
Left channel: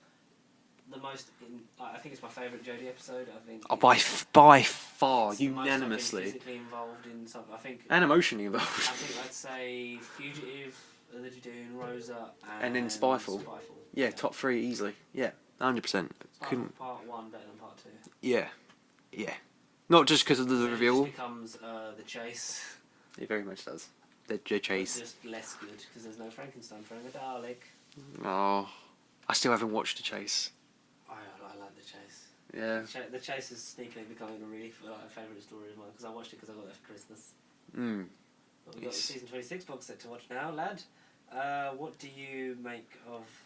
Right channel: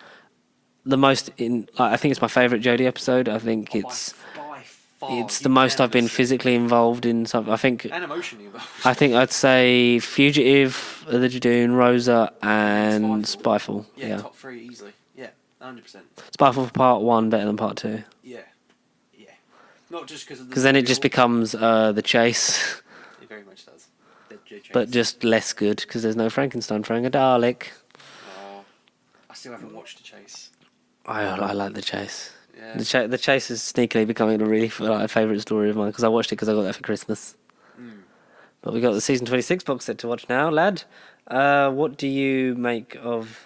the most I think it's my favourite Jodie episode. I think it's by far. It's the most I've been physically involved in something. I think, and emotionally involved. I think I'd say Fugitive, The Judoon, Rosa, and Spyfall. Yeah, top 3 easily. Yeah, 100%. Spyfall for part 1 better than part 2. Yeah. Not just because of the. Because then it just becomes The Chase. It very much does. The Chase. But just less good because there's no Frankenstein throwing a Dalek. Oh, I still haven't watched The Chase. I like The Chase. Yeah. The Chase is sneakily becoming a really favourite story of mine because I watched it because I got that for Christmas. But we got the season 26 box set to watch now, lad. What do you make of?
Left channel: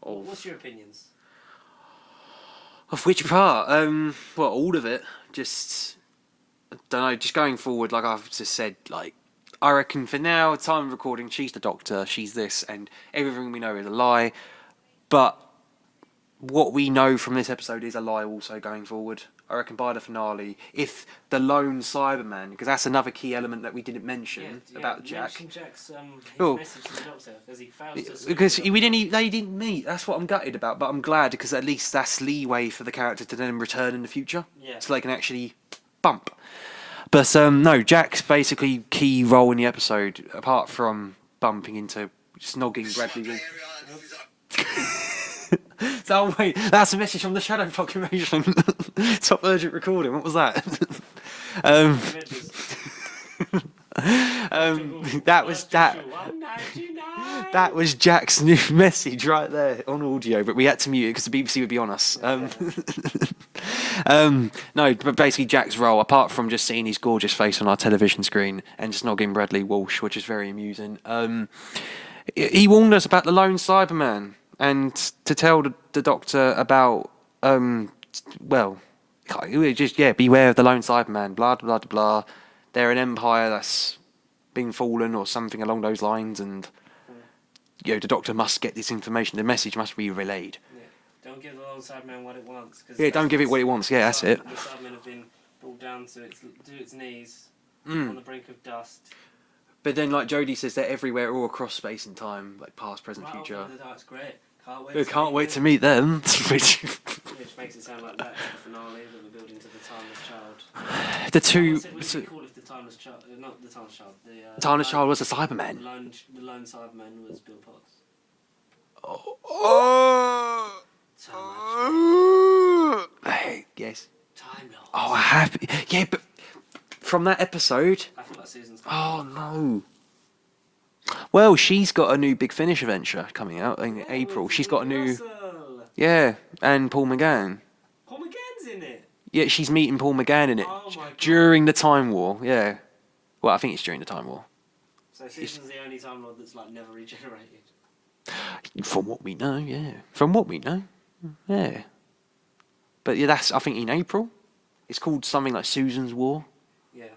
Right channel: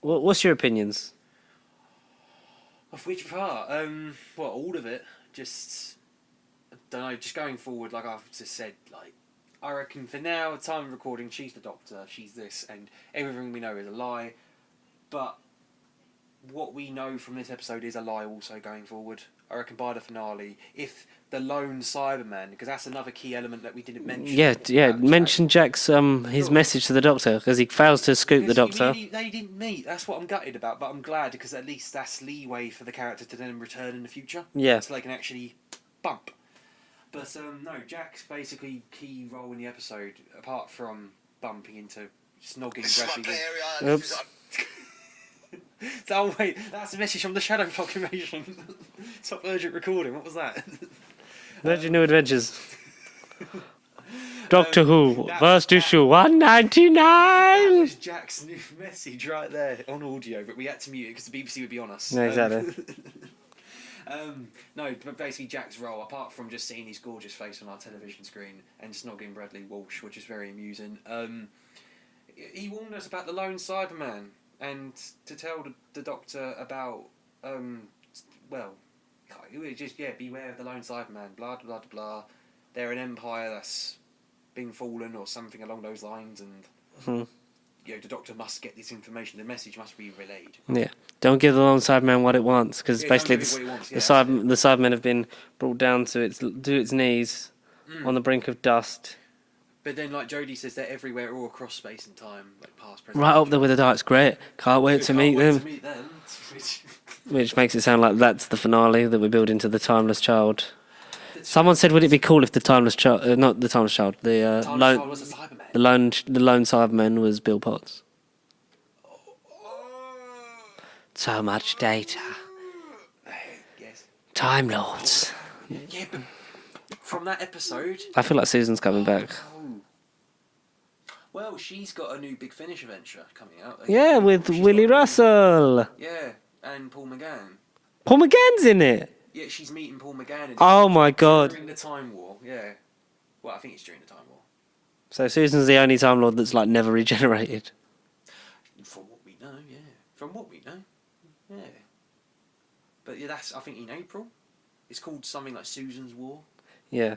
What's your opinions? Of which part? Well, all of it. Just I don't know. Just going forward, like I've just said, like I reckon for now, time of recording, she's the Doctor, she's this, and everything we know is a lie. But what we know from this episode is a lie also going forward. I reckon by the finale, if the lone Cyberman, because that's another key element that we didn't mention. Yeah. Mention Jack's his message to the Doctor because he fails to scoop the Doctor. They didn't meet. That's what I'm gutted about. But I'm glad because at least that's leeway for the character to then return in the future. Yeah. So they can actually bump. But no, Jack's basically key role in the episode, apart from bumping into snogging Bradley. Oops. So wait, that's a message from the Shadow Proclamation. Top urgent recording. What was that? New Adventures. Doctor Who, first issue 199. That was Jack's new message right there on audio, but we had to mute it because the BBC would be on us. Yeah, exactly. No, but basically Jack's role, apart from just seeing his gorgeous face on our television screen and just snogging Bradley Walsh, which is very amusing, he warned us about the lone Cyberman. And to tell the Doctor about, beware of the lone Cyberman, blah, blah, blah, blah. They're an empire that's been fallen or something along those lines, and the Doctor must get this information. The message must be relayed. Yeah. Don't give the lone Cyberman what it wants, because don't give it what it wants. Yeah, the Cybermen have been brought down to its knees on the brink of dust. But then, like Jodie says, they're everywhere, all across space and time, like past, present, right up there with the Daleks. Great. Can't wait to meet them. Which makes it sound like that's the finale that we build into the Timeless Child. Someone said, would it be cool if the Timeless Child, not the Timeless Child, the Timeless Child was a Cyberman. The lone Cyberman was Bill Potts. Oh. So much data. Yes. Time Lords. Oh, I have. Yeah, but from that episode. I feel like Susan's coming back. No. Well, she's got a new Big Finish adventure coming out. In Yeah, April. with She's got Willie a new- Russell. Yeah, and Paul McGann. Paul McGann's in it. Yeah, she's meeting Paul McGann in it. Oh my god. During the Time War, yeah. Well, I think it's during the Time War. So Susan's the only Time Lord that's like never regenerated. From what we know, yeah. From what we know, yeah. But yeah, that's I think in April. It's called something like Susan's War. Yeah.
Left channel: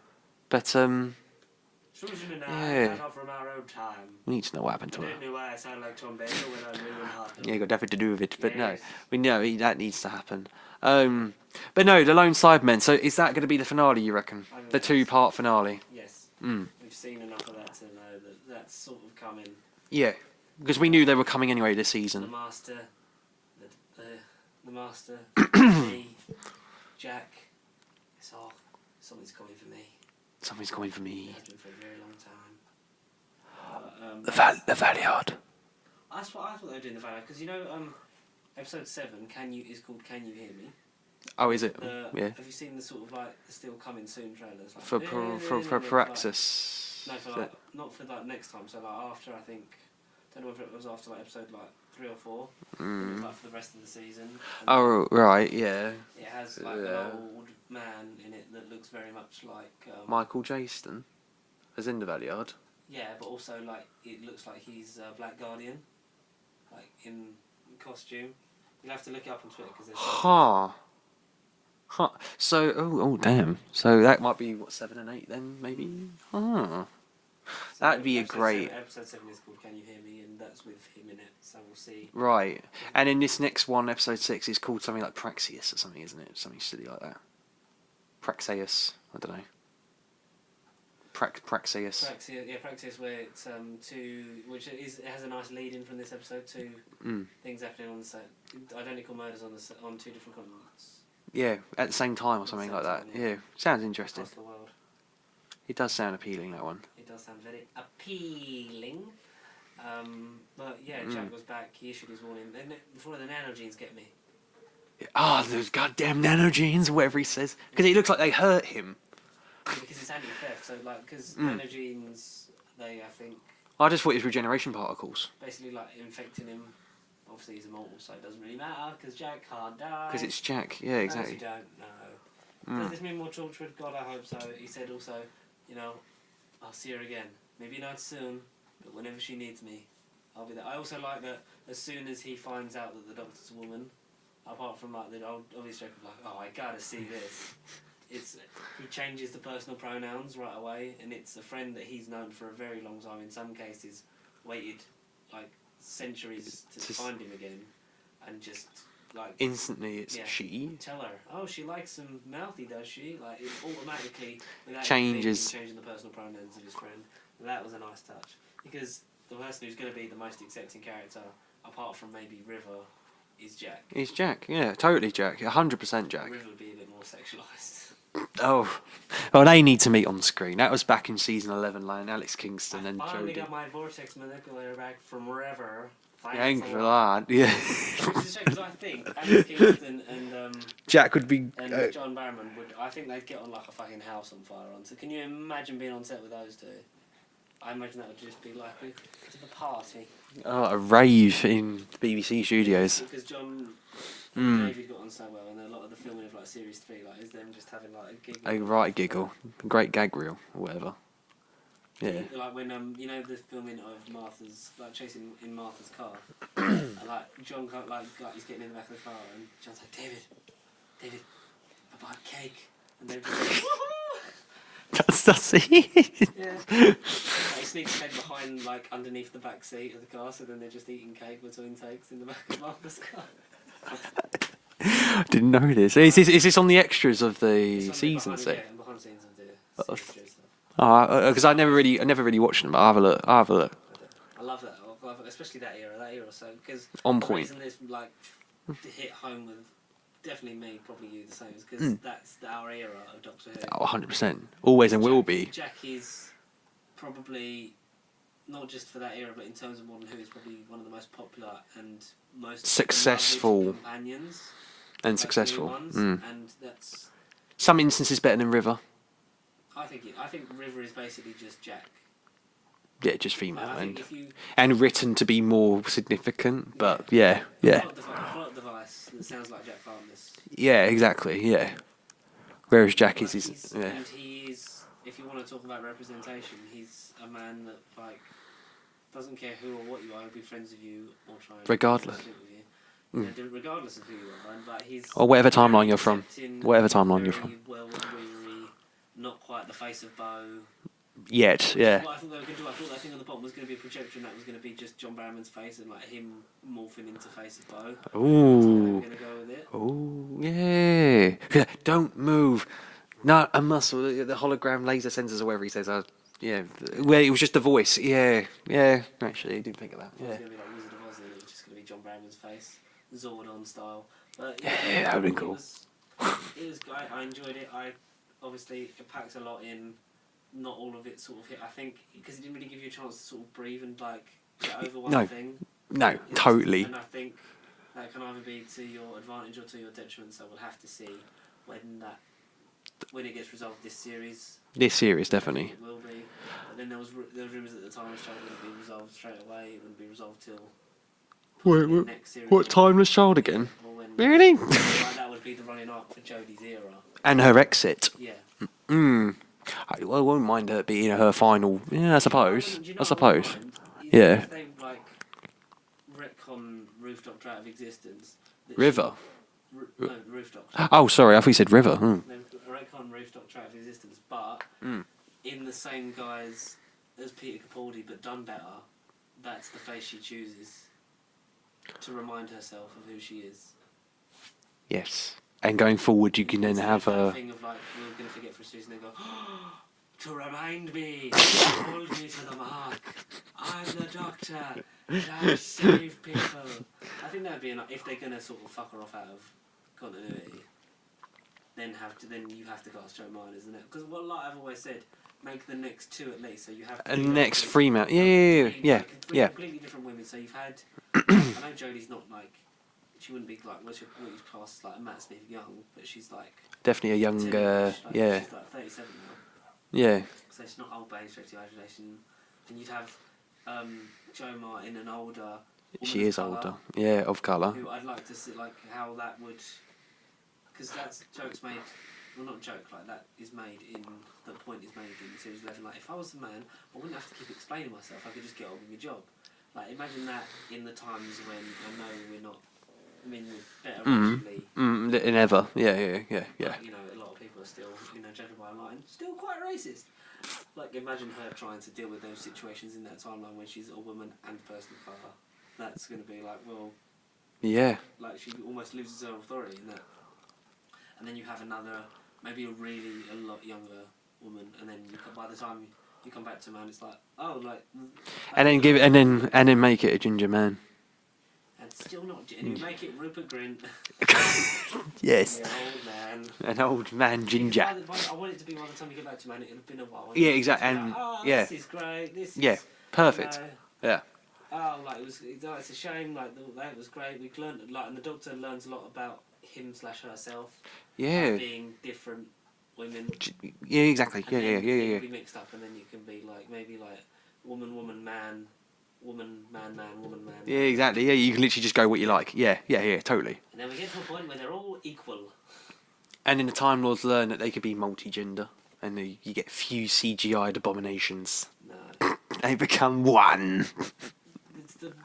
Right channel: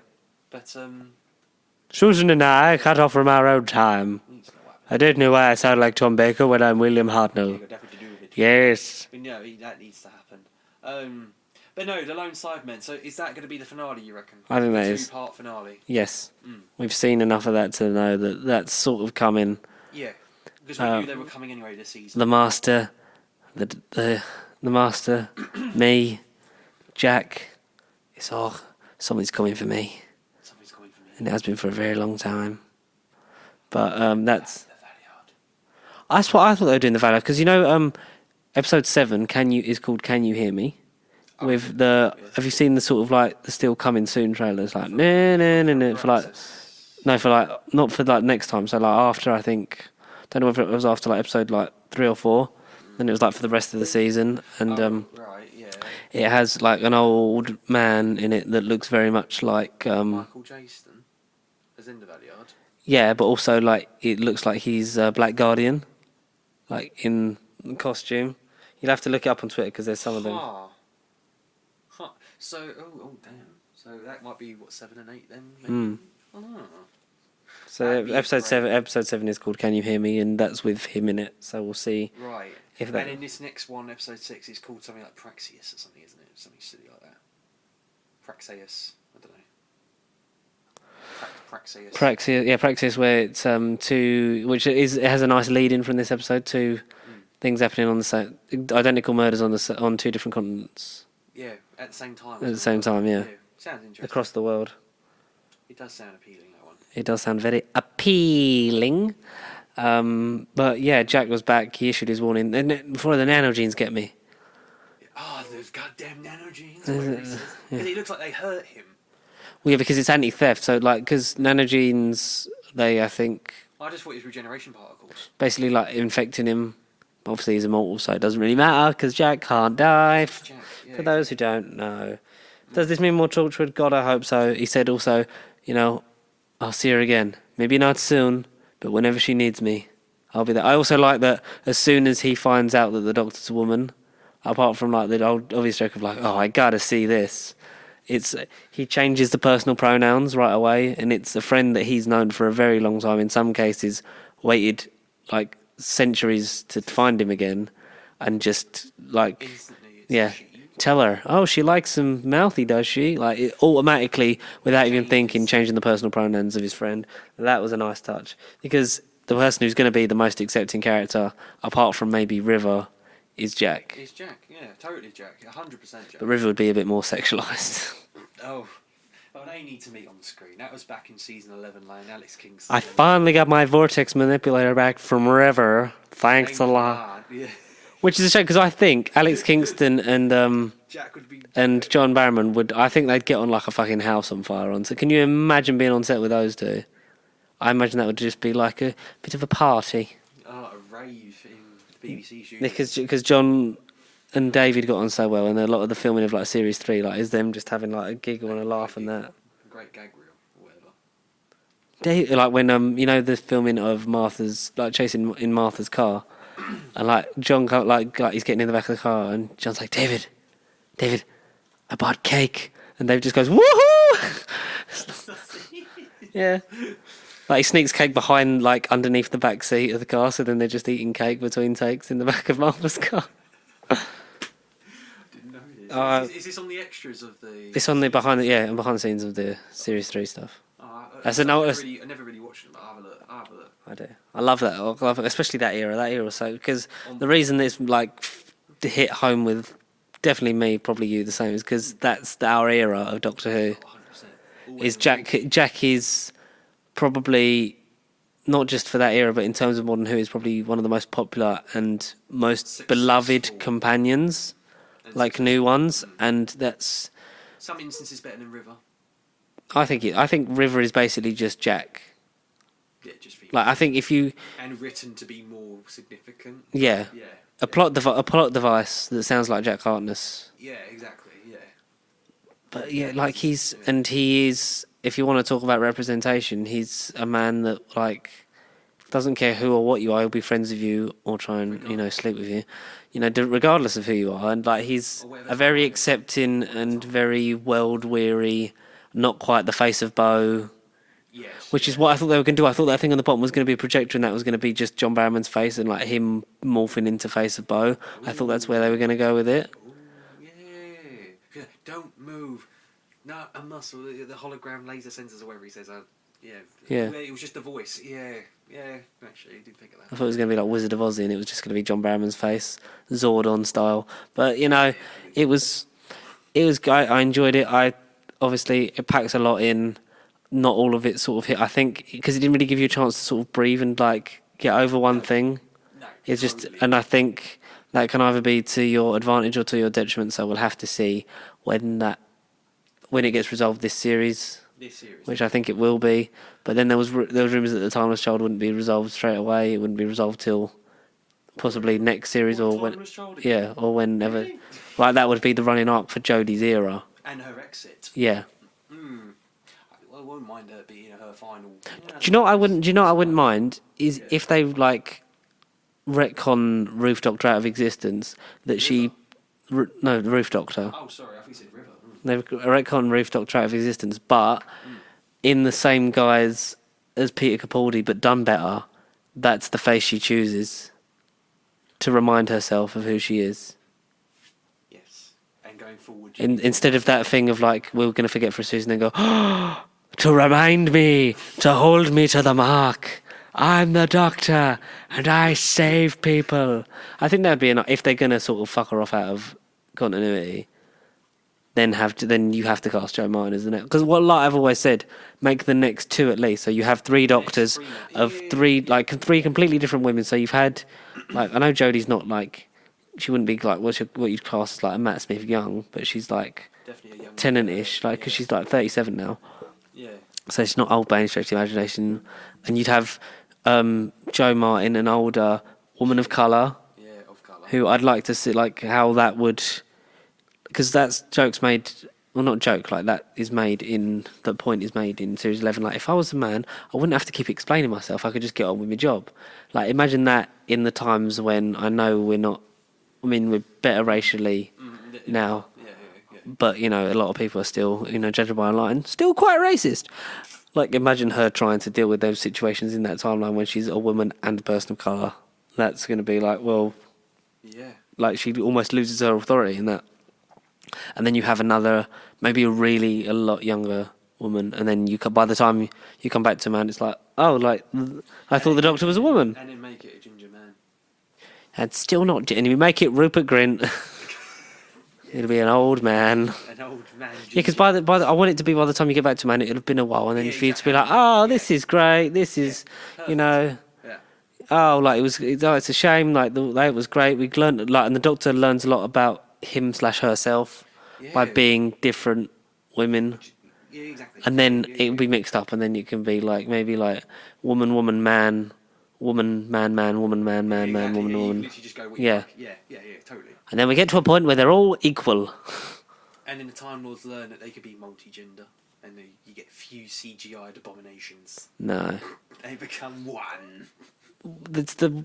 But Susan and I Yeah. cut off from our own time. we need to know what happened. I don't know why I sound like Tom Baker when I'm William Hartnell. Yeah, got nothing to do with it. Yes. But no, that needs to happen. But no, the Lone Sidemen. So is that going to be the finale? You reckon? I think the that is. two-part finale. Yes. Mm. We've seen enough of that to know that that's sort of coming. Yeah, because we knew they were coming anyway this season. The Master, the Master, me, Jack. It's all something's coming for me. Something's coming for me. And it has been for a very long time. But that's the Valiard. that's what I thought they were doing the Valor because episode 7 is called Can You Hear Me? Oh, With is it? the Yeah. have you seen the sort of like the Still Coming Soon trailers like For like Praxis. no for like not for like next time so like after I think don't know whether it was after like episode like 3 or 4 and it was like for the rest of the season and Right, yeah. it has like an old man in it that looks very much like Michael Jaston, as in the Valiard. yeah but also like it looks like he's Black Guardian like in costume. You'll have to look it up on Twitter because there's some of them. Huh. So, oh, damn. So that might be what 7 and 8 then, maybe. Huh. So That'd be episode 7 is called Can You Hear Me and that's with him in it. So we'll see. Right. If that- And in this next one, episode 6, is called something like Praxeus or something, isn't it? Something silly like that. Praxeus. I don't know. Praxeus. Praxis, where it's it has a nice lead in from this episode. Two things happening on the same identical murders on 2 different continents Yeah, at the same time. Or At the something same like time, that. yeah. Sounds interesting. across the world. It does sound appealing, that one. It does sound very appealing. But yeah, Jack was back. He issued his warning. Then before the nanogenes get me. Those goddamn nanogenes, or whatever he says. Because it looks like they hurt him. Yeah, because it's anti-theft. So like, because nanogenes, I think I just thought it was regeneration particles. basically like infecting him. Obviously, he's immortal, so it doesn't really matter because Jack can't die. It's Jack, yeah. For those who exactly. don't know, does this mean more Torchwood? God, I hope so. He said also, I'll see her again. Maybe not soon, but whenever she needs me, I'll be there. I also like that as soon as he finds out that the Doctor's a woman, apart from like the old obvious joke of like, oh, I gotta see this. He changes the personal pronouns right away, and it's a friend that he's known for a very long time. In some cases, waited like centuries to find him again, and just like Instantly, it's she. tell her, oh, she likes him mouthy, does she? Like it automatically, without even thinking, Changes. changing the personal pronouns of his friend. That was a nice touch because the person who's going to be the most accepting character, apart from maybe River, is Jack. He's Jack, yeah, totally Jack. 100% Jack. But River would be a bit more sexualized. Oh. Well, they need to meet on screen. That was back in season 11, like Alex Kingston. I finally got my vortex manipulator back from River. Thanks a lot. Yeah. Which is a shame because I think Alex Kingston and Jack would be. John Barrowman I think they'd get on like a fucking house on fire on set. Can you imagine being on set with those two? I imagine that would just be like a bit of a party. a rave in BBC studios. Because John and David got on so well, and a lot of the filming of like series 3 like is them just having like a giggle and a laugh. Right giggle. Great gag reel, or whatever. Like when the filming of Martha's like chasing in Martha's car, and like John like he's getting in the back of the car, and John's like, David, I bought cake, and Dave just goes woohoo. That's it. Yeah. Like he sneaks cake behind like underneath the back seat of the car, so then they're just eating cake between takes in the back of Martha's car. Didn't know this. Is this on the extras of the? It's on the behind season? the scenes of the series 3 stuff. I As an never really watched them, but I'll have a look. I do. I love that. I love it, especially that era. That era, so because On the point. reason it's like hit home with definitely me, probably you, the same, is because that's our era of Doctor Who. 100%. Always Is and Jack. will be. Jack is probably not just for that era, but in terms of Modern Who, is probably one of the most popular and most Successful. beloved companions. And like successful. new ones, and that's. Some instances better than River. I think River is basically just Jack. Yeah, just female. Like I think if you and written to be more significant. But yeah yeah, a plot device that sounds like Jack Harkness. Yeah, exactly. Yeah. Whereas Jack like is he is. If you want to talk about representation, he's a man that like doesn't care who or what you are. He'll be friends with you or try and sleep with you. Regardless of who you are, and like he's or whatever timeline very you're from. accepting Whatever and timeline you're very world weary. Not quite the face of Bo. Yet, Which is what I thought they were going to do. I thought that thing on the bottom was going to be a projector, and that was going to be just John Barrowman's face and like him morphing into face of Bo. I thought that's where they were going to go with it. Oh yeah! Don't move. Not a muscle. The hologram laser sensors, or whatever he says. Yeah. Where it was just a voice. Yeah. Actually, I didn't think of that. I thought it was going to be like Wizard of Oz, and it was just going to be John Barrowman's face, Zordon style. But it was. I enjoyed it. Obviously it packs a lot in. Not all of it sort of hit. I think because it didn't really give you a chance to sort of breathe and like get over one thing. No, it's totally. And I think that can either be to your advantage or to your detriment. So we'll have to see when it gets resolved this series. Which definitely. I think it will be. But then there was rumours that the Timeless Child wouldn't be resolved straight away. It wouldn't be resolved till possibly next series. What Timeless Child again? Yeah, or when really? Like that would be the running arc for Jodie's era and her exit. Yeah. I wouldn't mind her being her final. Yeah, do you know what I wouldn't? I wouldn't mind is if they like retcon Roof Doctor out of existence. That River? No, Roof Doctor. Oh, sorry, I thought you said River. They retcon Roof Doctor out of existence, but in the same guise as Peter Capaldi, but done better. That's the face she chooses to remind herself of who she is. Yes. And going forward, you can instead of that thing of like we're going to forget for a season and go to remind me, to hold me to the mark. I'm the Doctor and I save people. I think that'd be enough if they're going to sort of fuck her off out of continuity. Then you have to cast Joe Martin, isn't it? Because I've always said, make the next two at least. So you have three Doctors three completely different women. So you've had, like, I know Jodie's not like. She wouldn't be like what you'd class as like a Matt Smith young, but she's like definitely a young Tennant-ish. She's like 37 now. Yeah. So she's not old by any stretch of the imagination. And you'd have Joe Martin, an older woman of colour. Yeah, of colour. Who I'd like to see like how that would, because that's jokes made. Well, not joke like that is made in. The point is made in series 11. Like if I was a man, I wouldn't have to keep explaining myself. I could just get on with my job. Like imagine that in the times when I know we're not. I mean, we're better racially than ever. Yeah. But, a lot of people are still, judging by online, still quite racist. Like, imagine her trying to deal with those situations in that timeline when she's a woman and a person of colour. That's going to be like, well... Yeah. Like, she almost loses her authority in that. And then you have another, maybe a lot younger woman, and then by the time you come back to a man, it's like, oh, like, I thought the Doctor was a woman. And then make it a ginger man. And still not... And we make it Rupert Grint. Yes. He'll be an old man. An old man ginger. Yeah, because I want it to be by the time you get back to man, it'll have been a while. And then for you to be like, this is great. This is, perfect. Yeah. Oh, like, it's a shame. Like, it was great. We learned, like, and the Doctor learns a lot about him/herself by being different women. Yeah, exactly. And then it'll be mixed up, and then it can be, like, maybe, like, woman, man... Woman, man, woman, man, exactly. man, woman, you can literally just go what you like. Yeah, totally. And then we get to a point where they're all equal. And then the Time Lords learn that they could be multi-gender, and you get few CGI'd abominations. No. They become one. It's the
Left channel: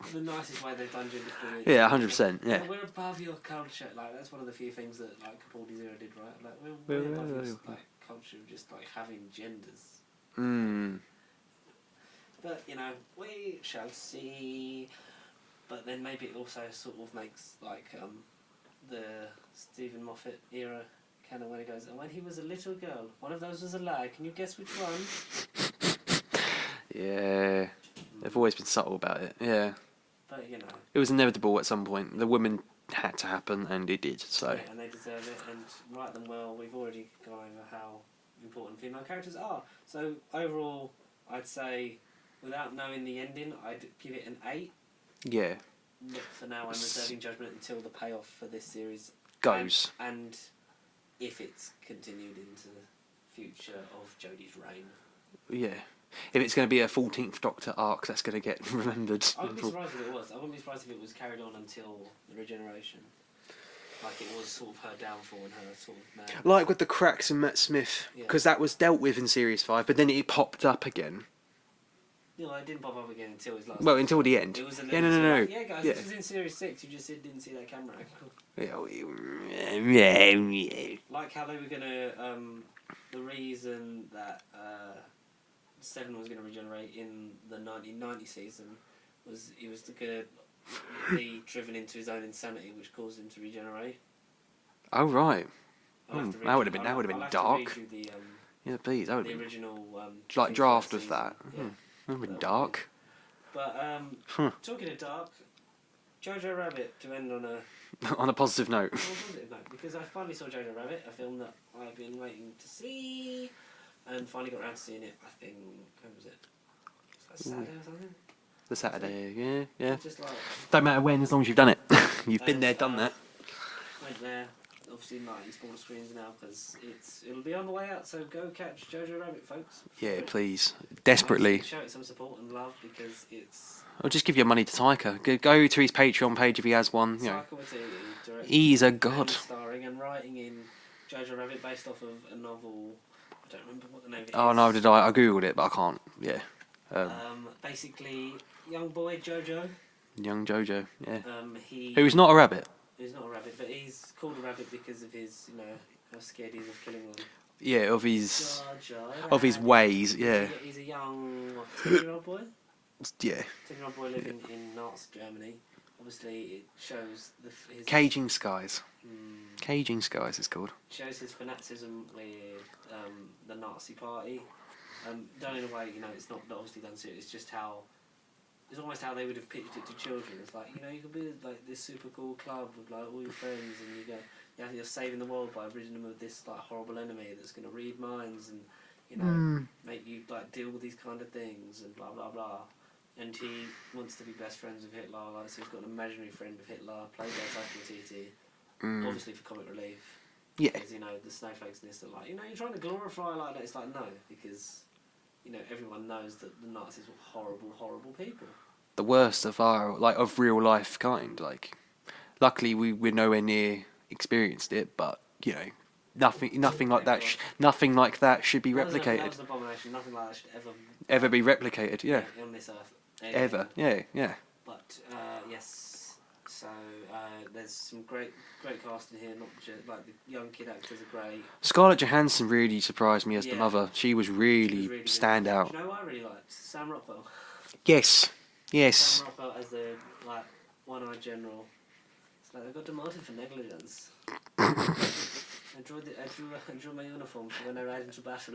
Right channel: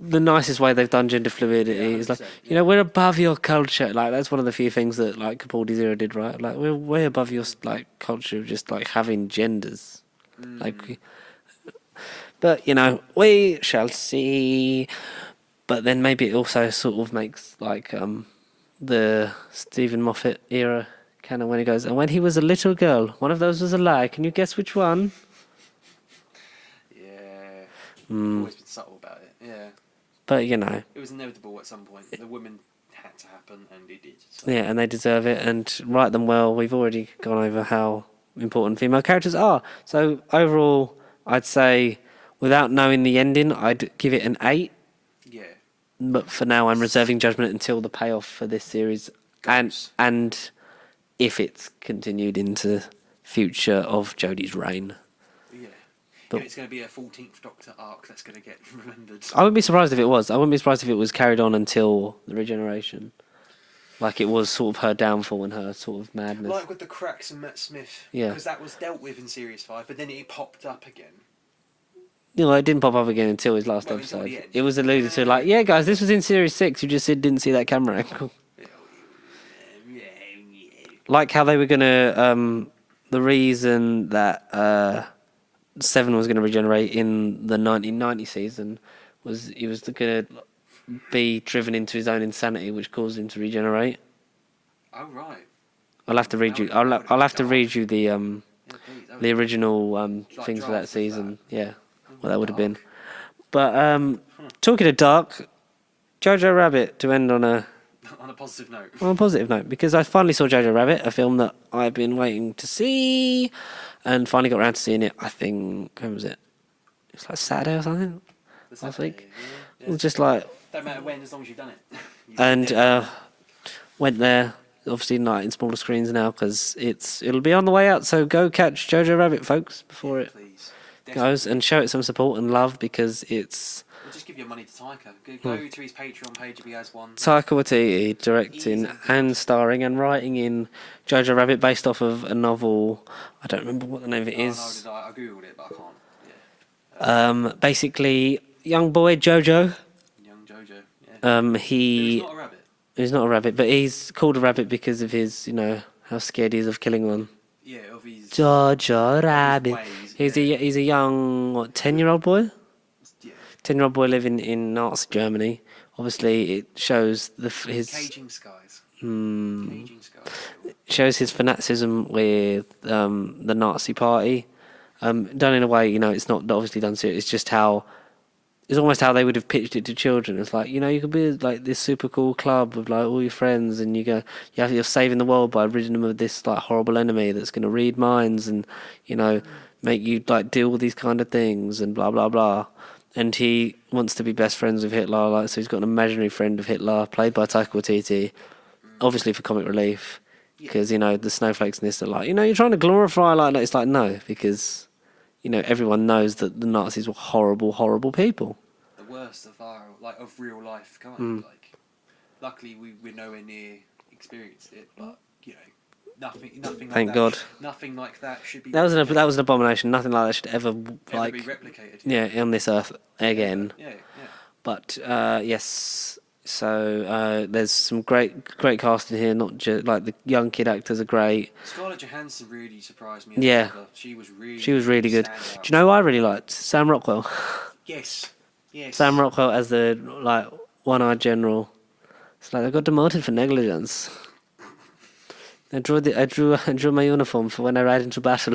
nicest way they've done gender fluidity. Yeah, 100%. Like, we're above your culture. Like, that's one of the few things that, like, Capaldi's era did right. Like, we're way above your, like, culture of just, like, having genders. Like... But, we shall see. But then maybe it also sort of makes, like, the Stephen Moffat era kind of when he goes, and when he was a little girl, one of those was a lie. Can you guess which one? Yeah. They've always been subtle about it, yeah. But, It was inevitable at some point. The women had to happen, and it did. So. Yeah, and they deserve it, and write them well. We've already gone over how important female characters are. So, overall, I'd say... Without knowing the ending, I'd give it an 8. Yeah. but for now, I'm reserving judgment until the payoff for this series Goes. and if it's continued into future of Jodie's reign. Yeah. If it's going to be a 14th Doctor arc, that's going to get remembered. I wouldn't be surprised if it was. I wouldn't be surprised if it was carried on until the regeneration. Like it was sort of her downfall and her sort of madness. Like with the cracks in Matt Smith. Yeah. Because that was dealt with in Series 5, but then it popped up again. You know, it didn't pop up again until his last episode. Until the end. It was alluded to like, yeah, guys, this was in Series 6. You just didn't see that camera angle. Like how they were going to... the reason that Seven was going to regenerate in the 1990 season was he was going to be driven into his own insanity, which caused him to regenerate. Oh, right. I'll have to read you. I'll have to read you the please. the original like things for draft that of season. that. Yeah, Oh, well, that would have been. dark. But talking of dark, Jojo Rabbit to end on a On a positive note. positive note, because I finally saw Jojo Rabbit, a film that I've been waiting to see, and finally got around to seeing it. I think when was it? It's like Saturday or something. The Saturday, yeah. It's just like Don't matter when, as long as you've done it. You've and been there, done that. went there. Obviously, not in smaller screens now because it'll be on the way out. So go catch Jojo Rabbit, folks, before Yeah, it please. goes, Desperately. and show it some support and love because it's Or just give your money to Taika. Go to his Patreon page if he has one. Taika Watiti directing He's a god. and starring and writing in Jojo Rabbit, based off of a novel. I don't remember what the name of it is. Oh, no, did I? I googled it, but I can't. Yeah. Basically, young boy Jojo. Young Jojo. Yeah. Who's not a rabbit. He's not a rabbit, but he's called a rabbit because of his, how scared he is of killing one. Yeah, of his Jojo Rabbit. of his ways. He's a young 10-year-old boy. Yeah. 10-year-old boy living in Nazi Germany. Obviously, it shows his Caging Skies. Caging Skies it's called. shows his fanaticism with the Nazi Party. Done in a way, it's not obviously done serious. It's just how it's almost how they would have pitched it to children. It's like, you could be like this super cool club with like all your friends, and you're saving the world by ridding them of this like horrible enemy that's going to read minds and make you like deal with these kind of things and blah blah blah. And he wants to be best friends with Hitler, like, so he's got an imaginary friend of Hitler played by Taika Watiti, obviously for comic relief. Yeah. Because the snowflakes in this are like, you're trying to glorify like that. It's like, no, because everyone knows that the Nazis were horrible, horrible people. The worst of of real life kind. Like, luckily we're nowhere near experienced it, but nothing like Thank that. God. Nothing like that should be. That was replicated. an abomination. Nothing like that should ever be replicated. Yeah. on this earth again. Ever. Yeah. But yes, so there's some great casting here. Not just like the young kid actors are great. Scarlett Johansson really surprised me as a mother. She was really good. Stand out. Do you know who I really liked? Sam Rockwell. Yes. Sam Rockwell as the like one-eyed general. It's like I got demoted for negligence. I drew my uniform for when I ride into battle.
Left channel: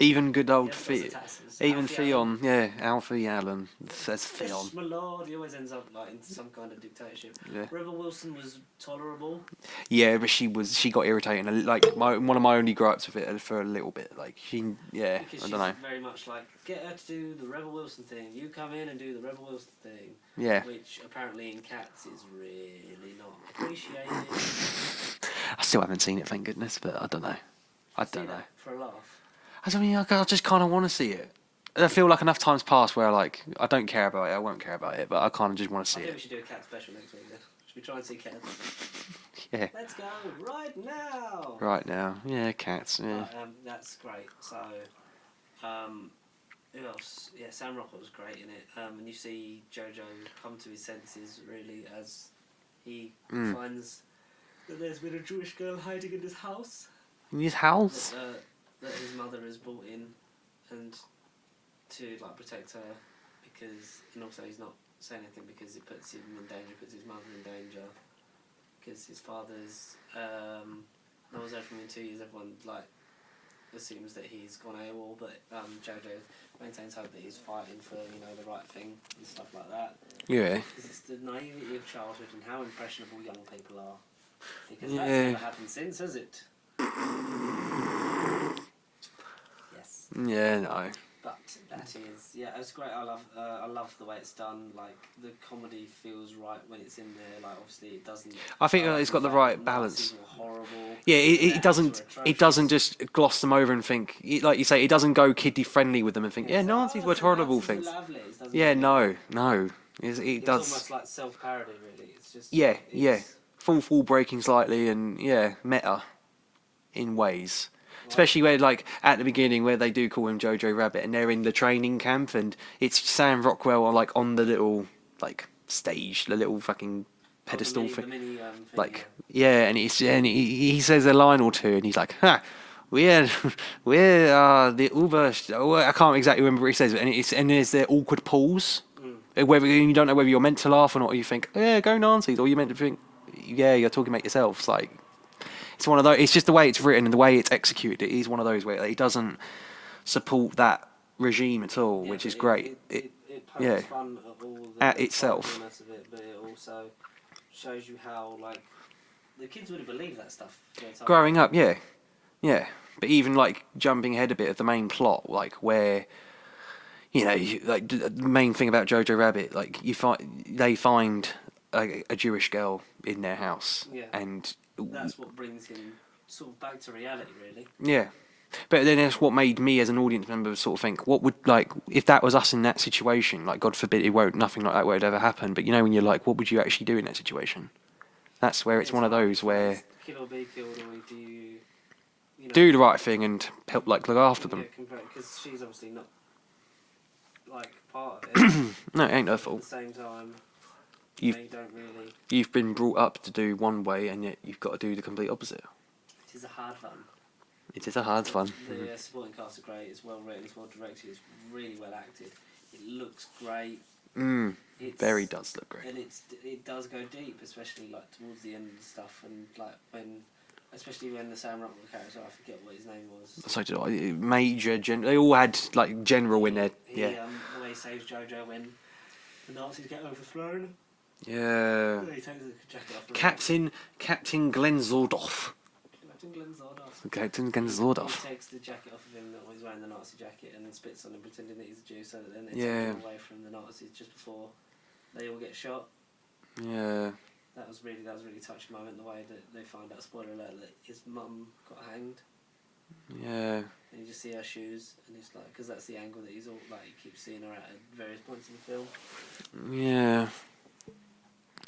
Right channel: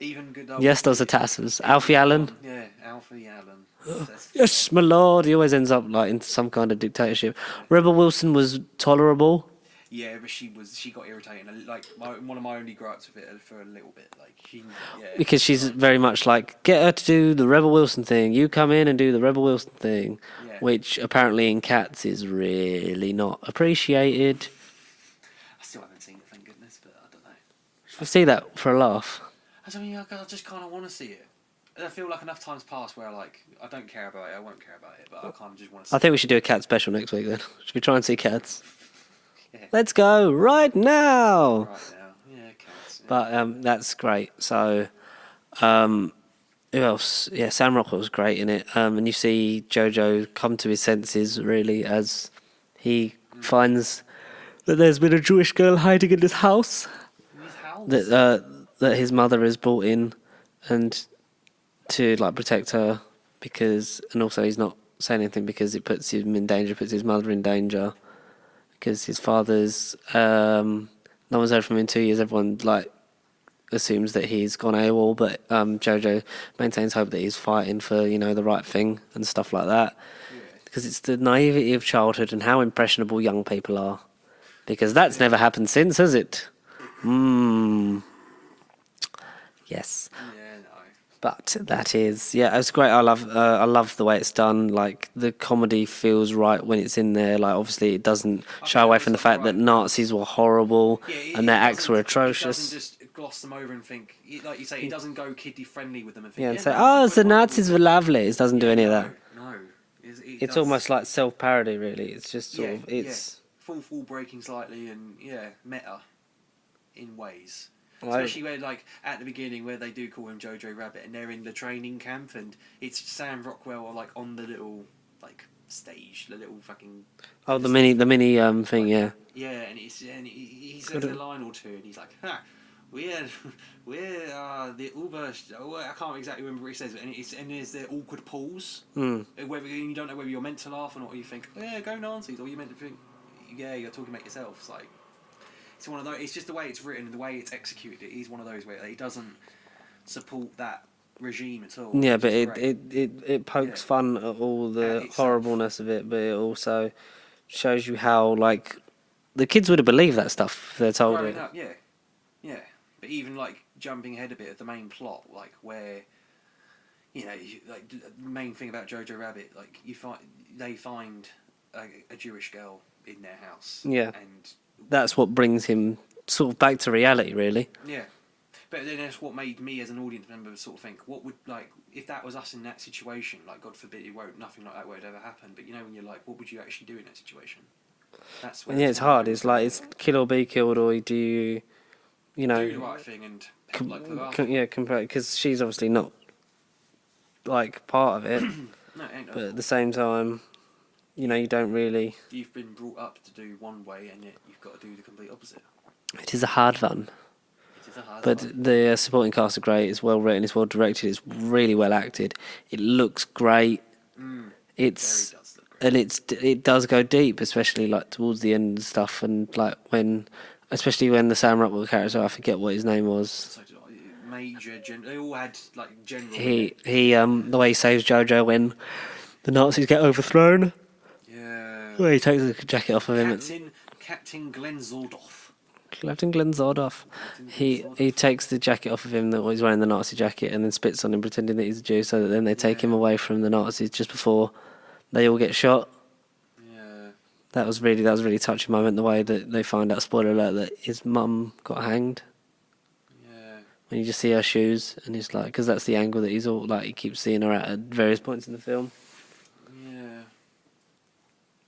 Even good old. Yes, those are tassels. even Alfie Allen. Theon, yeah, Alfie Allen. Says Yes, Theon. my lord. He always ends up like into some kind of dictatorship. Rebel Wilson was tolerable. Yeah, but she got irritating. Like one of my only gripes with it for a little bit. Like Because she's like, very much like, get her to do the Rebel Wilson thing. You come in and do the Rebel Wilson thing. Yeah. Which apparently in Cats is really not appreciated. I still haven't seen it, thank goodness. But I don't know. I see that for a laugh. I just kind of want to see it. I feel like enough times passed where I don't care about it. I won't care about it, but I kind of just want to see. I think we should do a Cat special next week then. Should we try and see Cats? Yeah. Let's go right now. Right now, yeah, Cats. Yeah. But that's great. So, who else? Yeah, Sam Rockwell was great in it. And you see Jojo come to his senses really as he finds that there's been a Jewish girl hiding in his house. In his house. That his mother has brought in, and to like protect her and also he's not saying anything because it puts him in danger, puts his mother in danger. Because his father's, no one's heard from him in 2 years. Everyone assumes that he's gone AWOL, but Jojo maintains hope that he's fighting for the right thing and stuff like that. Yeah. Because it's the naivety of childhood and how impressionable young people are. Because that's never happened since, has it? Yes. Yeah, no. But that is, yeah, it's great. I love the way it's done. Like the comedy feels right when it's in there. Like obviously it doesn't I shy think away it's from the got the fact that right Nazis balance. were horrible Yeah, and their acts were atrocious. it doesn't just gloss them over and think, like you say, it doesn't go kiddie friendly with them and think, Yeah, yeah, say, Nazis oh, were the horrible. Nazis were lovely. It doesn't do Yeah, any of no, that. no. It It's does. almost like self-parody, really. It's just sort Yeah, of, yeah. it's Full breaking slightly and meta in ways. Right. Especially where, like, at the beginning where they do call him Jojo Rabbit and they're in the training camp and it's Sam Rockwell on the little, like, stage, the little fucking oh pedestal the mini thing, like, yeah. Yeah, and he says a line or two and he's like, ha, we're the Uber. I can't exactly remember what he says, and there's their awkward pause. Whether you don't know whether you're meant to laugh or not, or you think, yeah, go Nazis, or you're meant to think, yeah, you're talking about yourself. It's like it's one of those. It's just the way it's written and the way it's executed. It is one of those where it doesn't support that regime at all. Yeah, which but is great. it pokes Yeah. fun at all At the itself. horribleness of it, but it also shows you how, like, the kids would have believed that stuff if they're told Growing it. up, yeah. But even like jumping ahead a bit of the main plot, like where, like the main thing about Jojo Rabbit, like they find a Jewish girl in their house. Yeah. And That's what brings him sort of back to reality, really. yeah. But then that's what made me as an audience member sort of think, what would, like, if that was us in that situation, like, God forbid nothing like that would ever happen, but when you're like, what would you actually do in that situation? That's where Yeah, it's one hard. of those It's where like it's kill or be killed, or do you know, do the right thing and help, like, look after them. Yeah, because she's obviously not like part of it. No, it ain't her But at fault. the same time, you know, you don't really. You've been brought up to do one way, and yet you've got to do the complete opposite. It is a hard one. It is a hard But one. the supporting cast are great. It's well written. It's well directed. It's really well acted. It looks great. It's Very does look great. and it does go deep, especially like towards the end and stuff. And like especially when the Sam Rockwell character, I forget what his name was. So did I. Major, they all had like general in it. The way he saves Jojo when the Nazis get overthrown. Yeah. Where he takes the jacket off of him. Captain Glenn Zordoff. Captain Glenn Zordoff. Captain Glenn He Zordoff. takes the jacket off of him that he's wearing the Nazi jacket and then spits on him pretending that he's a Jew so that then they take him Yeah. away from the Nazis just before they all get shot. Yeah. That was a really touching moment, the way that they find out, spoiler alert, that his mum got hanged. Yeah. And you just see her shoes and it's like, because that's the angle that he's all like, he keeps seeing her at various points in the film. Yeah.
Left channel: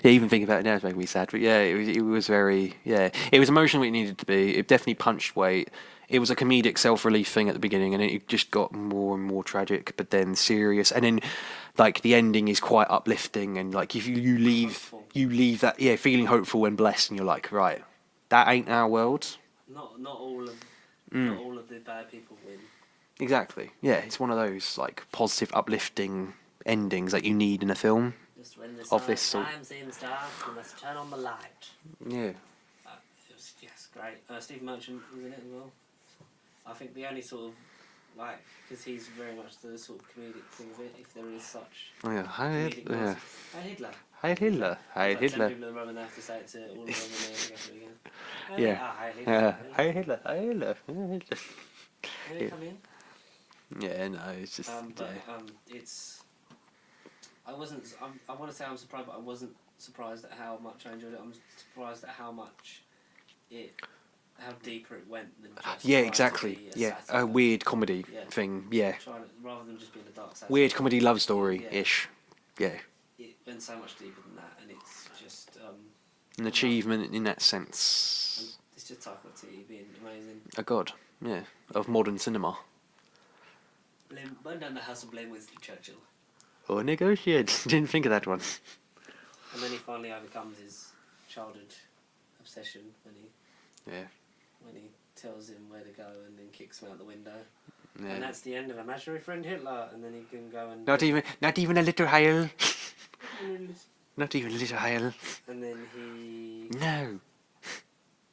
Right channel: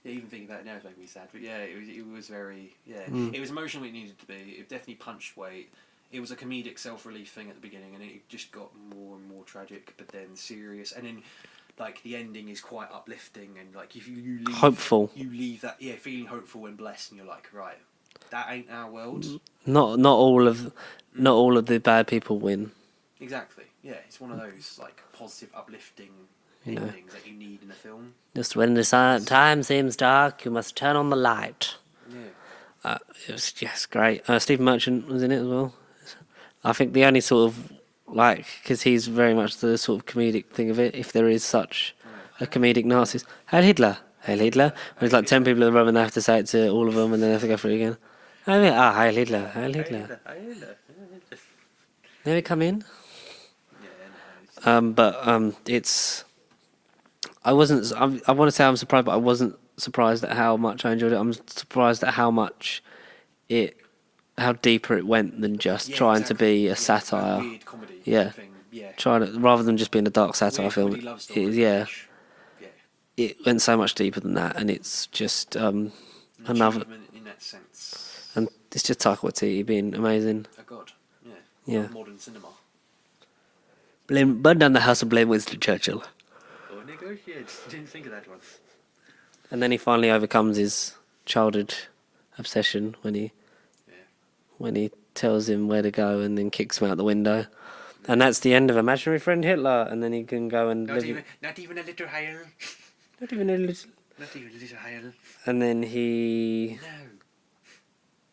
Yeah, even thinking about it now is making me sad. But yeah, it was very, it was emotional when it needed to be. It definitely punched weight. It was a comedic self-relief thing at the beginning, and it just got more and more tragic, but then serious. And then, like, the ending is quite uplifting, and, like, if you leave... Hopeful. You leave that, feeling hopeful and blessed, and you're like, right, that ain't our world. Not all of the bad people win. Exactly. Yeah, it's one of those, like, positive, uplifting endings that you need in a film. Just when the Obviously. time seems dark, you must turn on the light. Yeah. It was just great. Stephen Merchant was in it as well. I think the only sort of, like, because he's very much the sort of comedic thing of it, if there is such a comedic Nazis. Heil Hitler. Heil Hitler. There's like 10 people in the room and they have to say it to all of them and then they have to go through it again. Heil Hitler. Heil Hitler. Heil Hitler. May we come in? Yeah, no, it's just... It's... I want to say I'm surprised, but I wasn't surprised at how much I enjoyed it. I'm surprised at how deeper it went than just trying to be a satire. A weird comedy thing, Rather than just being a dark satire weird film. comedy love story. Yeah. Yeah. It went so much deeper than that, and it's just An achievement in that sense. and it's just Taika Watiti being amazing. A god. Yeah. Yeah. Of modern cinema. Burn down the house and blame Winston Churchill. Or negotiate. Didn't think of that one. And then he finally overcomes his childhood obsession when he tells him where to go and then kicks him out the window. Yeah. And that's the end of Imaginary Friend Hitler. And then he can go and... Not even a little Heil. Not even a little... Not even a little Heil. And then he...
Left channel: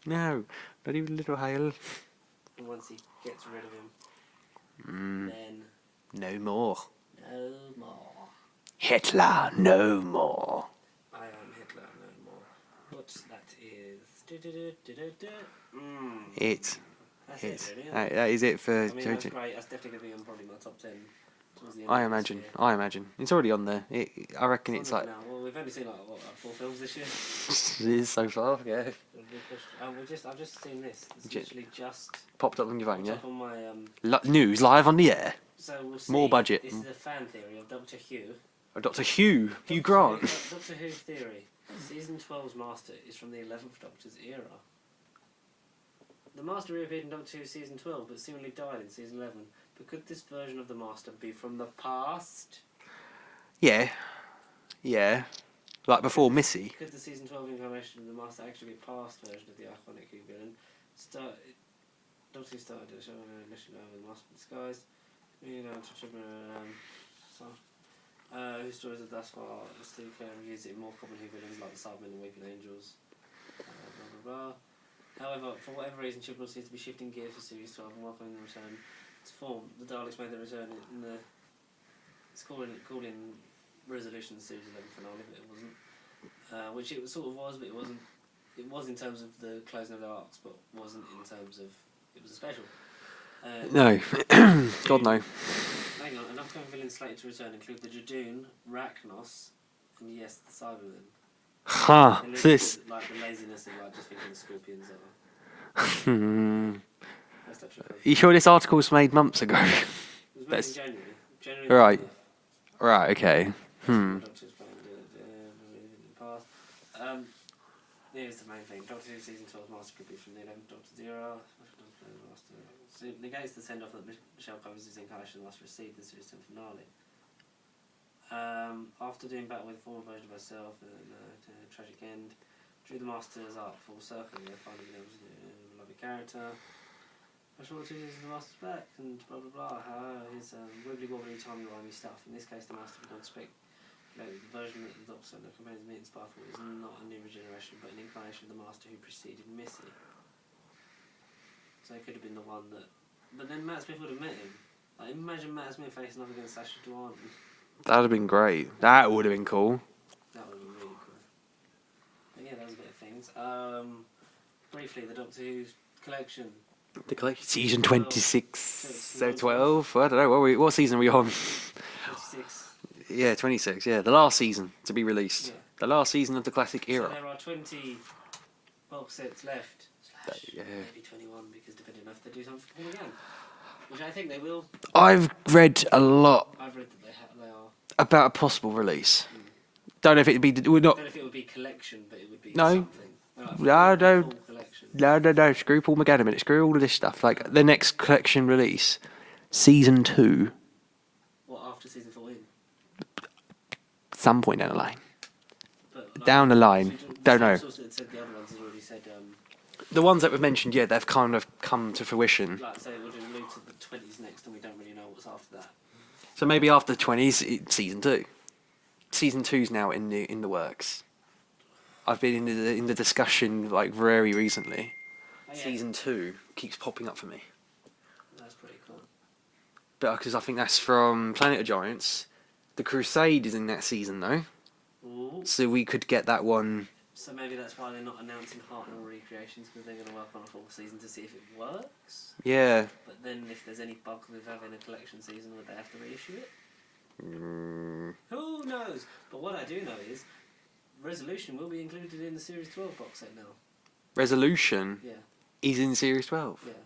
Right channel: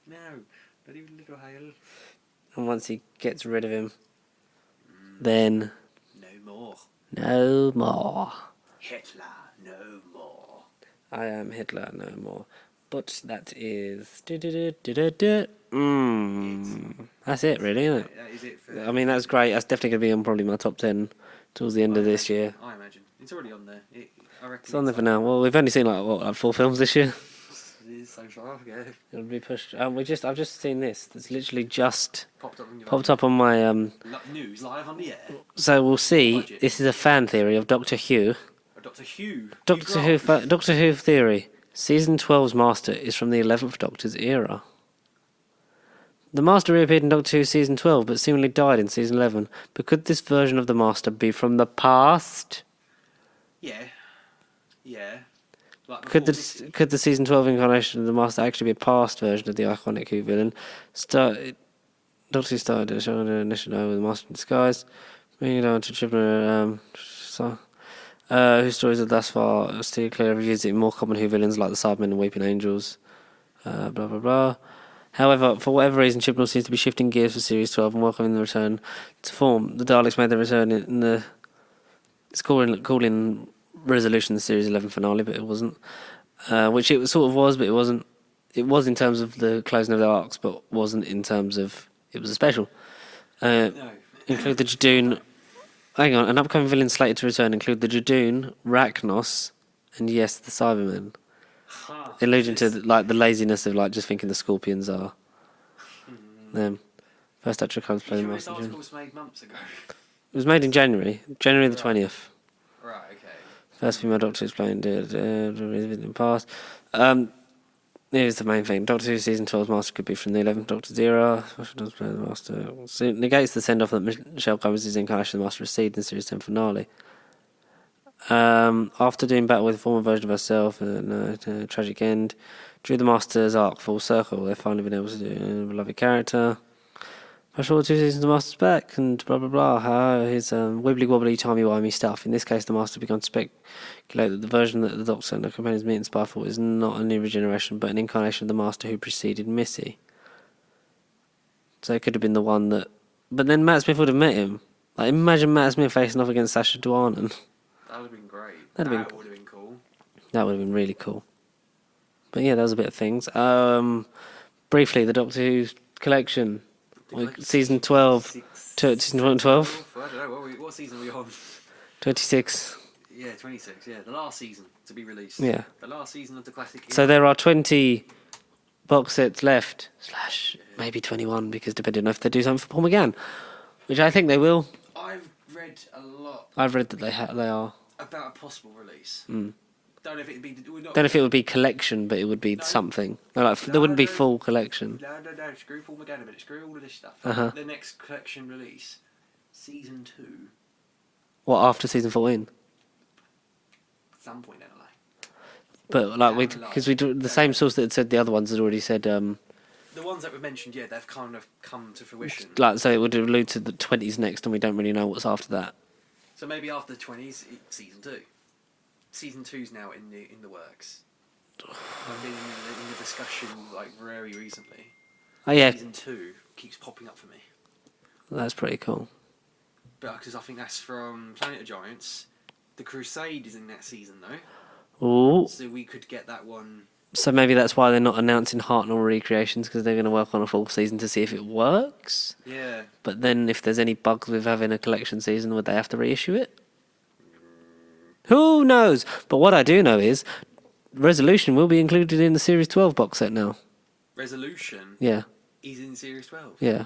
No. Not even a little Heil. And once he gets rid of him, then... No more. No more. Hitler, no more. I am Hitler, no more. But that is... That's it, It's- really, isn't it? that is it for. I mean, that's great. That's definitely going to be on probably my top 10 towards the end of this year. I imagine it's already on there. I reckon It's on it's there for now. Well, we've only seen like 4 films this year. It is so far. Yeah, It'll be pushed. I've just seen this. It's literally just popped up on your popped up on my news live on the air. So we'll see. budget. This is a fan theory of Doctor Who. Doctor Who. Doctor Who theory. Season 12's Master is from the 11th Doctor's era. The Master reappeared in Doctor Who Season 12, but seemingly died in Season 11. But could this version of the Master be from the past? Yeah. Like before Missy. Could the Season 12 incarnation of the Master actually be a past version of the iconic Who villain? Doctor Who started a show on the initial with the Master in disguise. Bringing it down to Chibnall, whose stories are thus far still clear revisiting more common Who villains like the Cybermen and Weeping Angels. Blah, blah, blah. However, for whatever reason, Chibnall seems to be shifting gears for Series 12 and welcoming the return to form. The Daleks made their return in the... It's calling Resolution the Series 11 finale, but it wasn't. Which it sort of was, but it wasn't. It was in terms of the closing of the arcs, but wasn't in terms of... It was a special. No. The Judoon... God, no. Hang on, an upcoming villain slated to return include the Judoon, Rachnos, and yes, the Cybermen. Ha! Alluding to like the laziness of like just thinking the Scorpions are them. First Doctor comes. You sure this article was made months ago? It was made in January the 20th. Right. Okay. First female Doctor explained in the past. Here's the main thing. Doctor Who Season 12's Master could be from the 11th Doctor's era. Does play the Master. So it negates the send-off that Michelle Combs' incarnation of the Master received in the Series 10 finale. After doing battle with a former version of herself and a tragic end, drew the Master's arc full circle. They've finally been able to do a beloved character. Flash forward 2 seasons, the Master's back, and blah blah blah. His wibbly wobbly, timey wimey stuff. In this case, the Master began to speculate that the version that the Doctor and the companions meet in Spyfall is not a new regeneration, but an incarnation of the Master who preceded Missy. So it could have been the one that. But then Matt Smith would have met him. Like, imagine Matt Smith facing off against Sacha Dhawan. That would have been great. That would have been cool. That would have been really cool. But yeah, that was a bit of things. Briefly, the Doctor Who collection. Season 12. Season 12? I don't know. What season are we on? 26. Yeah, 26. Yeah, the last season to be released. Yeah. The last season of the classic era. So there are 20 box sets left. / maybe 21, because depending on if they do something for Paul McGann. Which I think they will. I've read a lot I've read that they are. about a possible release. Don't know if it'd be. We're not. Don't know if it would be collection, but it would be something. No, it No, wouldn't be no. full collection. No. Screw Paul McGann a minute. Screw all of this stuff. Like the next collection release, season 2. What, after season 14? Some point down the line. But like Down the line. Because the Don't same know. source that said the other ones had already said. The ones that we've mentioned, yeah, they've kind of come to fruition. Like, so it would allude to the 20s next, and we don't really know what's after that. So maybe after the 20s, season 2. Season 2's now in the works. I've been in the discussion like very recently. Oh yeah, Season 2 keeps popping up for me. that's pretty cool. But because I think that's from Planet of Giants. The Crusade is in that season though, Ooh. so we could get that one. So maybe that's why they're not announcing Hartnell recreations, because they're going to work on a full season to see if it works. Yeah. But then if there's any bugs with having a collection season, would they have to reissue it? Who knows? But what I do know is Resolution will be included in the Series 12 box set now. Resolution Yeah, is in Series 12. yeah.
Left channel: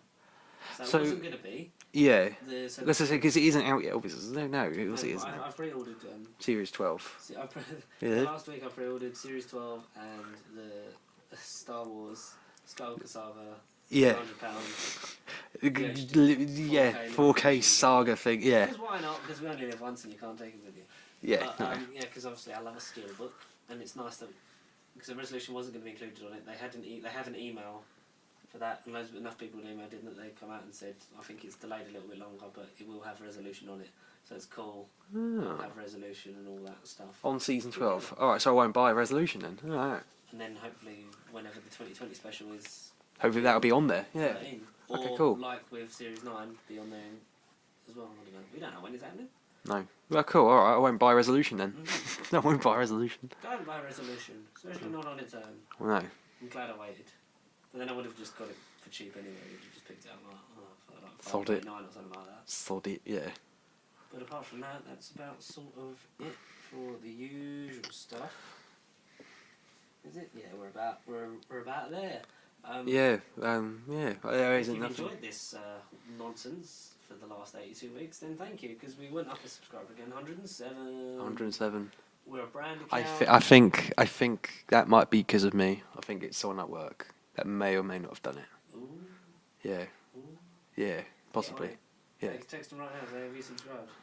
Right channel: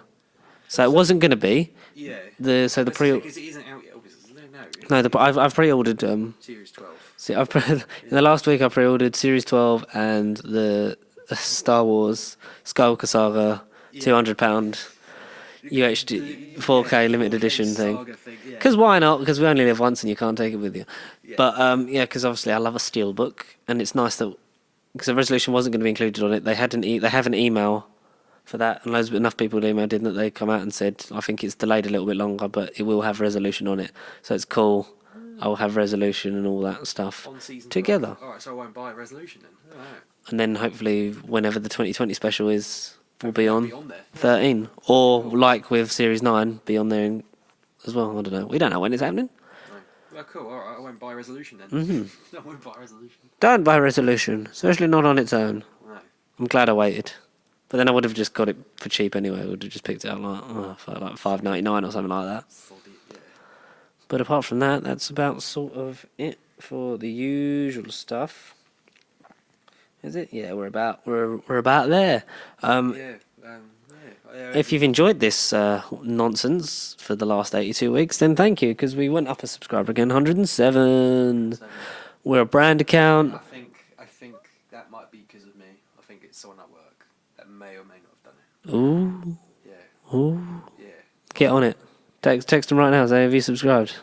So it wasn't going to be. Yeah. So the pre. Because it isn't out yet, obviously. No. I've pre-ordered. Series 12. See, in the last week I pre-ordered Series 12 and the Star Wars Skywalker Saga £200 UHD 4K limited 4K edition saga thing. Yeah. Because why not? Because we only live once and you can't take it with you. Yeah. But because obviously I love a steelbook, and it's nice that because the resolution wasn't going to be included on it. They had they have an email for that, and enough people emailed in that they come out and said, I think it's delayed a little bit longer, but it will have resolution on it, so it's cool. I'll have resolution and all that stuff on season 12. together. All right, so I won't buy Resolution then. All right. And then hopefully whenever the 2020 special is, Hopefully that'll be on there. Yeah. 13, or cool. like with Series 9, be on there as well. I don't know. We don't know when it's happening. No. Well, cool. All right, I won't buy Resolution then. Mm-hmm. I won't buy Resolution. Don't buy Resolution, especially not on its own. No. I'm glad I waited. But then I would have just got it for cheap anyway. I would have just picked it up for like $5.99 or something like that. Solid, yeah. But apart from that, that's about sort of it for the usual stuff. Is it? Yeah, we're about there. If you've enjoyed this nonsense for the last 82 weeks, then thank you, because we went up a subscriber again, 107. We're a brand account. I think that might be because of me. I think it's someone at work that may or may not have done it. Ooh. Yeah. Ooh. Yeah. Get on it. Text them right now. Say, have you subscribed?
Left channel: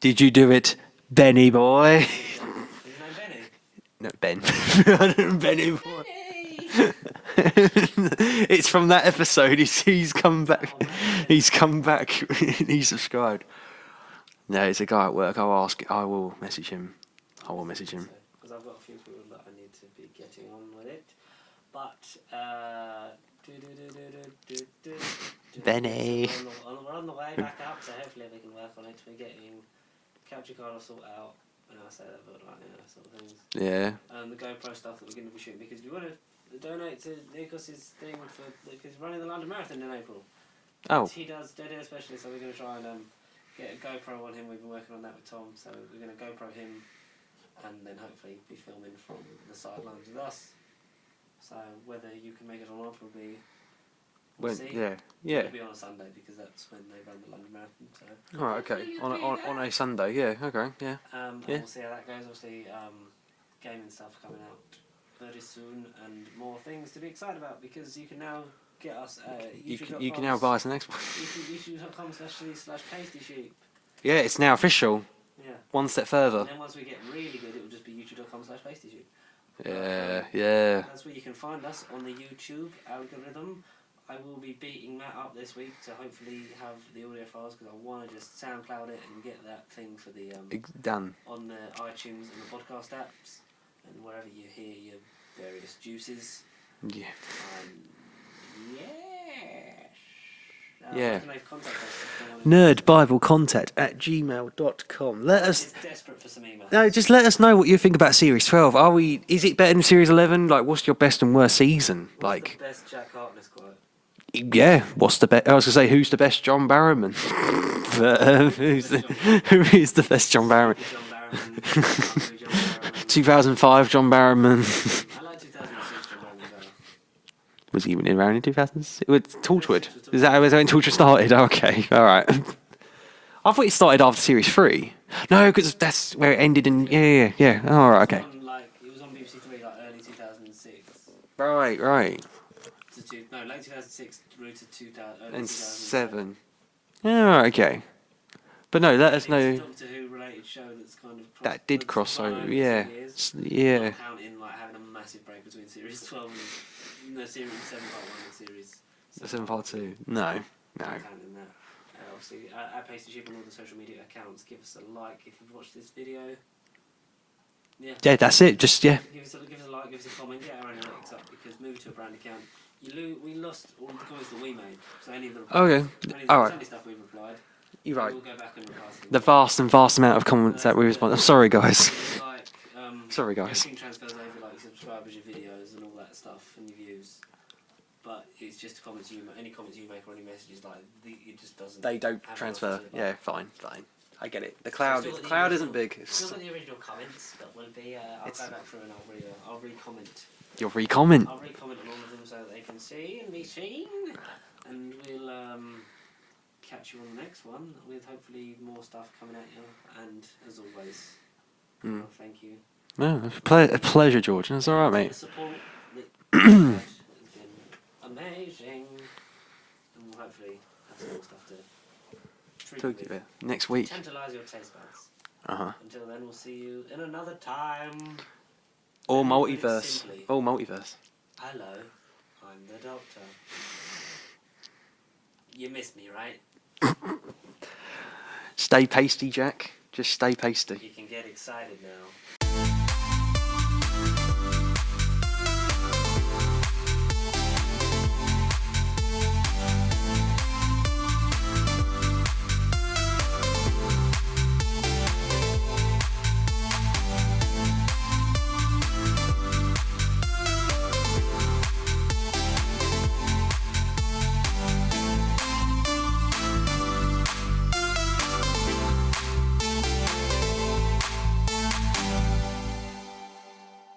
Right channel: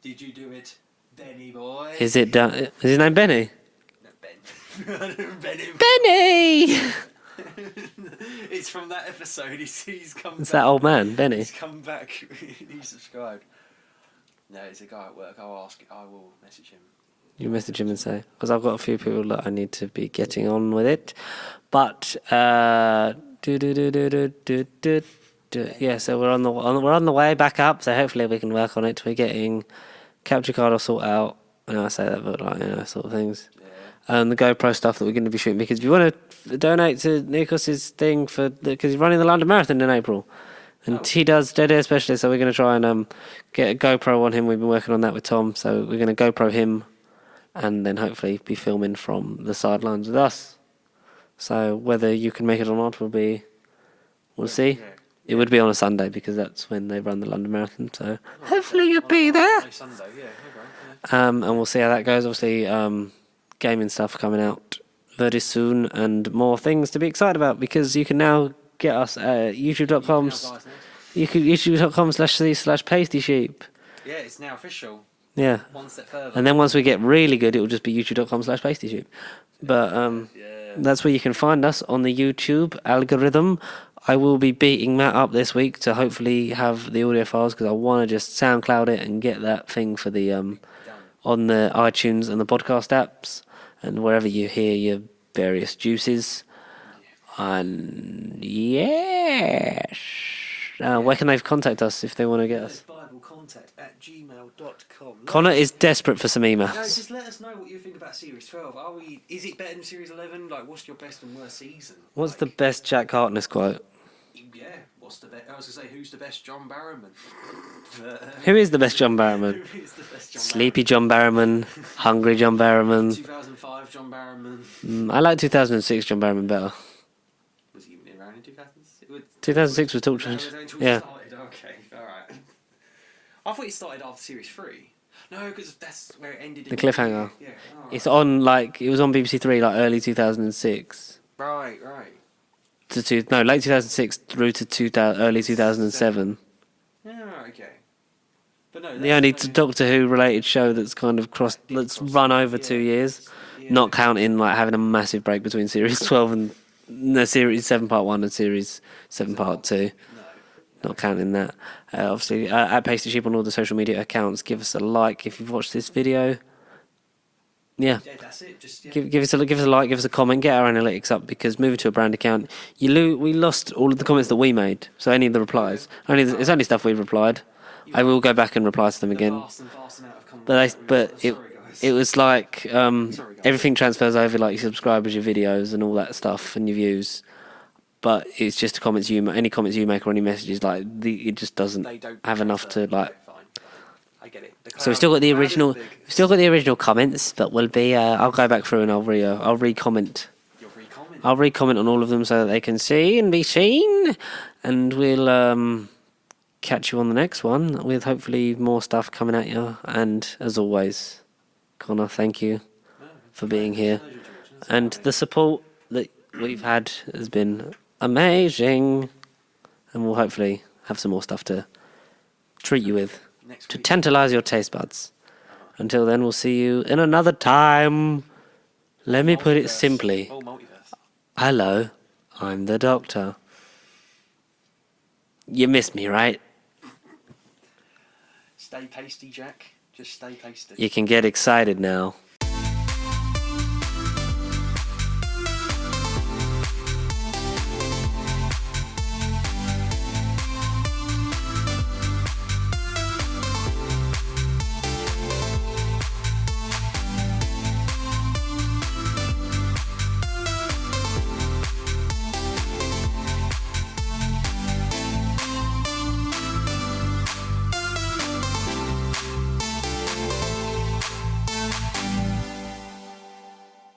Did you do it, Benny boy? Is it done? Is his name Benny? No, Ben. Benny. Benny! It's from that episode. He's come back. That old man, Benny. He's come back. He subscribed. No, it's a guy at work. I will message him. You message him and say, because I've got a few people that I need to be getting on with it. But yeah, so we're on the way back up. So hopefully we can work on it. We're getting capture card all sorted out. I know I say that, but like, sort of things. Yeah. And the GoPro stuff that we're going to be shooting, because if you want to donate to Nikos's thing because he's running the London Marathon in April, and he does Dead Air Specialist, so we're going to try and get a GoPro on him. We've been working on that with Tom, so we're going to GoPro him, and then hopefully be filming from the sidelines with us. So whether you can make it or not we'll see. Yeah. It would be on a Sunday because that's when they run the London Marathon. So Right, hopefully okay. you'll be there. On a Sunday, yeah. Okay, yeah. And we'll see how that goes. Obviously, gaming stuff coming out very soon, and more things to be excited about, because you can now get us at youtube.com. You can now buy us the next one. You can youtube.com/pasty sheep. Yeah, it's now official. Yeah. One step further. And then once we get really good, it will just be youtube.com/pasty sheep. But that's where you can find us on the YouTube algorithm. I will be beating Matt up this week to hopefully have the audio files, because I want to just SoundCloud it and get that thing for the done on the iTunes and the podcast apps and wherever you hear your various juices. Yeah. And yes. Where can they contact us if they want to nerdbiblecontact@gmail.com. Connor is desperate for some emails. No, just let us know what you think about Series 12. Is it better than Series 11? Like, what's your best and worst season? What's the best Jack Harkness quote? Yeah, what's the best? I was going to say, who's the best John Barrowman? Who is the best John Barrowman? Who is the best John Barrowman? Sleepy John Barrowman, Hungry John Barrowman. 2005 John Barrowman. I like 2006 John Barrowman better. Was he even around in 2006? 2006 was Torchwood. Is that when Torchwood started? Okay, all right. I thought it started after Series 3. No, because that's where it ended in cliffhanger. Yeah. All right. It's on it was on BBC Three early 2006. Right. Late 2006 through to early 2007. Yeah, okay. But no, that's the only Doctor Who related show that's kind of run over 2 years. Yeah. Not counting having a massive break between Series 12 and Series 7 Part 1 and Series 7 Part 2. No. Not counting that. Obviously, at Pasty Sheep on all the social media accounts. Give us a like if you've watched this video. Yeah, that's it. Just give us a like, give us a comment, get our analytics up, because moving to a brand account, we lost all of the comments that we made. So any of the replies, only stuff we've replied. I will go back and reply to them again. The vast amount of comments that we've. Sorry, guys. It was like sorry, guys. Everything transfers over, like your subscribers, your videos, and all that stuff, and your views. But it's just any comments you make or any messages, it just doesn't have enough to like. Yeah, fine. I get it. So we've still got the original comments, but we'll be. I'll go back through and I'll re-comment. You'll re-comment. I'll re-comment on all of them so that they can see and be seen, and we'll catch you on the next one with hopefully more stuff coming at you. And as always, Connor, thank you. For being here. Pleasure, George. That's all right, mate. The support that you've had has been amazing, and we'll hopefully have some more stuff to treat you with next week to tantalise your taste buds. Until then, we'll see you in another time. Let me put it simply. Oh, multiverse. Hello, I'm the Doctor. You missed me, right? Stay pasty, Jack. Just stay pasty. You can get excited now.